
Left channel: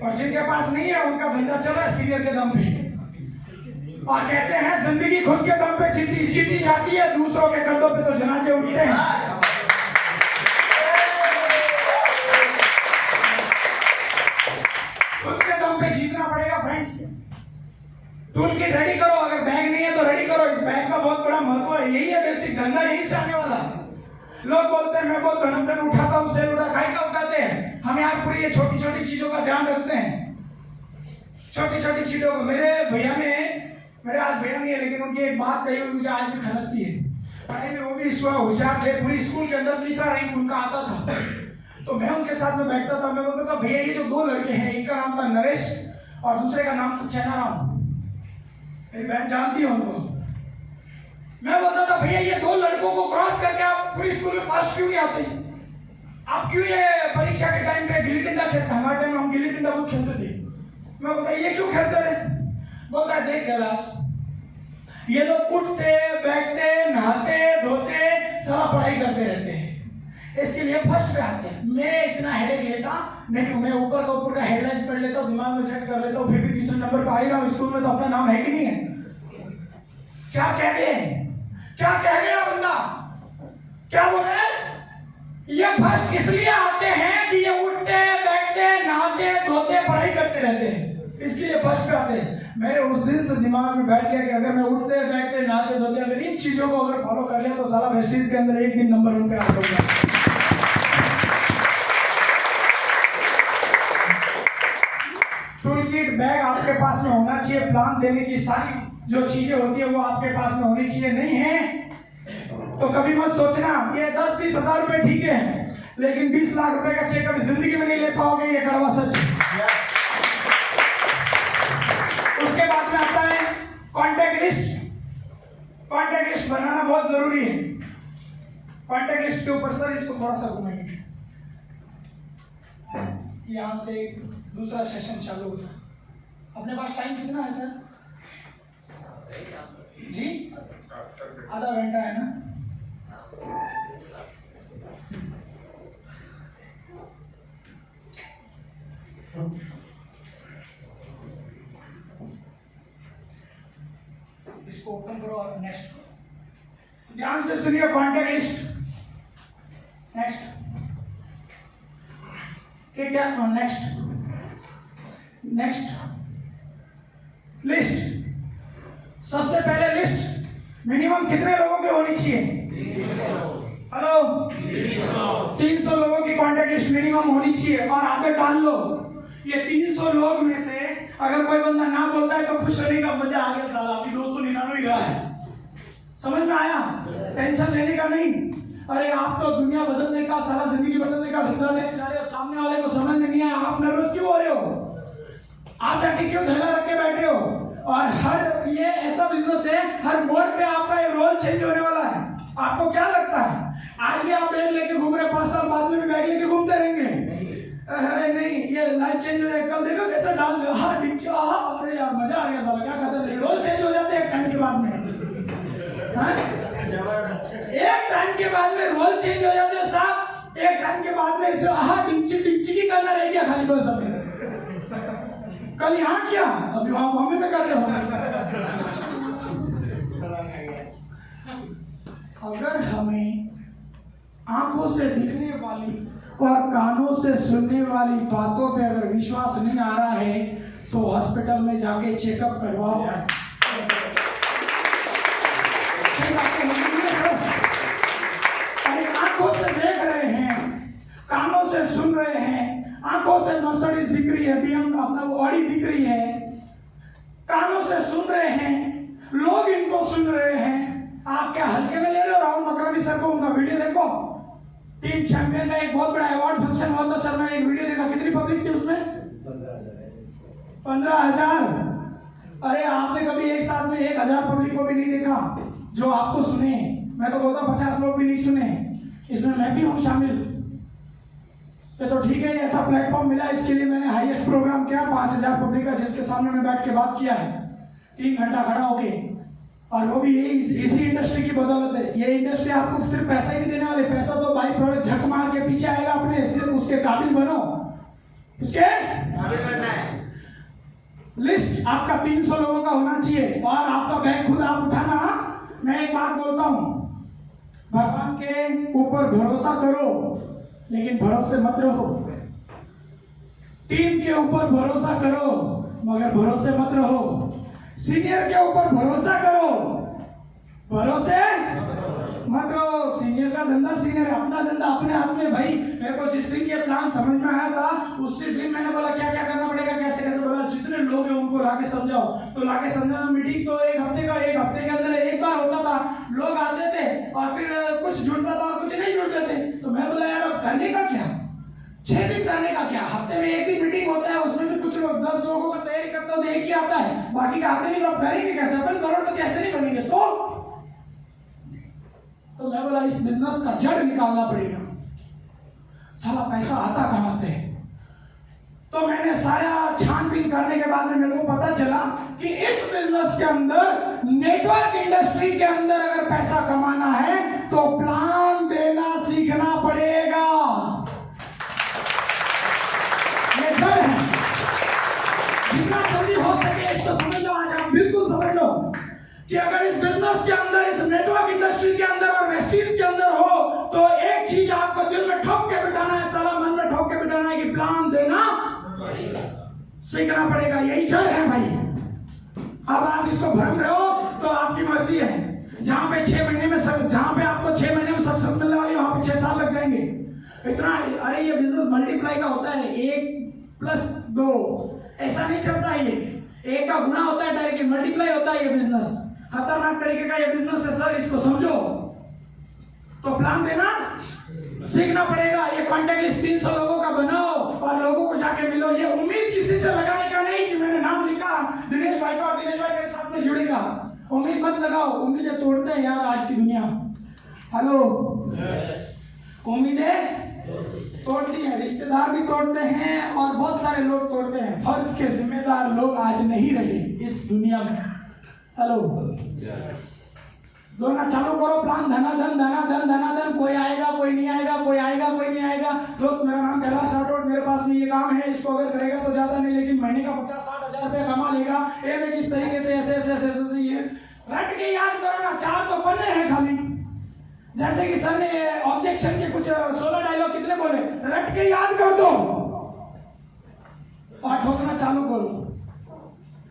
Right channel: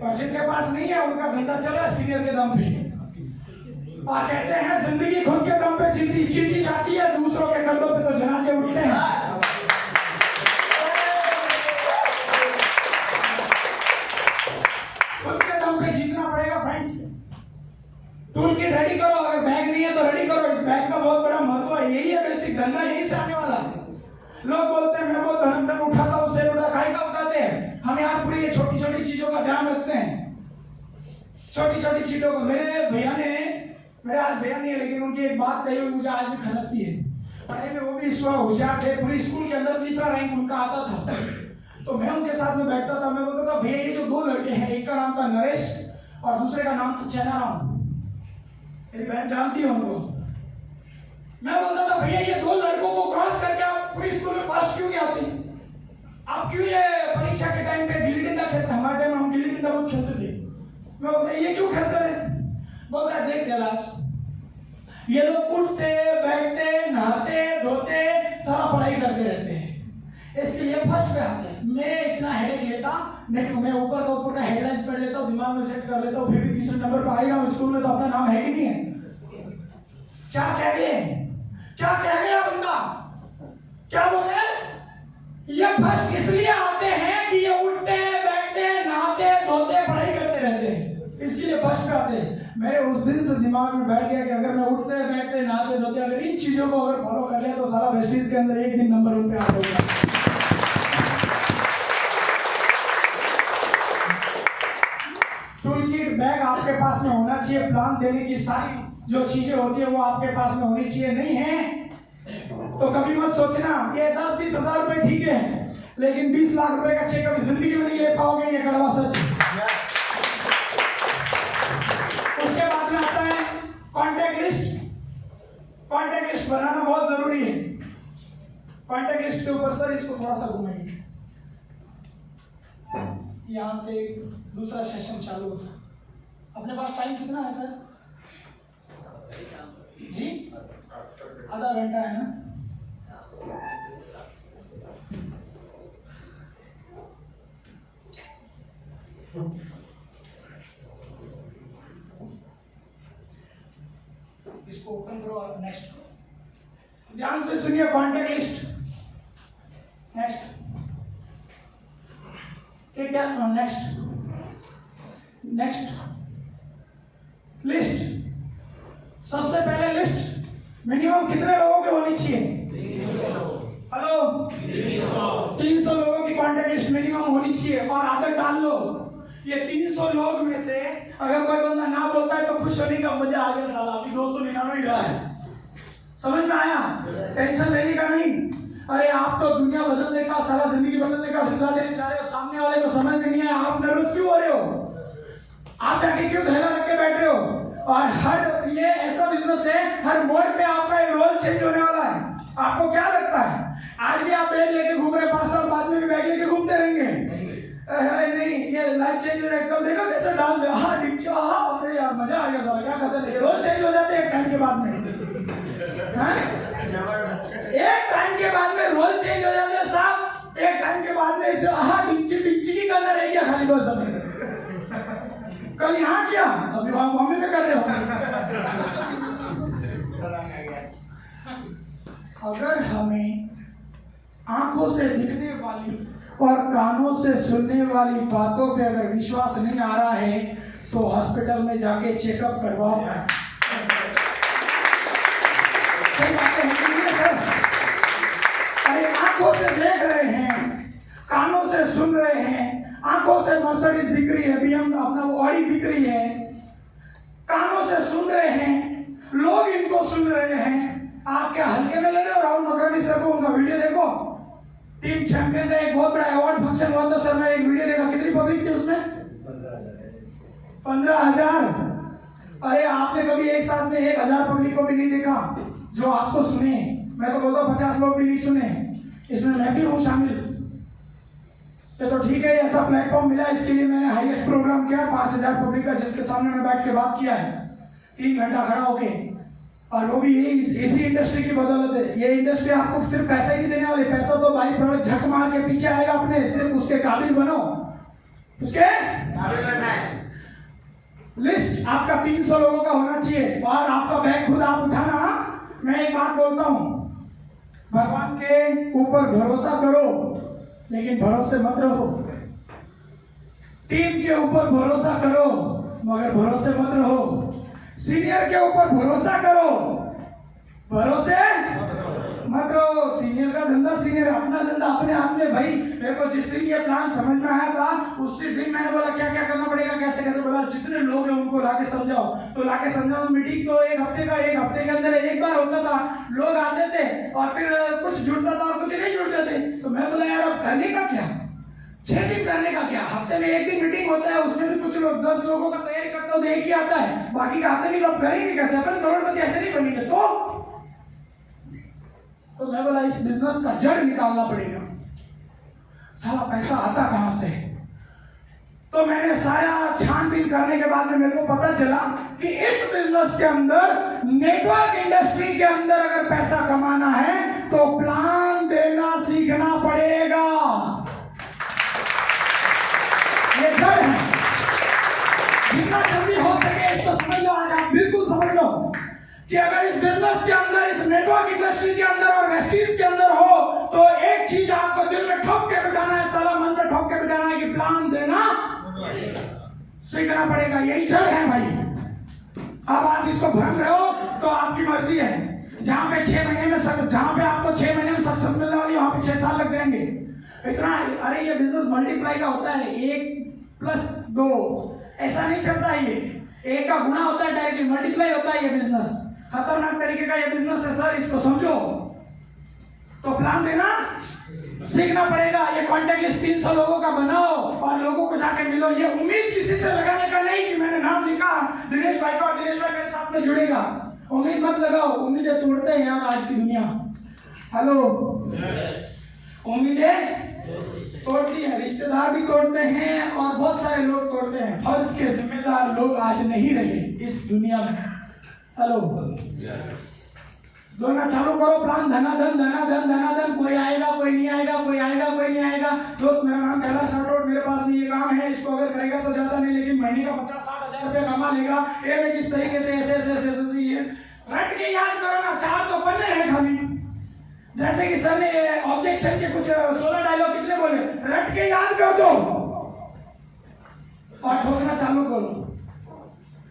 और जिनके पास नहीं है उनका धंधा चल रहा है सीनियर के दम पे, और कहते हैं जिंदगी खुद के दम पे जीती जाती है, दूसरों के कंधों पे तो जनाजे उठते हैं। टूल किट रेडी करो, अगर बैग नहीं है तो रेडी करो। इस बैग का बहुत बड़ा महत्व है, यही है बेसिक, धंधा यही से आने वाला है। लोग बोलते हैं मैं बहुत धन उठाता हूँ, शेर उठा, खाई का उठाते हैं। हम यहाँ पूरी ये छोटी छोटी चीजों का ध्यान रखते हैं, छोटी छोटी चीजों को। मेरे आज भैया नहीं है, लेकिन उनकी एक बात कही हुई मुझे आज भी खनकती है। पढ़ाई में वो भी होशियार थे, पूरी स्कूल के अंदर तीसरा रैंक उनका आता था। तो मैं उनके साथ में बैठता था, मैं बोलता था भैया ये जो दो लड़के हैं, एक का नाम था नरेश और दूसरे का नाम था चेनाराम, मेरी बहन जानती है उनको। मैं बोलता था भैया ये दो लड़कों को क्रॉस करके आप पूरी स्कूल में फर्स्ट क्यों नहीं आते? आप क्यों ये परीक्षा के टाइम पे गिल्ली डंडा खेलते? हमारे टाइम हम गिल्ली डंडा बहुत खेलते थे। मैं बोलता ये क्यों खेलते थे? बोलता है देख कैलाश, ये लोग उठते बैठते नहाते धोते सारा पढ़ाई करते रहते हैं, इसके लिए फर्स्ट पे आते हैं। मैं इतना हेडेक लेता नहीं, मैं ऊपर का हेडलाइंस पढ़ लेता हूँ, दिमाग में सेट कर लेता हूँ, फिर भी तीसरे नंबर पर आ ही रहा हूँ। स्कूल में तो अपना नाम है कि नहीं है? क्या कह गया बंदा? क्या बोल रहे हैं? ये फर्स्ट इसलिए आते हैं कि ये उठते बैठते नहाते धोते पढ़ाई करते रहते हैं, इसके लिए फर्स्ट पे आते हैं। मेरे उस दिन से दिमाग में बैठ गया कि अगर मैं उठते बैठते नहाते धोते अगर इन चीजों को अगर फॉलो कर लिया तो साला वेस्टीज के अंदर एक दिन नंबर 1 पे आ जाऊंगा। टूल किट बैग आपके पास में होना चाहिए, प्लान देने की सारी जो चीजें होती है वो आपके पास में होनी चाहिए। नहीं है तो कभी मत सोचना ये 10-20 हजार रुपए ठीक है, लेकिन 20 लाख रुपए का चेक कभी जिंदगी में नहीं ले पाओगे, ये कड़वा सच है। उसके बाद में आता है कॉन्टैक्ट लिस्ट। कॉन्टैक्ट लिस्ट बनाना बहुत जरूरी है। कॉन्टैक्ट लिस्ट के ऊपर सर इसको थोड़ा सा घुमाइए, यहां से दूसरा सेशन चालू होता। अपने पास टाइम कितना है सर जी? आधा घंटा है ना? इसको ओपन करो और नेक्स्ट करो। ध्यान से सुनिए, कॉन्टैक्ट लिस्ट। नेक्स्ट ठीक है, नेक्स्ट लिस्ट। सबसे पहले लिस्ट मिनिमम कितने लोगों की होनी चाहिए? हेलो, 300 लोगों की कॉन्टैक्ट लिस्ट मिनिमम होनी चाहिए। और आगे डाल लो, ये 300 लोग में से अगर कोई बंदा ना बोलता है तो खुश होने का मजा आ गया, साला अभी 299 ही रहा है। समझ में आया? टेंशन लेने का नहीं। अरे आप तो दुनिया बदलने का, सारा जिंदगी बदलने का धंधा देने जा रहे हो, सामने वाले को समझ में नहीं आया, आप नर्वस क्यों हो रहे हो? आप जाके क्यों धैर्य रख के बैठ रहे हो? और हर ये ऐसा बिजनेस है, हर मोड़ पे आपका एक रोल चेंज होने वाला है। आपको क्या लगता है आज भी आप बैग लेके घूम रहे, 5 साल बाद में भी बैग लेके घूमते रहेंगे? नहीं, ये लाइफ चेंज हो जाए। कल देखो कैसा डांस है, हाँ डिक्चो, हाँ अरे यार मजा आ गया साला, क्या खतर है। रोल चेंज हो जाते हैं एक टाइम के बाद में, हाँ? एक टाइम के बाद में रोल चेंज हो जाते हैं साहब। एक टाइम के बाद में इसे हाँ डिक्ची की करना रह गया खाली बस। अब कल यहाँ क्या, अभी वहां बॉम्बे में कर रहे हो। अगर हमें आंखों से दिखने वाली और कानों से सुनने वाली बातों पे अगर विश्वास नहीं आ रहा है तो हॉस्पिटल में जाके चेकअप करवाओ। सही बातें होती है सर। अरे आंखों से देख रहे हैं, कानों से सुन रहे हैं, आंखों से मर्सिडीज दिख रही है, बीएम अपना वो ऑडी दिख रही है, कानों से सुन रहे हैं, लोग इनको सुन रहे हैं। आप क्या हल्के में ले रहे हो? राहुल मकरानी सर को उनका वीडियो देखो, टीम चैंपियन का एक बहुत बड़ा अवार्ड फंक्शन हुआ था सर, मैं एक वीडियो देखा, कितनी पब्लिक थी उसमें? 15,000। अरे आपने कभी एक साथ में 1,000 पब्लिक को भी नहीं देखा जो आपको सुने। मैं तो बोलता हूँ 50 लोग भी नहीं सुने, इसमें मैं भी हूँ शामिल। ये तो ठीक है, ऐसा प्लेटफॉर्म मिला, इसके लिए मैंने हाईएस्ट प्रोग्राम किया 5,000 पब्लिक का, जिसके सामने मैं बैठ के बात किया है 3 घंटा खड़ा होके। और वो भी यही इसी इंडस्ट्री की बदौलत है। ये इंडस्ट्री आपको सिर्फ पैसा ही नहीं देने वाले, पैसा तो बाई प्रोडक्ट झक मार के पीछे आएगा अपने, सिर्फ उसके काबिल बनो, उसके काबिल बनना है। लिस्ट आपका 300 लोगों का होना चाहिए और आपका बैग खुद आप उठाना। मैं एक बात बोलता हूँ, भगवान के ऊपर भरोसा करो लेकिन भरोसे मत रहो। टीम के ऊपर भरोसा करो मगर भरोसे मत रहो। सीनियर के ऊपर भरोसा करो, भरोसे मत रहो। सीनियर का धंधा सीनियर, अपना धंधा अपने हाथ में। भाई मेरे को जिस दिन ये प्लान समझ में आया था उसी दिन मैंने बोला क्या क्या करना पड़ेगा, कैसे कैसे। बोला जितने लोग हैं उनको लाके समझाओ, तो लाके समझाओ। मीटिंग तो एक हफ्ते के अंदर एक बार होता था। लोग आते थे और फिर कुछ जुड़ता था और कुछ नहीं जुड़ते थे। तो मैं बोला यार अब करने का क्या, 6 दिन करने का क्या, हफ्ते में एक दिन मीटिंग होता है, उसमें भी कुछ लोग 10 लोगों का तैयारी करते हो तो एक ही आता है, बाकी का आते नहीं। तो अब करेंगे कैसे, अपन करोड़पति ऐसे नहीं बनेंगे। तो मैं बोला इस बिजनेस का जड़ निकालना पड़ेगा, साला पैसा आता कहां से। तो मैंने सारा छानबीन करने के बाद में मेरे को पता चला कि इस बिजनेस के अंदर, नेटवर्क इंडस्ट्री के अंदर अगर पैसा कमाना है तो प्लान देना सीखना पड़ेगा। ये जड़ है, जितना जल्दी हो सके इसको समझ लो। आज आप बिल्कुल समझ लो कि अगर इस बिजनेस के अंदर, इस नेटवर्क इंडस्ट्री के अंदर और वेस्टीज के अंदर हो तो एक चीज आपको दिल में ठोक के बिठाना है, साला मन में ठोक के बिठाना है कि प्लान देना सीखना पड़ेगा। यही जड़ है भाई। अब आप इसको भ्रम रहे हो तो आपकी मर्जी है। जहां पे 6 महीने में सब, जहां पे आपको 6 महीने में सक्सेस मिलने वाली, वहां पे 6 साल लग जाएंगे। इतना, अरे ये बिजनेस मल्टीप्लाई का होता है, 1+2 ऐसा नहीं चलता है। ये 1 का गुना होता है, डायरेक्टली मल्टीप्लाई होता है। ये बिजनेस खतरनाक तरीके का ये बिजनेस है सर, इसको समझो। तो प्लान देना सीखना पड़ेगा। ये कॉन्टेक्ट लिस्ट 300 लोगों का बनाओ और लोगों को जाके मिलो। ये उम्मीद किसी से लगाने का नहीं कि मैंने नाम लिखा दिनेश भाई का और दिनेश भाई मेरे साथ में जुड़ेगा। उम्मीद मत लगाओ, उम्मीदें तोड़ते हैं यार आज की दुनिया। हेलो, उम्मीदें तोड़ती है, रिश्तेदार भी तोड़ते हैं और बहुत सारे लोग तोड़ते हैं। फर्ज के जिम्मेदार लोग आज नहीं रहे इस दुनिया में। हेलो, दोनों चालू करो प्लान। धनाधन धनाधन धनाधन, कोई आएगा कोई नहीं आएगा, कोई आएगा कोई नहीं आएगा। दोस्त मेरा नाम कैलाश राठौड़, मेरे पास भी ये काम है, इसको अगर करेगा तो ज्यादा नहीं, लेकिन महीने का 50-60 हजार रुपया कमा लेगा। ये किस तरीके से ऐसे ऐसे ऐसे ऐसे ये रट के याद करो ना। 4 तो पन्ने हैं खाली। जैसे कि सर ने ऑब्जेक्शन के कुछ 16 डायलॉग कितने बोले, रट के याद कर दो और ठोकना चालू करो।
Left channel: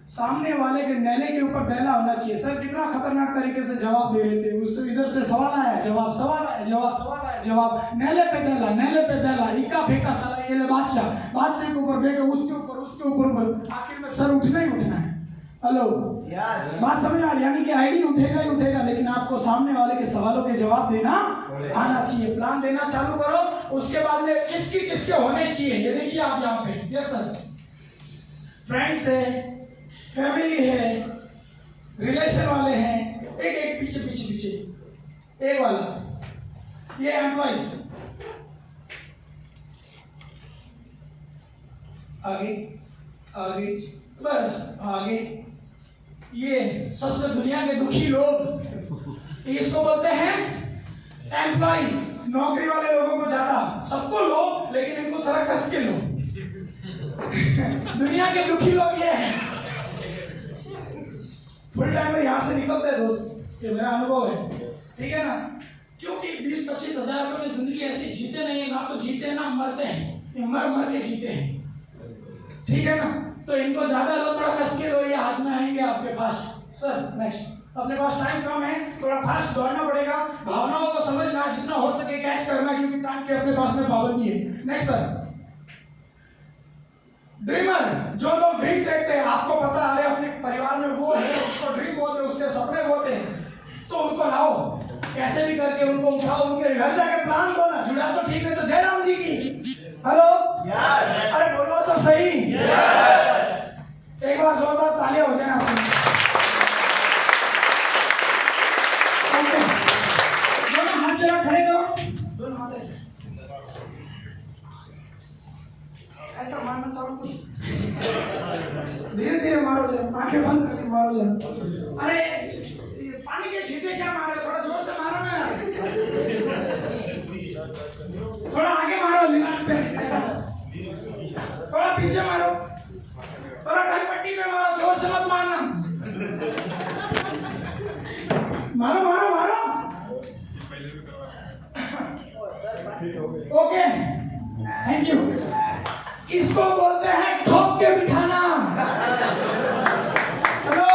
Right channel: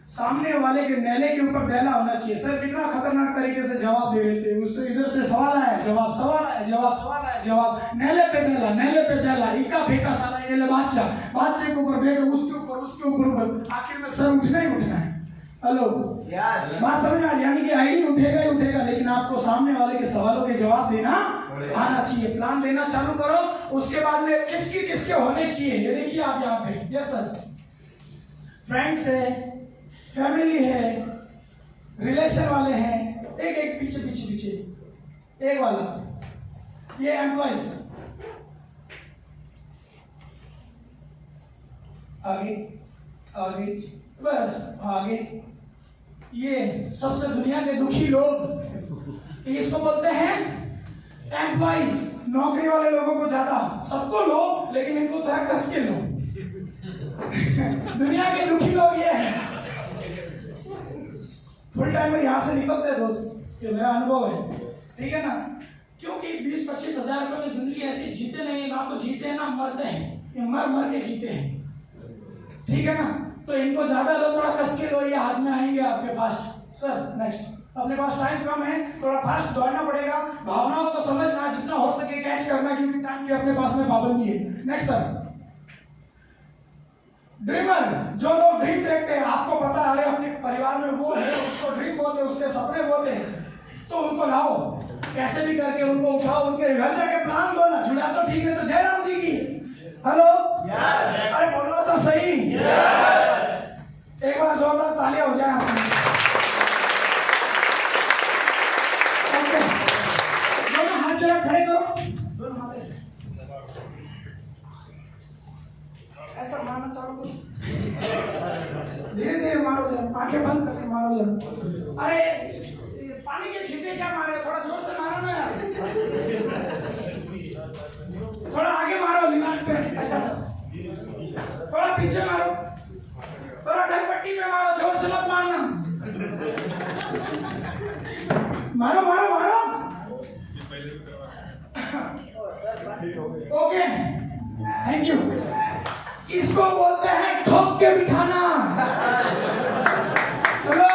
सामने वाले के नैले के ऊपर दैला होना चाहिए। सर कितना खतरनाक तरीके से जवाब दे रहे थे। उससे इधर से सवाल आया, जवाब, सवाल आया, जवाब, सवाल आया, जवाब, नैले पे दैला, नैले पे दैला, इक्का फेंका साला ये बादशाह, बादशाह के ऊपर बैठे, उसके ऊपर आखिर में सर उठना ही उठना है। हेलो, बात समझ में आ रही? यानी कि आईडी उठेगा ही उठेगा, लेकिन आपको सामने वाले के सवालों के जवाब देना आना चाहिए। प्लान देना चालू करो। उसके बाद में किसकी किसके होने चाहिए ये देखिए आप यहाँ पे। यस सर, फ्रेंड्स है, फैमिली है, रिलेशन वाले हैं, एक पीछे पीछे पीछे एक वाला, ये एम्प्लॉइज, आगे आगे आगे, ये सबसे दुनिया के दुखी लोग, इसको बोलते हैं एम्प्लॉइज। नौकरी वाले लोगों को ज्यादा, सबको लो लेकिन इनको थोड़ा कस के लो। दुनिया के दुखी लोग ये हैं। फुल टाइम में यहाँ से निकलते हैं दोस्त, ये मेरा अनुभव है, ठीक है ना। क्योंकि 20-25 हजार रुपए में जिंदगी ऐसी जीते नहीं, ना तो जीते ना मरते हैं, ये मर मर के जीते हैं, ठीक है ना। तो इनको ज्यादा लो, थोड़ा कस के लो, ये हाथ में आएंगे आपके फास्ट। सर नेक्स्ट, अपने पास टाइम कम है, थोड़ा फास्ट दौड़ना पड़ेगा। भावनाओं को समझना, जितना हो सके कैच करना, क्योंकि टाइम के अपने पास में पाबंदी है। नेक्स्ट सर, ड्रीमर, जो लोग ड्रीम देखते हैं, आपको पता है अपने परिवार में वो है, उसको ड्रीम बोलते हैं, उसके सपने बोलते हैं, तो उनको लाओ, कैसे भी करके उनको उठाओ, उनके घर जाके प्लान दो ना। जुड़ा तो ठीक है, तो जयराम जी की हेलो, अरे बोलो तो सही, एक बार जोरदार तालियां हो जाए आपकी। दोनों हाथ जरा खड़े करो, दोनों हाथ ऐसे ऐसा मारना चालू करो, धीरे धीरे मारो, जरा आंखें बंद करके मारो जरा। अरे पानी के छींटे क्या मारे, थोड़ा जोर से मारो ना यार, थोड़ा आगे मारो लिनाट पे, ऐसा थोड़ा पीछे मारो, थोड़ा घरपट्टी पे मारो, जोर से मत मारना, मारो मारो मारो। Okay, thank you. इसको बोलते हैं ठोक के बिठाना। हेलो,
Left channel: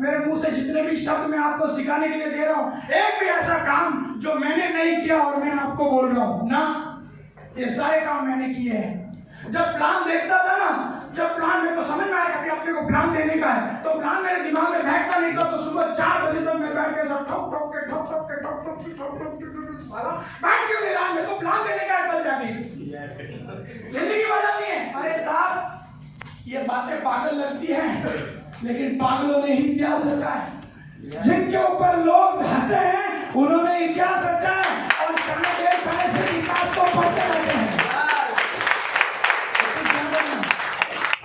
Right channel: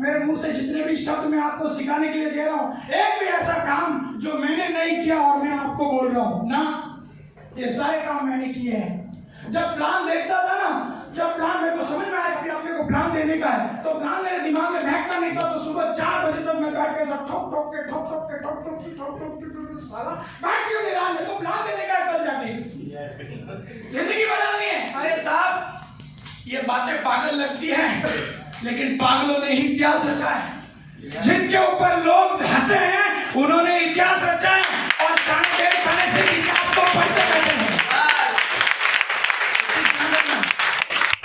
मेरे मुंह से जितने भी शब्द मैं आपको सिखाने के लिए दे रहा हूं, एक भी ऐसा काम जो मैंने नहीं किया और मैं आपको बोल रहा हूं ना, ये सारे काम मैंने किए हैं। जब प्लान देखता था ना, जब प्लान मेरे को समझ में आया कि अपने को प्लान देने का है, तो प्लान मेरे दिमाग में बैठता नहीं था। तो सुबह 4 बजे तक मैं बैठ के सब ठोक ठोक के साला बैठ क्यों नहीं रहा, मेरे को प्लान देने का है कल जाके, जिंदगी बदलनी है। अरे साहब, ये बातें पागल लगती हैं, लेकिन पागलों ने ही इतिहास रचा है। जिनके ऊपर लोग हंसे हैं, उन्होंने इतिहास रचा है और शाने से इतिहास को पढ़ते बैठे हैं।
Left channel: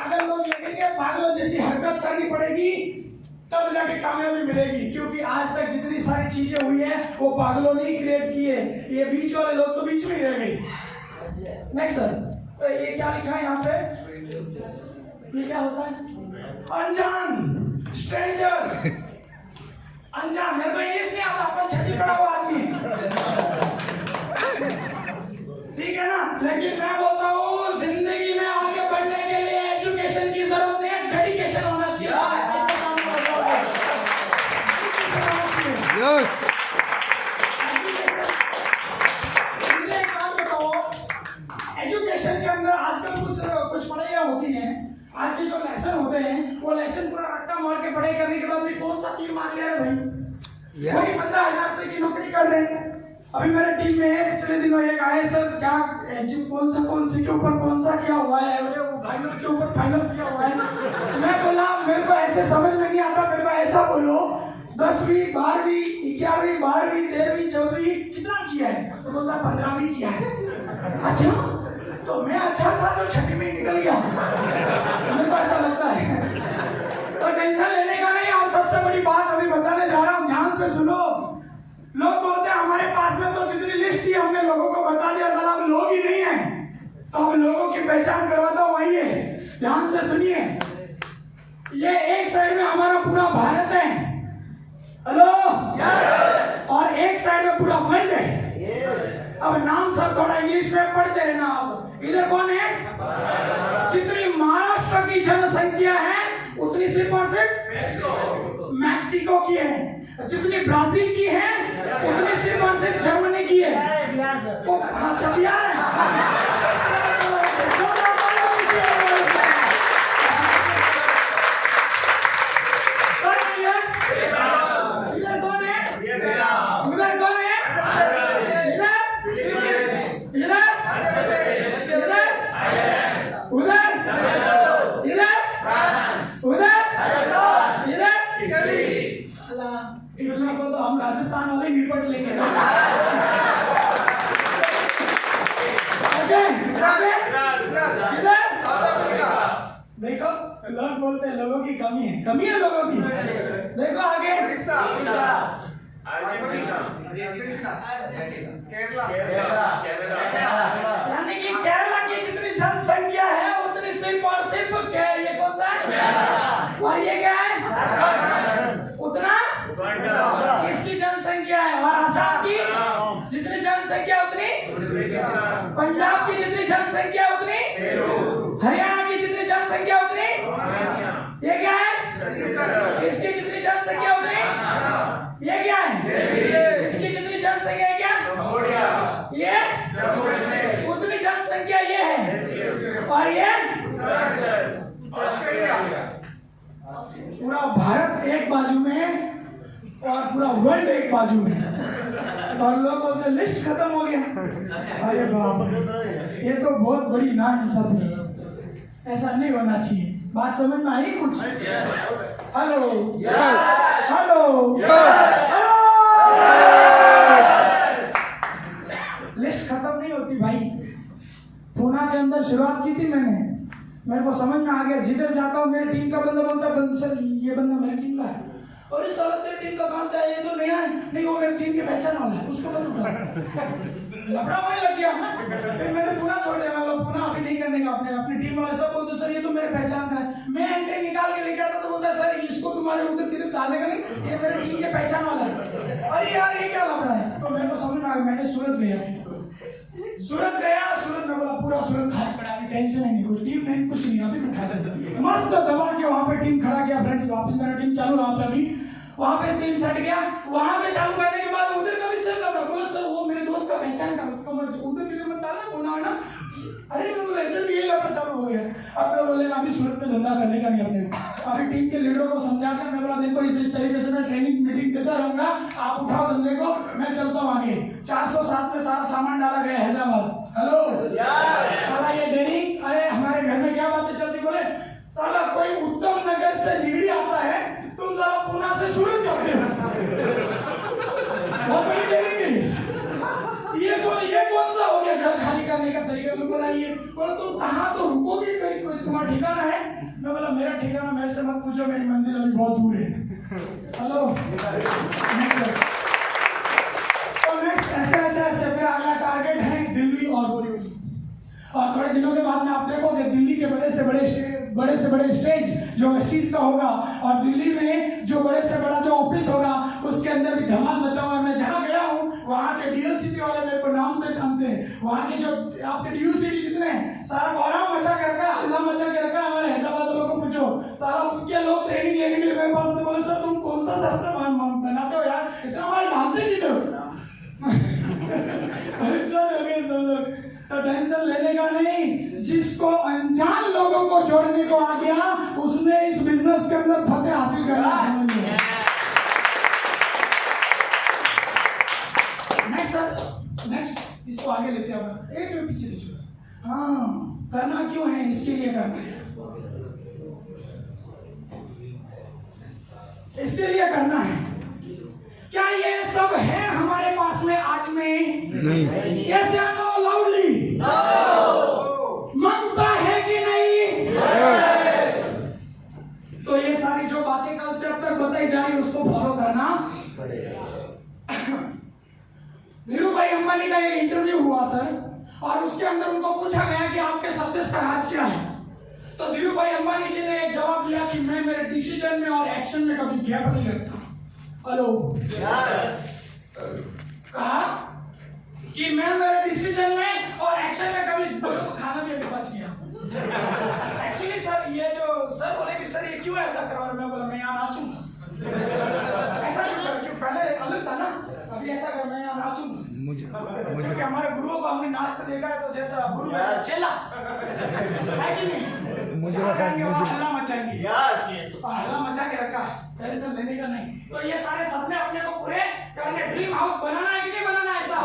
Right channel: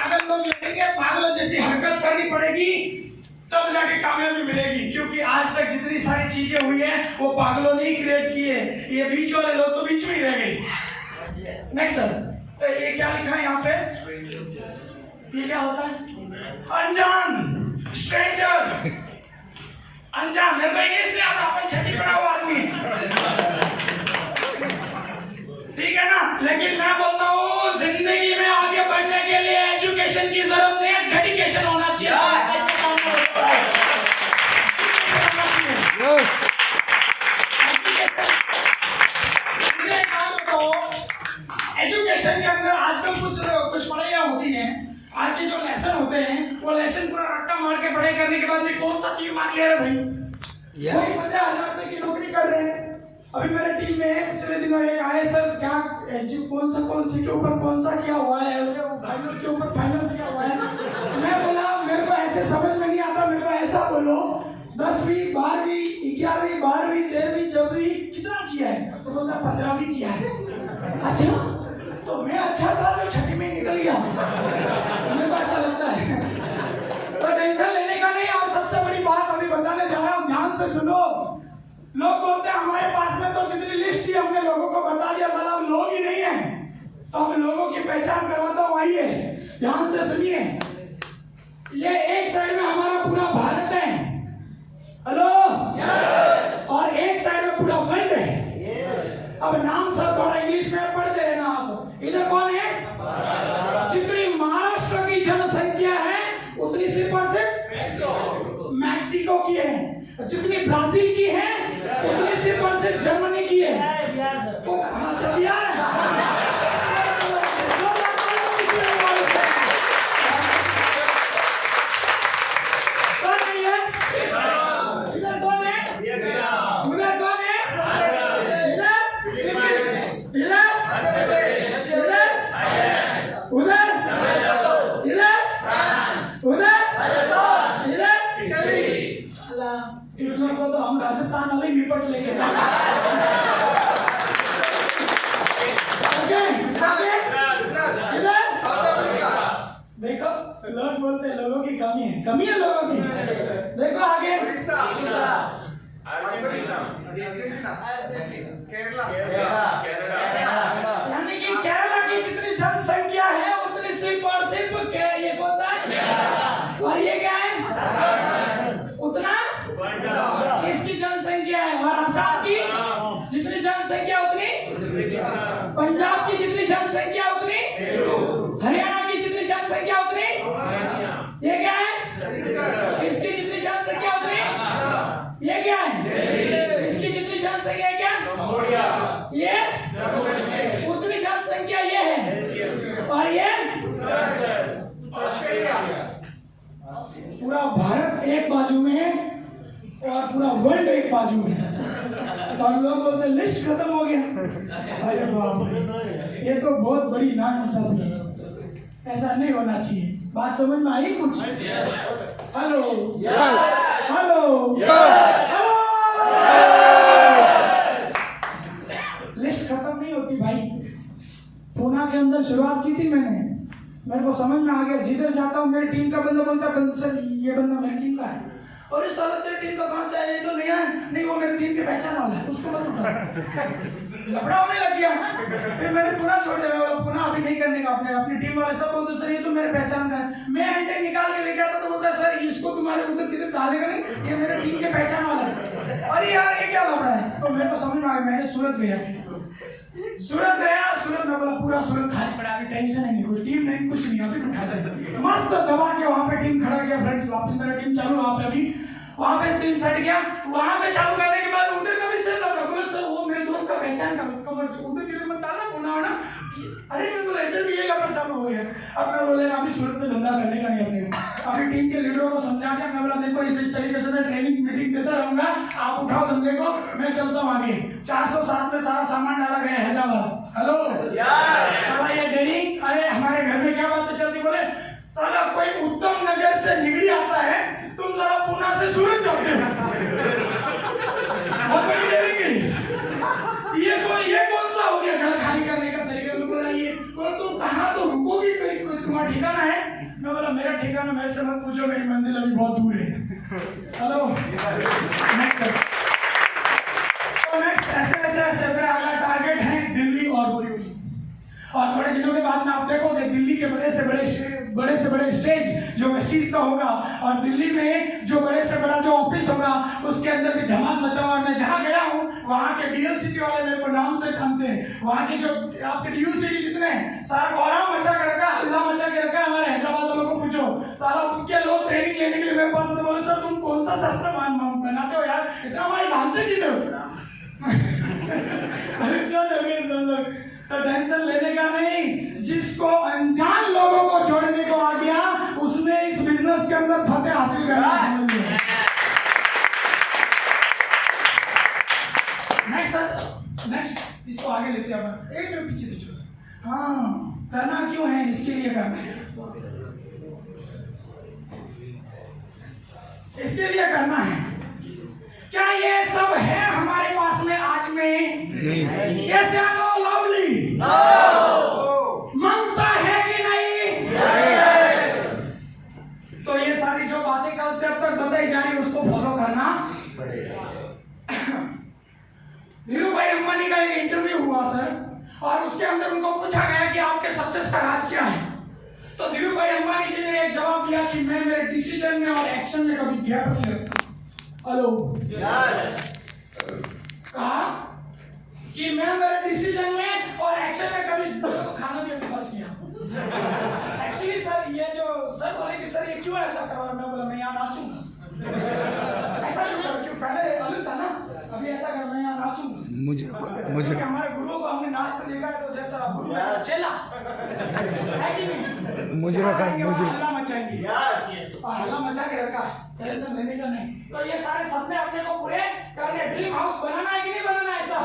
अगर लोग लगेंगे पागलों जैसी हरकत करनी पड़ेगी, तब जाके कामयाबी मिलेगी, क्योंकि आज तक जितनी सारी चीजें हुई हैं वो पागलों ने ही क्रिएट की है। ये बीच वाले लोग तो बीच में ही रह गए। नेक्स्ट सर, ये क्या लिखा है यहाँ पे, ये क्या होता है? अनजान, स्ट्रेंजर, अनजान। मेरे को इंग्लिश नहीं आता, अपन छठी पढ़ा हुआ आदमी, ठीक है ना। लेकिन मैं बोलता हूँ जिंदगी में आगे बढ़ने के लिए एजुकेशन की जरूरत नहीं है, डेडिकेशन होना चाहिए। एजुकेशन के अंदर आजकल कुछ पढ़ाइयाँ होती हैं, आज के जो लेसन होते हैं वो लेसन पूरा रट्टा मार के पढ़ाई करने के बाद भी कौन सा तीर मार लिया है भाई, कोई 15,000 रुपए की नौकरी कर रहे हैं। अभी मेरे टीम में पिछले दिनों एक आए, सर क्या कौन सी के ऊपर कौन सा क्या हुआ है, फाइनल के ऊपर फाइनल क्या हुआ है। मैं बोला मेरे को ऐसे समझ में नहीं आता, मेरे को ऐसा बोलो 10वीं 12वीं 11वीं 12वीं 13वीं 14वीं कितना किया है, तो बोलता 15वीं किया है। अच्छा, तो मैं अच्छा था जो छठी में निकल गया, मेरे को ऐसा लगता है। तो टेंशन लेने का नहीं। और सबसे बड़ी बात अभी बताने जा रहा हूँ, ध्यान से सुनो। लोग बोलते हैं हमारे पास में तो जितनी लिस्ट थी हमने लोगों को बता दिया, साला अब लोग ही नहीं है, तो हम लोगों की पहचान करवाता हूँ। आइए ध्यान से सुनिए, ये एक साइड में हमारा पूरा भारत है, हेलो, और एक साइड में पूरा वर्ल्ड है। अब नाम सब थोड़ा इंग्लिश में पढ़ते रहना आप। इधर कौन है? जितनी महाराष्ट्र की जनसंख्या है उतनी सिर्फ और सिर्फ मैक्सिको की है, जितनी ब्राजील की है उतनी सिर्फ और सिर्फ जर्मनी की है। तो अच्छा बिहार है, तो हम राजस्थान वाले निपट लेंगे। देखो लोग बोलते हैं लोगों की कमी है लोगों की। देखो आगे यानी कि केरला की जितनी जनसंख्या है उतनी सिर्फ और सिर्फ ये कौन सा है, और ये क्या है उतना इसकी जनसंख्या है। और असम की जितनी जनसंख्या उतनी, पंजाब की जितनी जनसंख्या उतनी, हरियाणा की जितनी जनसंख्या उतनी, ये क्या है इसकी जितनी जनसंख्या उतनी, ये क्या है इसकी जितनी जनसंख्या है क्या, ये उतनी जनसंख्या ये है, और ये पूरा भारत एक बाजू में और पूरा वर्ल्ड एक बाजू में। और लोग बोलते लिस्ट खत्म हो गया। अरे बाप रे, ये तो बहुत बड़ी नाइंसाफी है, ऐसा नहीं होना चाहिए। बात समझ में आई कुछ? हेलो हेलो, लिस्ट खत्म नहीं होती भाई। पूना के अंदर शुरुआत की थी मैंने, मेरे को समझ में आ गया, जिधर जाता हूँ मेरी टीम का बंदा बोलता है सर ये बंदा मेरी टीम का है, और इस साल तेरी टीम का कहाँ से आया, ये तो नया है, नहीं वो मेरी टीम की पहचान वाला है, उसको मत उठा। लफड़ा होने लग गया, फिर मैंने पूरा छोड़ दिया। मैं बोला पूरा अभी नहीं करने का, अपनी टीम वाले सब बोलते सर ये तो मेरे पहचान का है। मैं एंट्री निकाल के लेके आता तो बोलता सर इसको तुम्हारे उधर किधर डालेगा नहीं, ये मेरे टीम के पहचान वाला है। अरे यार ये क्या लफड़ा है, तो मेरे को समझ में आ गया। मैंने सूरत गया, सूरत में बोला पूरा सूरत खाली पड़ा, अभी टेंशन है नहीं, कोई टीम नहीं कुछ नहीं, अभी उठा दे। मस्त दबा के वहां पे टीम खड़ा किया फ्रेंड्स, वापस मेरा टीम चालू वहाँ पे अभी वहाँ पे टीम सेट गया। वहाँ पे चालू करने के बाद उधर का भी सर लगा बोला सर वो मेरे दोस्त का पहचान का उसका मत उधर किधर मत डालना होना है ना। अरे मैं बोला इधर भी ये करना चालू हो गया। अब मैं बोले अभी सूरत में धंधा करने का नहीं अपने अभी टीम के लीडरों को समझा के मैं बोला देखो इस तरीके से मैं ट्रेनिंग मीटिंग देता रहूंगा, आप उठाओ धंधे को, मैं चलता हूँ आगे। 407 में सारा सामान डाला गया हैदराबाद। हेलो साला ये डेयरिंग, अरे हमारे घर में क्या बातें चलती, बोले साला कोई उत्तम नगर से निगड़ी आता है, तुम जरा पुणे से सूरत जाओगे। बहुत बड़ी डेयरिंग है ये कौन सा हो गया घर खाली करने का तरीका। मैं बोला ये बोला तुम कहाँ तो रुकोगी, कोई तुम्हारा ठिकाना है। मैं बोला मेरा ठिकाना मेरे से मत पूछो, मेरी मंजिल अभी बहुत दूर है। हेलो नेक्स्ट ऐसे मेरा अगला टारगेट है दिल्ली और बोरीवली। और थोड़े दिनों के बाद में आप देखोगे दिल्ली के बड़े से बड़े स्टेज जो वेस्टीज का होगा और दिल्ली में जो बड़े से बड़ा जो ऑफिस होगा उसके अंदर भी धमाल मचा। और मैं जहाँ गया हूँ वहाँ के डीएलसीपी वाले मेरे को नाम से जानते हैं। वहाँ के जो आपके डीयूसीटी जितने हैं सारा गौरव मचा कर रखा, हल्ला मचा के रखा। हमारे हैदराबाद वालों को पूछो सारा उनके लोग ट्रेनिंग लेने के लिए मेरे पास तो बोले सर तुम कौन सा शस्त्र बनाते हो यार, इतना हमारी डालते किधर। अरे सब लोग तो टेंशन लेने का नहीं, जिसको अनजान लोगों को जोड़ने को आ गया उसने इस बिजनेस के अंदर फतेह हासिल करना समझ लिया। नेक्स्ट इसको आगे लेते हैं अपन, एक मिनट पीछे। हाँ करना क्यों है, इसके लिए करना है, इसके लिए करना है। क्या ये सब है हमारे पास में आज में? नहीं। यस या नो लाउडली? मांगता है कि नहीं? तो ये सारी जो बातें कल से अब तक बताई जा रही उसको फॉलो करना पड़ेगा। धीरू भाई अंबानी का एक इंटरव्यू हुआ सर और उसके अंदर उनको पूछा गया कि आपके सक्सेस का राज क्या है। तो धीरू भाई अंबानी जी ने एक जवाब दिया कि मैं मेरे डिसीजन में और एक्शन में कभी गैप नहीं रखता। हेलो कहा कि मैं मेरे डिसीजन में और एक्शन में कभी खाना भी अभी बच गया। एक्चुअली सर ये जो सर बोले कि सर ये क्यों ऐसा कर रहा है, मैं बोला मैं यहाँ नाचूंगा। ऐसा क्यों कर, क्यों पहले अलग था ना, अभी ऐसा कर मैं यहाँ नाचूंगा। मुझे हमारे गुरुओं को हमने नाचते देखा है तो जैसा गुरु ऐसा चेला है कि नहीं, मुझे हल्ला मचाएंगे और हल्ला मचा के रखा है, टेंशन लेने का नहीं। तो ये सारे सपने अपने को पूरे करने, ड्रीम हाउस बनाना है कि नहीं बनाना, ऐसा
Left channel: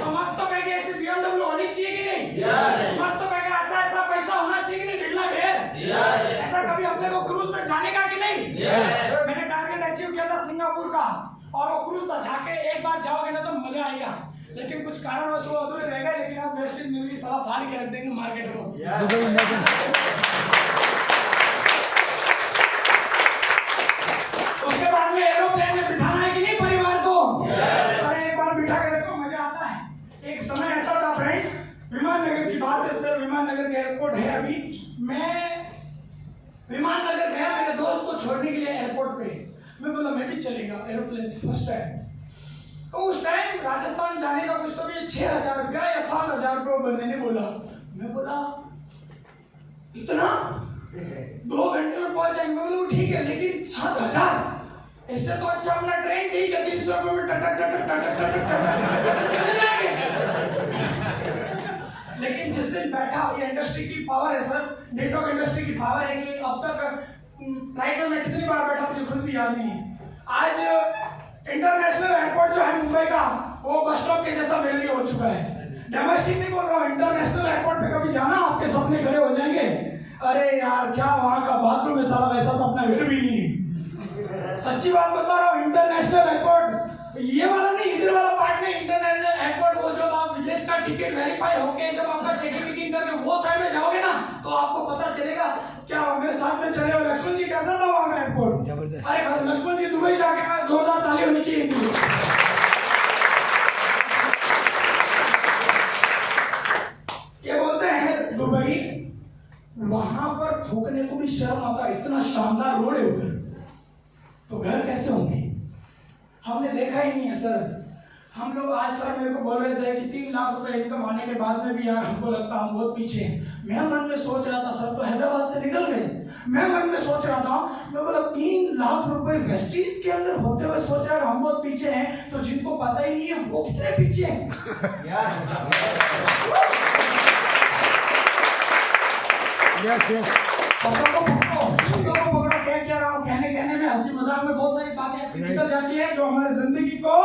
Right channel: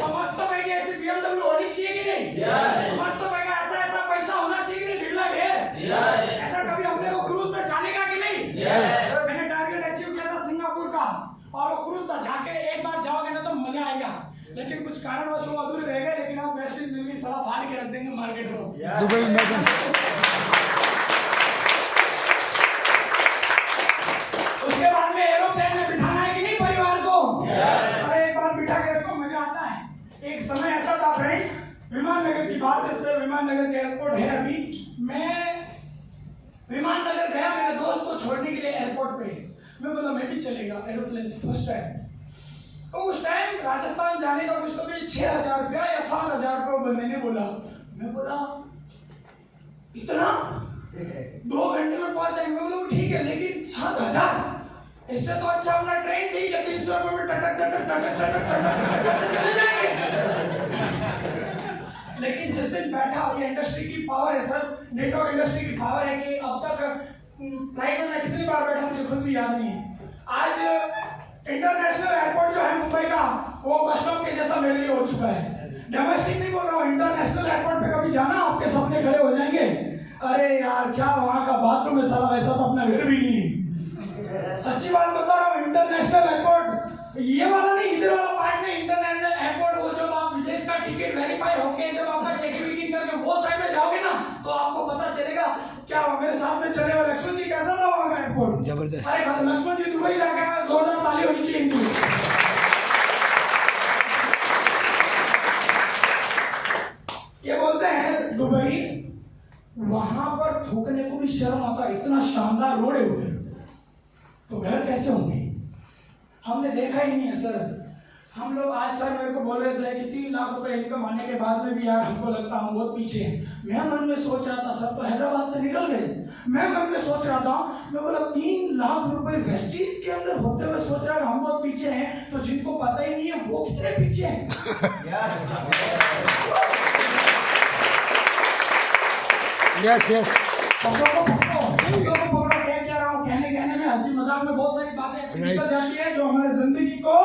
तो मस्त पैके ऐसे BMW होनी चाहिए कि नहीं, मस्त पैके ऐसा पैसा होना चाहिए कि नहीं, ढीला ढेर ऐसा कभी अपने को क्रूज में जाने का कि नहीं। मैंने टारगेट अचीव किया था सिंगापुर का और वो क्रूज था, जाके एक बार जाओगे ना तो मजा आएगा, लेकिन कुछ कारणवश वो अधूरे रह गए। लेकिन आप वेस्ट इंडीज में साला फाड़ के रख देंगे मार्केट को। उसके बाद में एरोप्लेन में बिठाना है कि नहीं परिवार को, अरे एक बार बिठा के देखो मजा आता है। एक समय ऐसा था फ्रेंड्स, विमान नगर की बात है सर, विमान नगर के एयरपोर्ट है अभी, मैं विमान नगर गया मेरे दोस्त को छोड़ने के लिए एयरपोर्ट पे, मैं बोला मैं भी चलेगा एरोप्लेन से फर्स्ट टाइम। तो उस टाइम राजस्थान जाने का कुछ तो भी 6,000 रुपया या 7,000 रुपये बंदे ने बोला। मैं बोला इतना 2 घंटे में पहुंच जाएंगे, मैं बोला ठीक है लेकिन 7,000 इससे तो अच्छा अपना ट्रेन ठीक है 300 रुपये में चले जाएंगे। लेकिन जिस दिन बैठा, ये इंडस्ट्री की पावर है सर, नेटवर्क इंडस्ट्री की पावर है कि अब तक फ्लाइट में मैं कितनी बार बैठा मुझे खुद भी याद नहीं है। आज इंटरनेशनल एयरपोर्ट जो है मुंबई का वो बस स्टॉप के जैसा मेरे लिए हो चुका है। डोमेस्टिक नहीं बोल रहा हूँ, इंटरनेशनल एयरपोर्ट पे कभी जाना आपके सपने खड़े हो जाएंगे। अरे यार क्या वहाँ का बाथरूम है साला, वैसा तो अपना घर भी नहीं। सच्ची बात बता रहा हूँ, इंटरनेशनल एयरपोर्ट ये वाला नहीं, इधर वाला पार्ट नहीं, इंटरनेशनल एयरपोर्ट वो जब आप विदेश का टिकट वेरीफाई होके जब आपका चेकिंग करके वो साइड में जाओगे ना तो आपको पता चलेगा। क्या मेरे साथ में चले हुए लक्ष्मण जी कैसा था वहाँ का एयरपोर्ट, जबरदस्त। अरे लक्ष्मण जी दुबई जाके मैं जोरदार ताली होनी चाहिए इनकी। ये बोलते हैं दुबई, वहां पर थूकने को भी शर्म आता, इतना शानदार रोड है उधर, तो घर कैसे होंगे। हमने देखा ही नहीं है सर, हम लोग आज सर मेरे को बोल रहे थे कि 3 लाख रुपए इनकम आने के बाद में भी यार हमको लगता हम बहुत पीछे हैं। मैं मन में सोच रहा था सर तो हैदराबाद से निकल गए, मैं मन में सोच रहा था, मैं बोला 3 लाख रुपए वेस्टीज के अंदर होते हुए सोच रहा है हम बहुत पीछे हैं, तो जिनको पता ही नहीं है वो कितने पीछे हैं। शब्दों को पकड़ो, क्या रहा हूँ कहने में, हंसी मजाक में बहुत सारी बातें ऐसी निकल जाती है जो हमारे जिंदगी को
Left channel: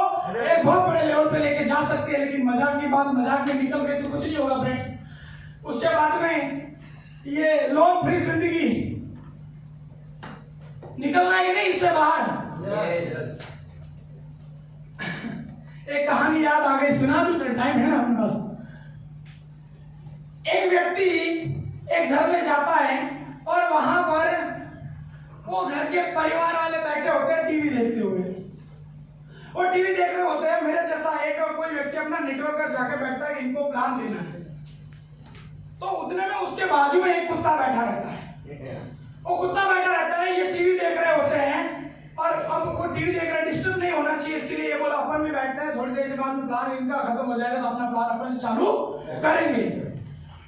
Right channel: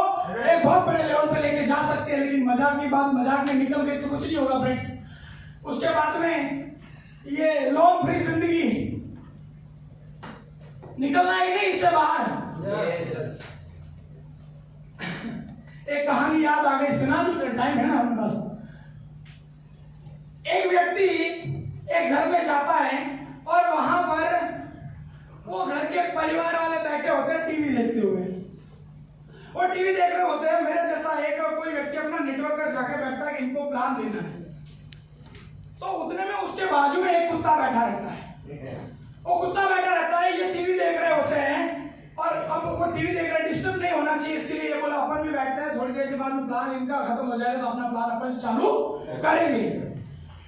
एक बहुत बड़े लेवल पे लेके जा सकती है, लेकिन मजाक की बात मजाक में निकल गई तो कुछ नहीं होगा फ्रेंड्स। उसके बाद में ये लोन फ्री जिंदगी निकलना ही नहीं इससे बाहर। एक कहानी याद आ गई, सुना दूसरा टाइम है ना हमारे पास। एक व्यक्ति एक घर में जाता है और वहां पर वो घर के परिवार वाले बैठे होते हैं टीवी देखते हुए, वो टीवी देख रहे होते हैं। मेरे जैसा एक कोई व्यक्ति अपना निकल कर जाकर बैठता है कि इनको प्लान देना है, तो उतने में उसके बाजू में एक कुत्ता बैठा रहता है। वो कुत्ता बैठा रहता है, ये टीवी देख रहे होते हैं और अब वो टीवी देख रहे, डिस्टर्ब नहीं होना चाहिए इसके लिए ये बोला अपन भी बैठते हैं, थोड़ी देर के बाद में प्लान इनका खत्म हो जाएगा तो अपना प्लान अपन चालू करेंगे।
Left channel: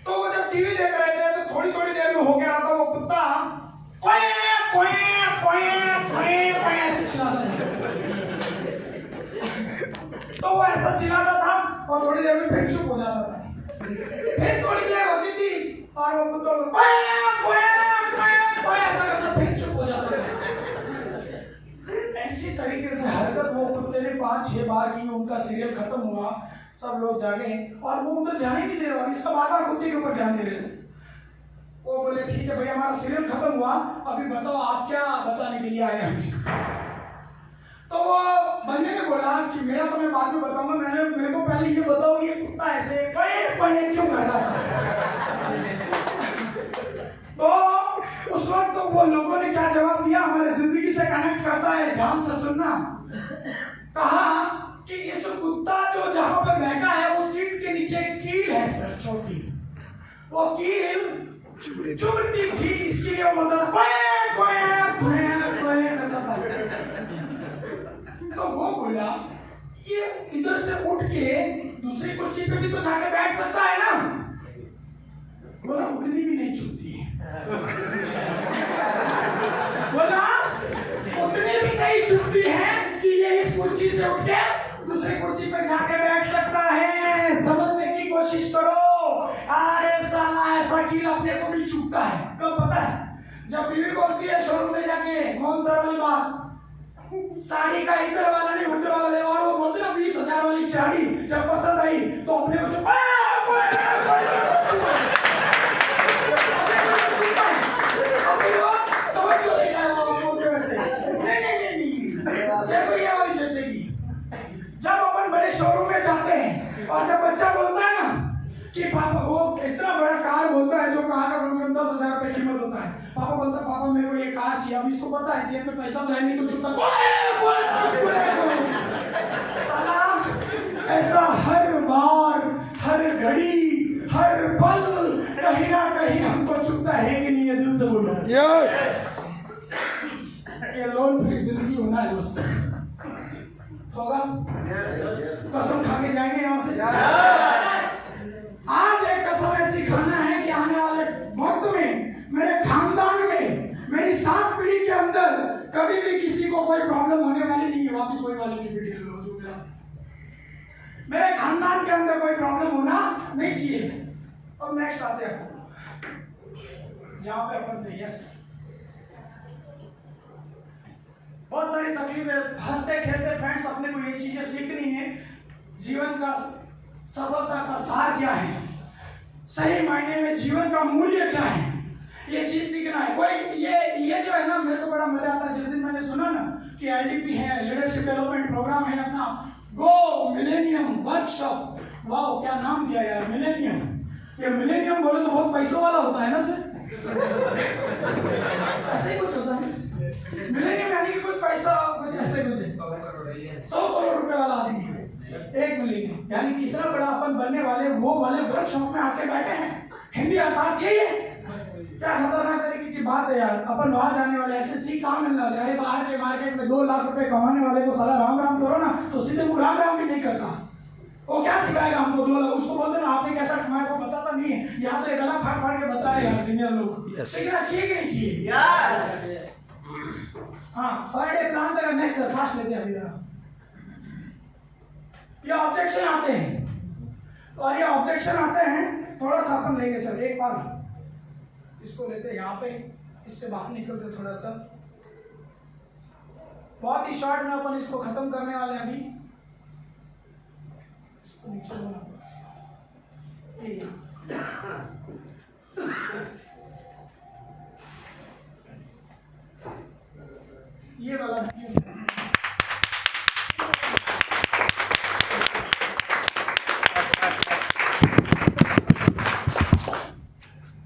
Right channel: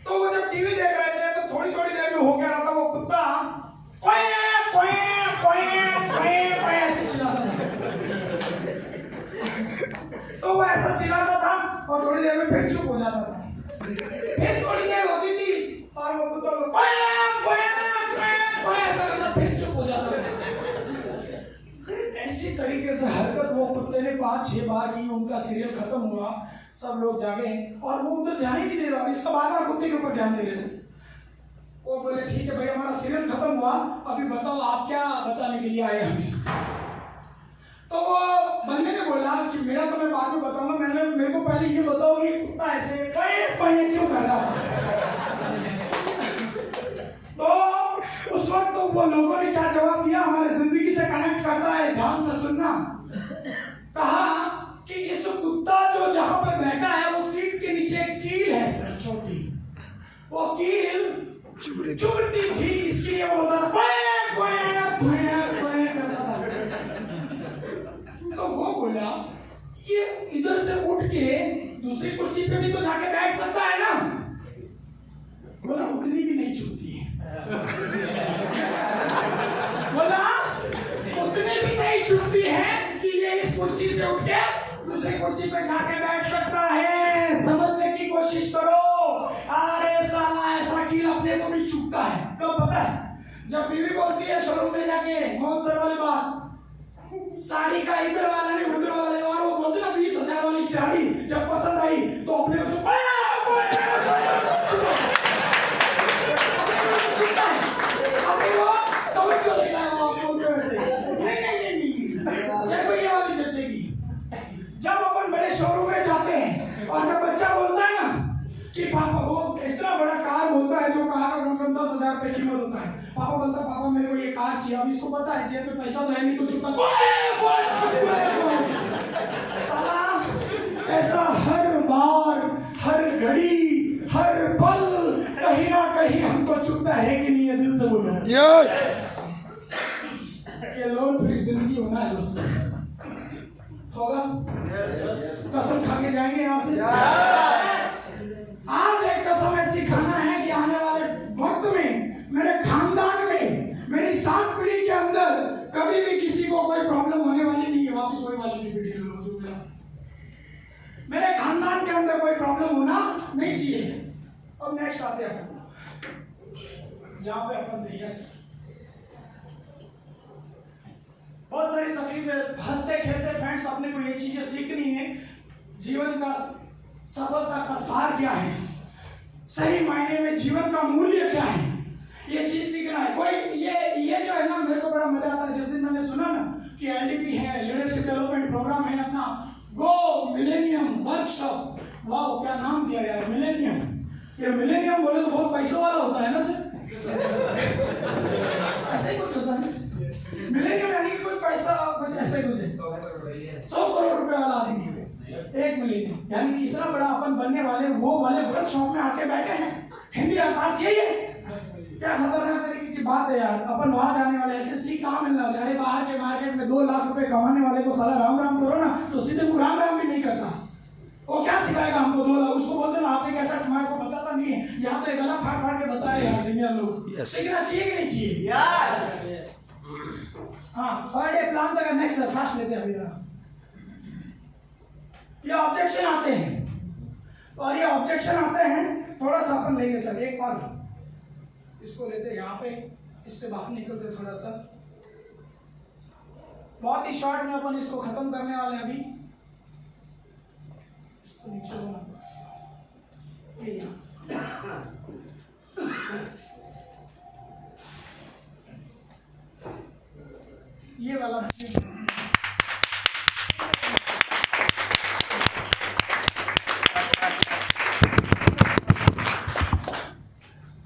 तो वो जब टीवी देख रहे थे तो थोड़ी देर में हो क्या रहा था, वो कुत्ता ऐसे चिल्लाता था। तो वो ऐसा चिल्लाता था और थोड़ी देर में फिर चुप हो जाता था, फिर थोड़ी देर होती थी और वो कुत्ता ऐसा करता फिर चुप हो जाता था। ऐसी तरीके से हरकत वो कुत्ते ने 5-6 बार की, उनका सीरियल खत्म हुआ, सब लोग जागे और वो उधर ध्यान ही नहीं दे रहा, इसका बार कुत्ते के ऊपर ध्यान दे रहे। वो बोले ठीक है भाई हमारा सीरियल खत्म हुआ, अभी बताओ आप क्या बताने के लिए आए हमें। तो वो बंदे ने बोला कि मेरा तो मैं बाद में बताऊंगा, मेरे को पहले ये बताओ ये कुत्ता ऐसे क्यों कर रहा था। तो उस वक्त तो वो लोगों ने क्या जवाब दिया, हमारे जिंदगी से कनेक्ट करता है, ध्यान से सुनना। कहा कि इस कुत्ता जो जहां पे बैठा है वो सीट के नीचे कील है सर, छोटी, वो कील चुभती थी, इसके लिए वो बोलता था करता था। तो वो बोला ये इधर से उठ के दूसरी कुर्सी पे भी तो जाके बैठ सकता है ना। बोला उतनी भी नहीं चुभती है। बोला उतनी भी नहीं चुभती है कि ये इस कुर्सी से उठ के दूसरी कुर्सी पे जाके बैठ सकता है। समझने की कोशिश करो। अरे साला ऐसा कील अपने को भी चुभता है, कब पता है जब बीवी बोलती है शोरूम में जाके कौन सा वाली बात, साड़ी का इधर वाला नहीं उधर वाला है, और वो बोलते ना 20,000 वाली साड़ी जब पसंद आई तो अपने को चुपा जब अपन बड़े शोरूम में जाते हैं और जब बच्चा बोलता है ना कि पापा, वो इतना बड़ा कार बोलता है जो कार का कम से कम 10,000 रुपए कीमत होता है, पापा बोलता है पापा मेरे को ये कार चाहिए, अब इसको पता है जेब में पैसा तो है नहीं तो चुपता साला। ऐसा हर बार हर घड़ी हर पल कहीं ना कहीं हमको चुपता है कि नहीं, ये दिल से बोलो। ये लोन फ्री जिंदगी होना है दोस्तों, होगा? कसम खा के जाएंगे यहाँ से। आज एक कसम ऐसी खाना है कि आने वाले वक्त में मेरे खानदान में, मेरी 7 पीढ़ी के अंदर कभी भी किसी को कोई प्रॉब्लम होने वाली नहीं है। वापिस वही वाली पीढ़ी, मेरे खानदान के अंदर कोई प्रॉब्लम होना नहीं चाहिए। अब नेक्स्ट आते हैं जहां पे अपन थे। यस, बहुत सारी तकलीफें, हंसते खेलते फ्रेंड्स अपने को ये चीजें सीखनी है। जीवन का सफलता का सार क्या है, सही मायने में जीवन का मूल्य क्या है, ये चीज सीखना है। कोई ये जो है ना, मेरे को बड़ा मजा आता है जिस दिन मैंने सुना ना कि LDP है, लीडरशिप डेवलपमेंट प्रोग्राम है अपना, गो मिलेनियम वर्कशॉप। वाह क्या नाम दिया यार, मिलेनियम। ये मिलेनियम बोले तो बहुत पैसों वाला होता है ना सर, ऐसे ही कुछ होता है मिलेनियम, यानी कि कुछ पैसा, कुछ ऐसे कुछ 100 करोड़ रुपए वाला आदमी है एक मिलेनियम, यानी कि इतना बड़ा अपन बनने वाले वो वाले वर्कशॉप में आके बैठे हैं। हिंदी अर्थात यही है। क्या खतरनाक तरीके की बात है यार, अपन वहां जाने वाले एसएससी कहाँ मिलने वाले? अरे बाहर के मार्केट में 2 लाख रुपए कमाने वाले को साला राम राम करो ना तो सीधे मुंह राम राम भी नहीं करता। वो क्या सिखाएगा हमको? 2 लाख उसको बोलते ना आपने कैसा कमाया को बताता नहीं है, यहाँ पे गला फाड़ फाड़ के बता रहे हैं सीनियर लोग। लेकिन अच्छी है कि नहीं चाहिए? हाँ, पर डे प्लान तक नेक्स्ट फास्ट लेते हैं अभी। ये ऑब्जेक्शन आते हैं, और ये ऑब्जेक्शन आते हैं थोड़ा सा अपन लेंगे सर। एक बार इसको लेते हैं यहाँ पे, इससे बाहर निकलते थोड़ा सा, बहुत ही शॉर्ट में अपन इसको खत्म करने वाले हैं अभी। इसको नीचे ये वाला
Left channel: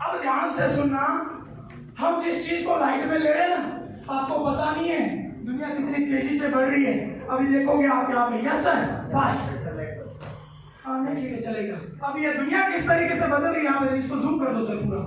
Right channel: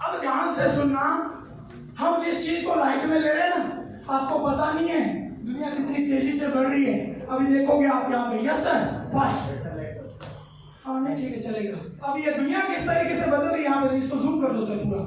अब ध्यान से सुनना, हम जिस चीज को लाइट में ले रहे हैं ना, आपको पता नहीं है दुनिया कितनी तेजी से बढ़ रही है। अभी देखोगे आप यहाँ पे, यस सर फास्ट, हाँ नहीं ठीक है चलेगा। अब ये दुनिया किस तरीके से बदल रही है यहाँ पे, इसको जूम कर दो सर पूरा।